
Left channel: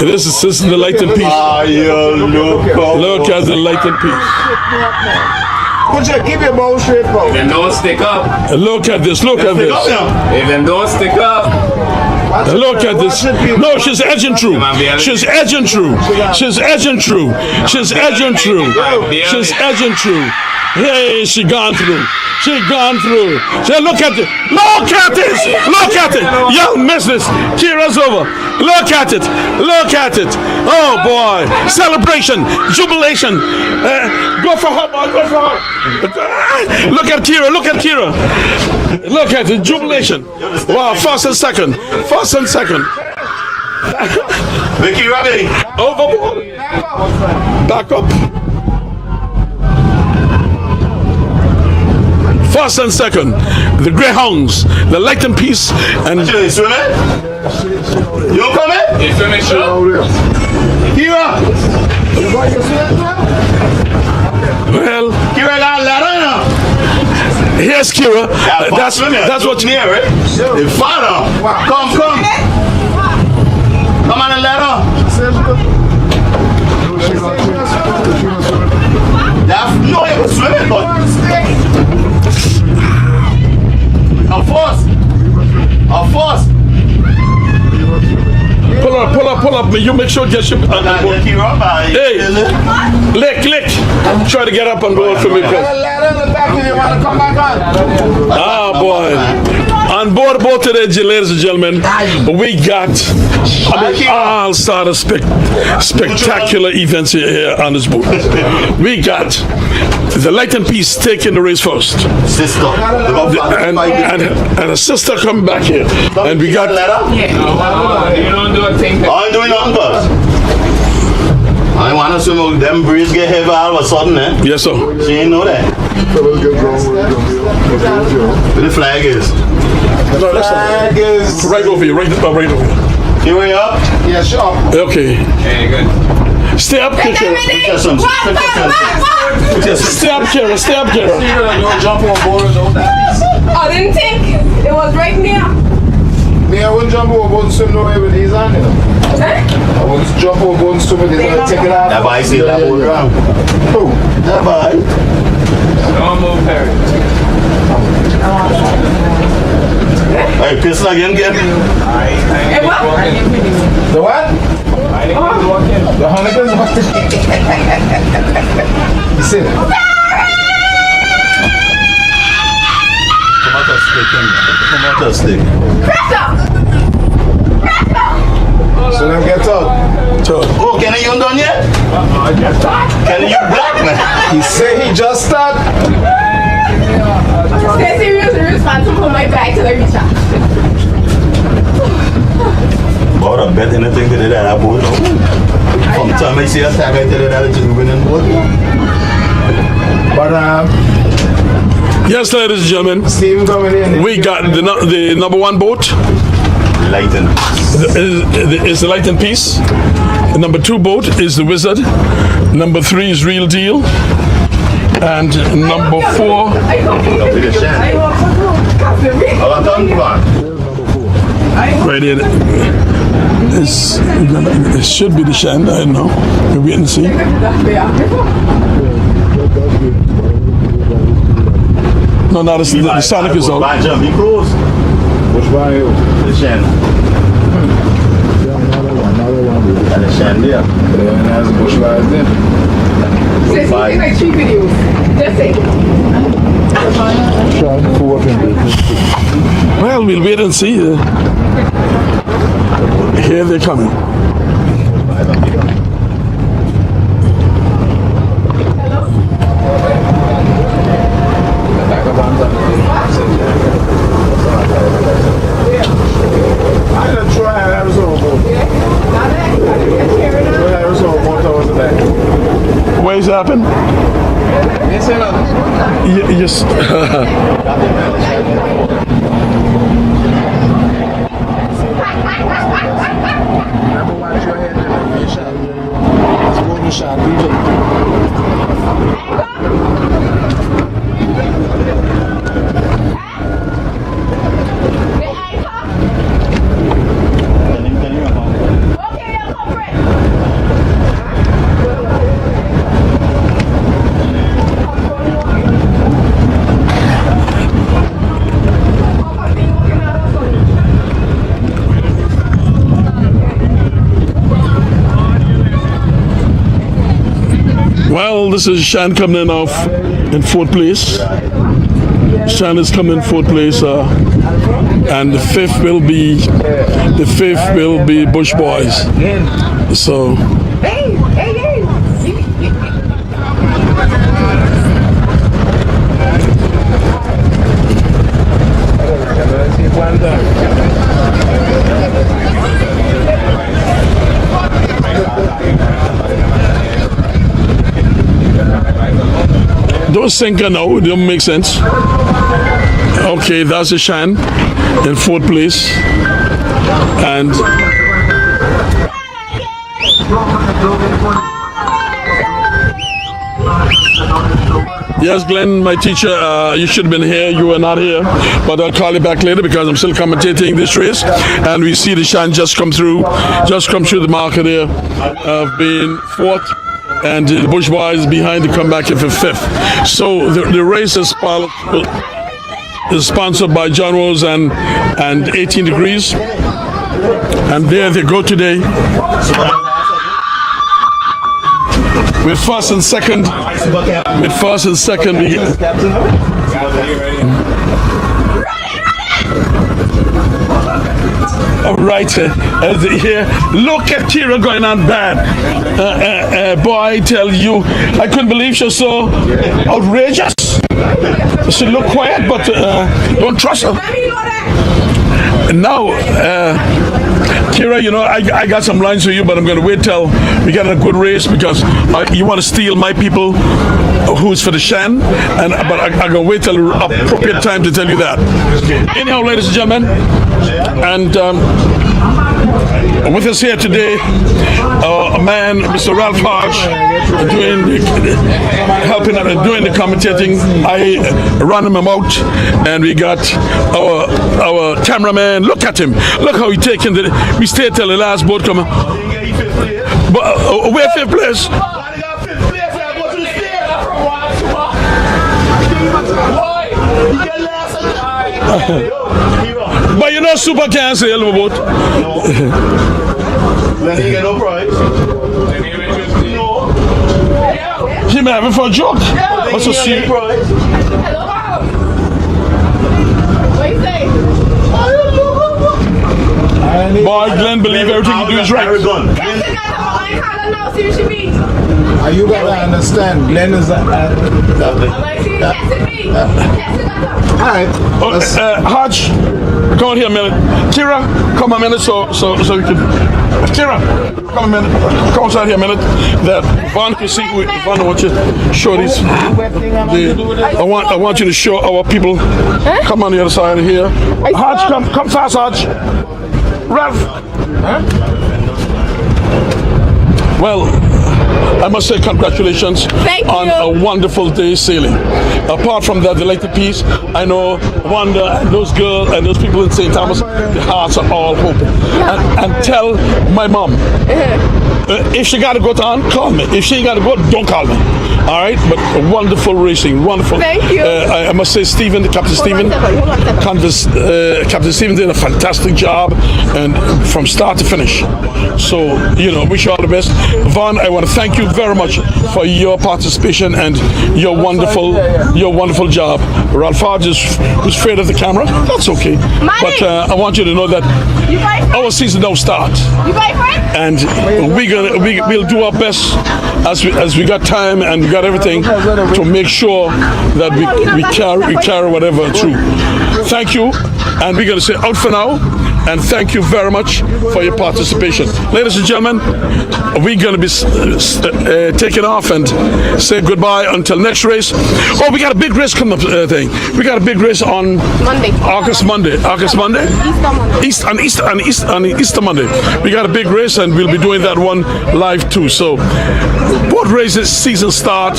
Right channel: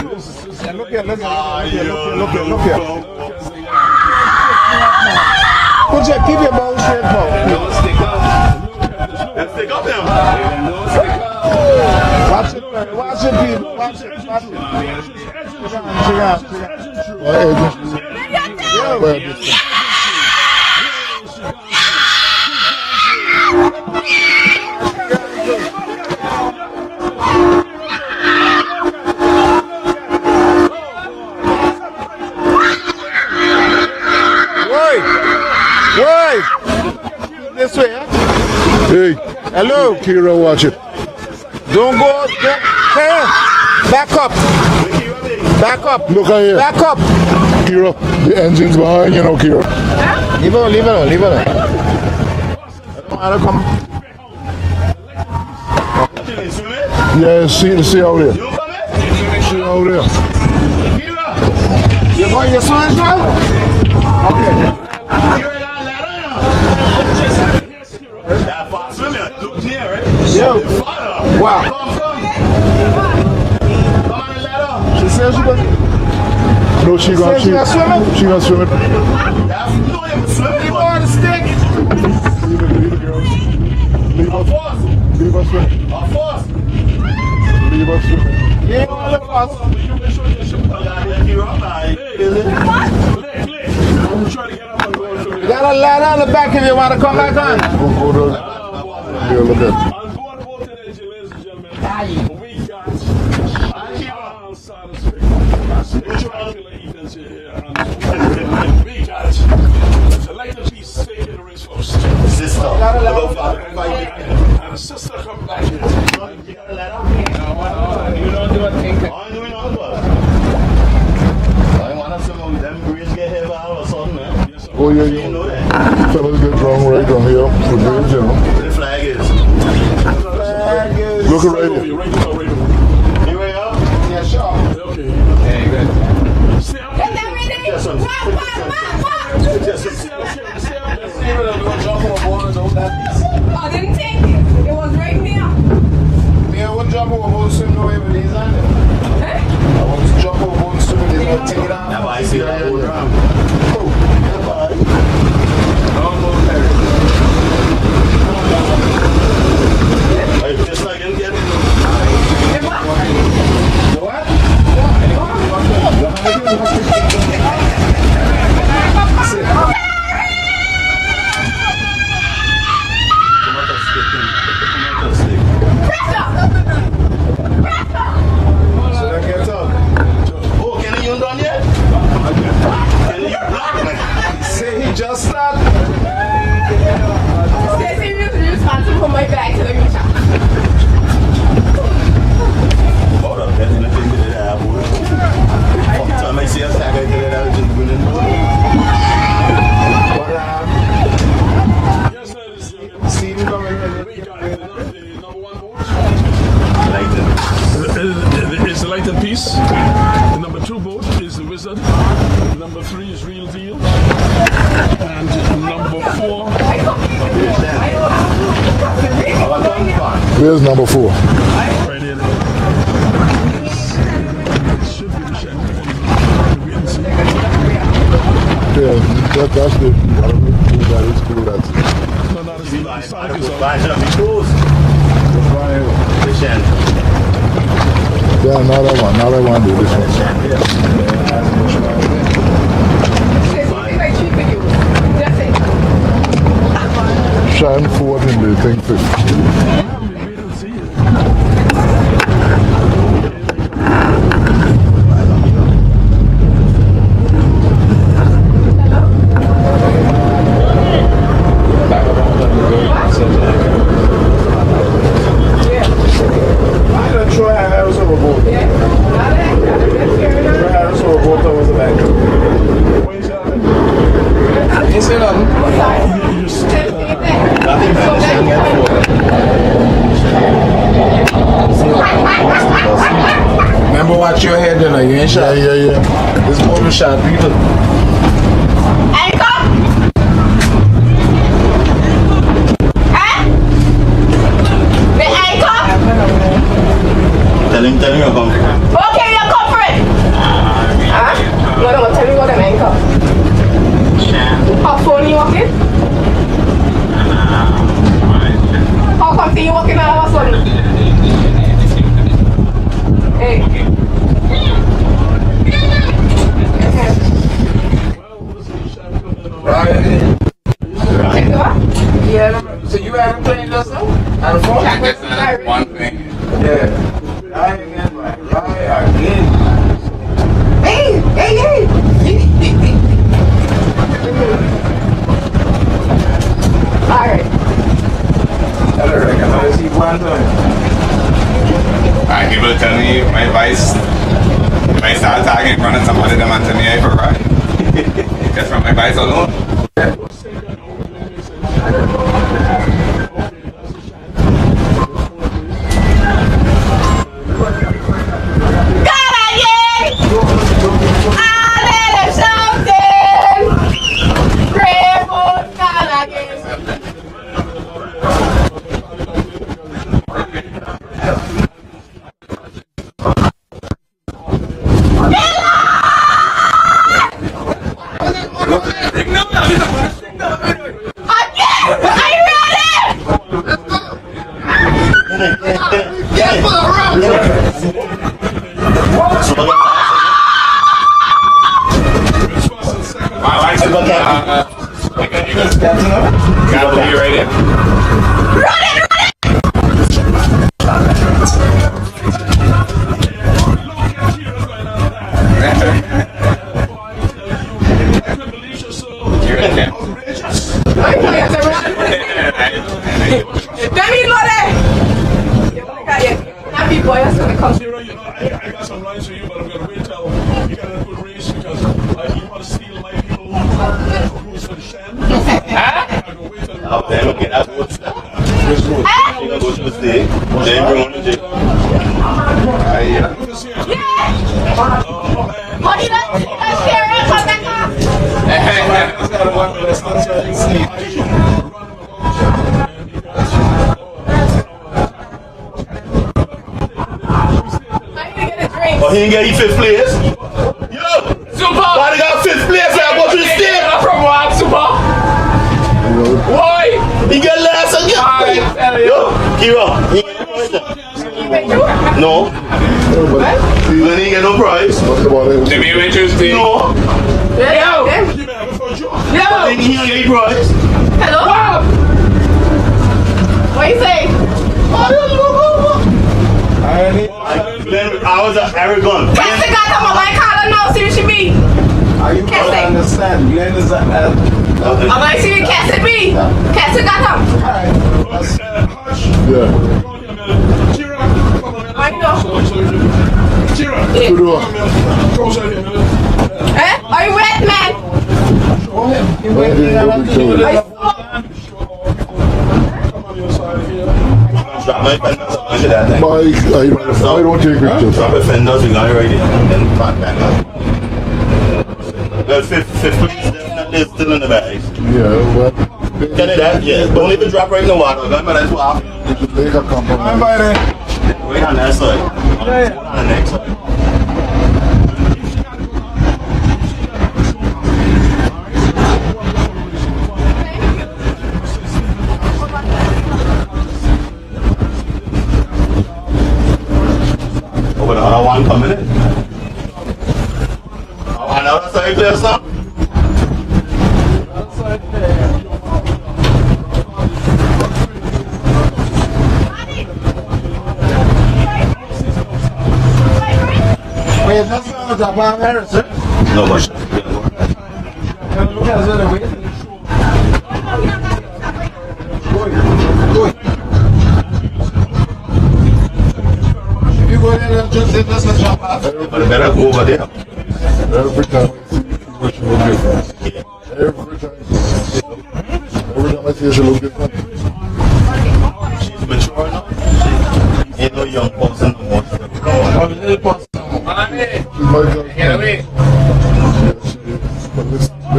This is the light and peace. Ah, you look. Look at the light and peace. Keep your bow straight, bow. If them don't stick up, Look at this. Look at Pick up this. now. if them don't stick up, Watch it, Look at watch this. it, people. No, she's edging through. She's edging through. She's edging through. She's edging through. She's edging through. Hey, she gone through. She gone through. Say, look at it. Look at this. Look at it. Young missus. Kira's over. Look at it. Look at it. Oh boy. Celebration. Jubilation. Go for her. Go for her. Look at Kira. Look at Kira. Look at it. Jubilation. Kira, watch it. Wow. First and second. First and second. Back up. Vicky, ready? Back up. Look at here. Back up. Kira, the engine's behind you know, Kira. Leave it. First and second, the Greyhounds, the Light and Peace, and You swimming? Yeah, see how it is. You don't come in? they finish up. Over there. Kira! You going to swim, bro? well, Kira got a ladder now. here's Kira. That's what you near, right? Yeah. The father. Wow. Come. Come on the ladder. She says she goes. No, she got She got swimming? She got swimming. No, it was swimming, but. A force. pull up. You make sure get your. Hey, lick. Try to get up and go for me. Got a ladder on the back if you want to come back on. Ah, boy. On board boat today, ladies and gentlemen, we got all sort of spectacular events here on this boat. We got the light and peace taking the race first. Sister. They got flat And, 5 and, and a sister come back here. And we got, letter. You don't do a thing. I ain't doing nothing, boss. I want to swim. Them breeze get heavy all of a sudden, eh? yes, sir. She ain't know that. Fellas get drunk right down here. The bridge, you know. Where the flag is. No, that's not. Look right over here, right over here. Here we up. Yeah, sure. Okay. Hey, good. Stay up, Kara. Stay up, Kara. Stay up, Kara. Don't jump on board, don't die. I didn't think it was right near. Me, I wouldn't jump over board and swim nowhere with these on, you know. I wouldn't jump over board and swim with these on. Take it out. That boy see that boat around. Oh, that boy. Don't move, Perry. Hey, pissing again, get. The what? The Huntington? See. Come out of stick, come out of stick. So let me get up. Oh, Kenny, you done yet? Kenny, you black, man. He said he just started. Stay serious and responsible for my bag till I reach out. But I bet anything with that boat. From the time I see a tag, I tell you that it's a winning boat. But Yes, ladies and gentlemen, Steve coming in. we got the number one boat. Lighten. Is the Light and Peace. The number 2 boat is the Wizard. Number 3 is Real Deal. And number 4, Where's number 4? right here. It should be the Shan. I don't know. We're waiting to see. Yeah, that's good. That is cool. No, no, the Sonic is out. My jump, be close. Which one is it? The Shan. Yeah, not that one. Not that one. Dude. This one. Shan, yeah. Like 3 videos. That's it. Shine forward and the thing. Well, we'll wait and see. Here they're coming. I done Troy Harris overboard. Troy Harris overboard towards the back. What has happened? He said Yes. Nothing better than Shan meant remember watch your head then, you ain't shot. Yeah. Let's go to shot people. Anchor. The anchor. Tell him to come. Okay, you're comfort. Huh? No, tell me what an anchor. How phone you walking? How come you walking out of a sudden? Hey. Well, this is Shan coming in off in 4th place. Shan is coming in 4th place, and the 5th will be Bush Boys. So I give it tell you my advice. If I start talking in front of somebody, them and tell me I go right. Just from my advice alone. don't sink her now. It don't make sense. Okay, that's a Shan in 4th place, and yes, Glenn, my teacher, you should have been here. You were not here, but I'll call you back later because I'm still commentating this race, and we see the Shan just come through the marker there, being 4th. And the Bush Boys behind to come back in for 5th. So the race is sponsored by John Rose and 18 Degrees. And there they go today. With first and second. Got to be ready. Right here. Look at Kira going on bad. Boy, I tell you, I couldn't believe she was so outrageous. She looked quiet, but don't trust her. Now, Kira, you know, I got some lines for you, but I'm going to wait till we get a good race because you want to steal my people who's for the Shan, but I'm going to wait till the appropriate time to tell you that. Anyhow, ladies and gentlemen, and with us here today, a man, Mr. Ralph Hodge, helping doing the commentating. I run him out, and we got our cameraman. Look at him. Look how he taking we stayed till the last boat coming. He didn't get you 5th place. But where 5th place? Why they got 5th place? I go to the state. From what, Super? Why? He get last again. But you know Super can't sail the boat. No. Then he get no prize. To be interesting. No. He may have it for a joke. What's the state prize? Hello? What you say? Boy, Glenn believe everything you do is right. Are you going to understand? Glenn is Alright. Hodge, come on here a minute. Kira, come a minute so we can. Kira, come a minute. Come outside here a minute. That Von, I want you to show these. I want you to show our people. Come on the other side of here. Hodge, come fast, Hodge. Ralph. I don't take pictures. Well, I must say congratulations on a wonderful day sailing. Apart from that, they like the peace. I know Wanda, those girls and those people in St. Thomas hearts are all good. And tell my mom, if she got to go down, call me. If she ain't got to go, don't call me. All right, but wonderful racing, wonderful. Thank you. I must say, Captain Stephen did a fantastic job, and from start to finish. So, you know, wish you all the best. Vaughn, I want to thank you very much for your participation and your wonderful job. Ralph Hodge is afraid of the camera. That's okay. But I want you to know that our season don't start, and we'll do our best as we got time and we got everything to make sure that we carry whatever through. Thank you, and we're going to say out for now, and thank you very much for your participation. Ladies and gentlemen, we're going to be taking off and say goodbye until next race. Oh, we got a big race coming up. We got a big race on August Monday. Easter Monday. We got a big race, and we'll be doing that one live too. So, boat races season start.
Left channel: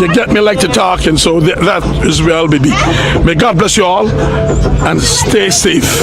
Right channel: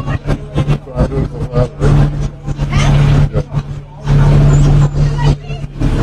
You get me like to talk, and so that is where I'll be. May God bless you all, and stay safe.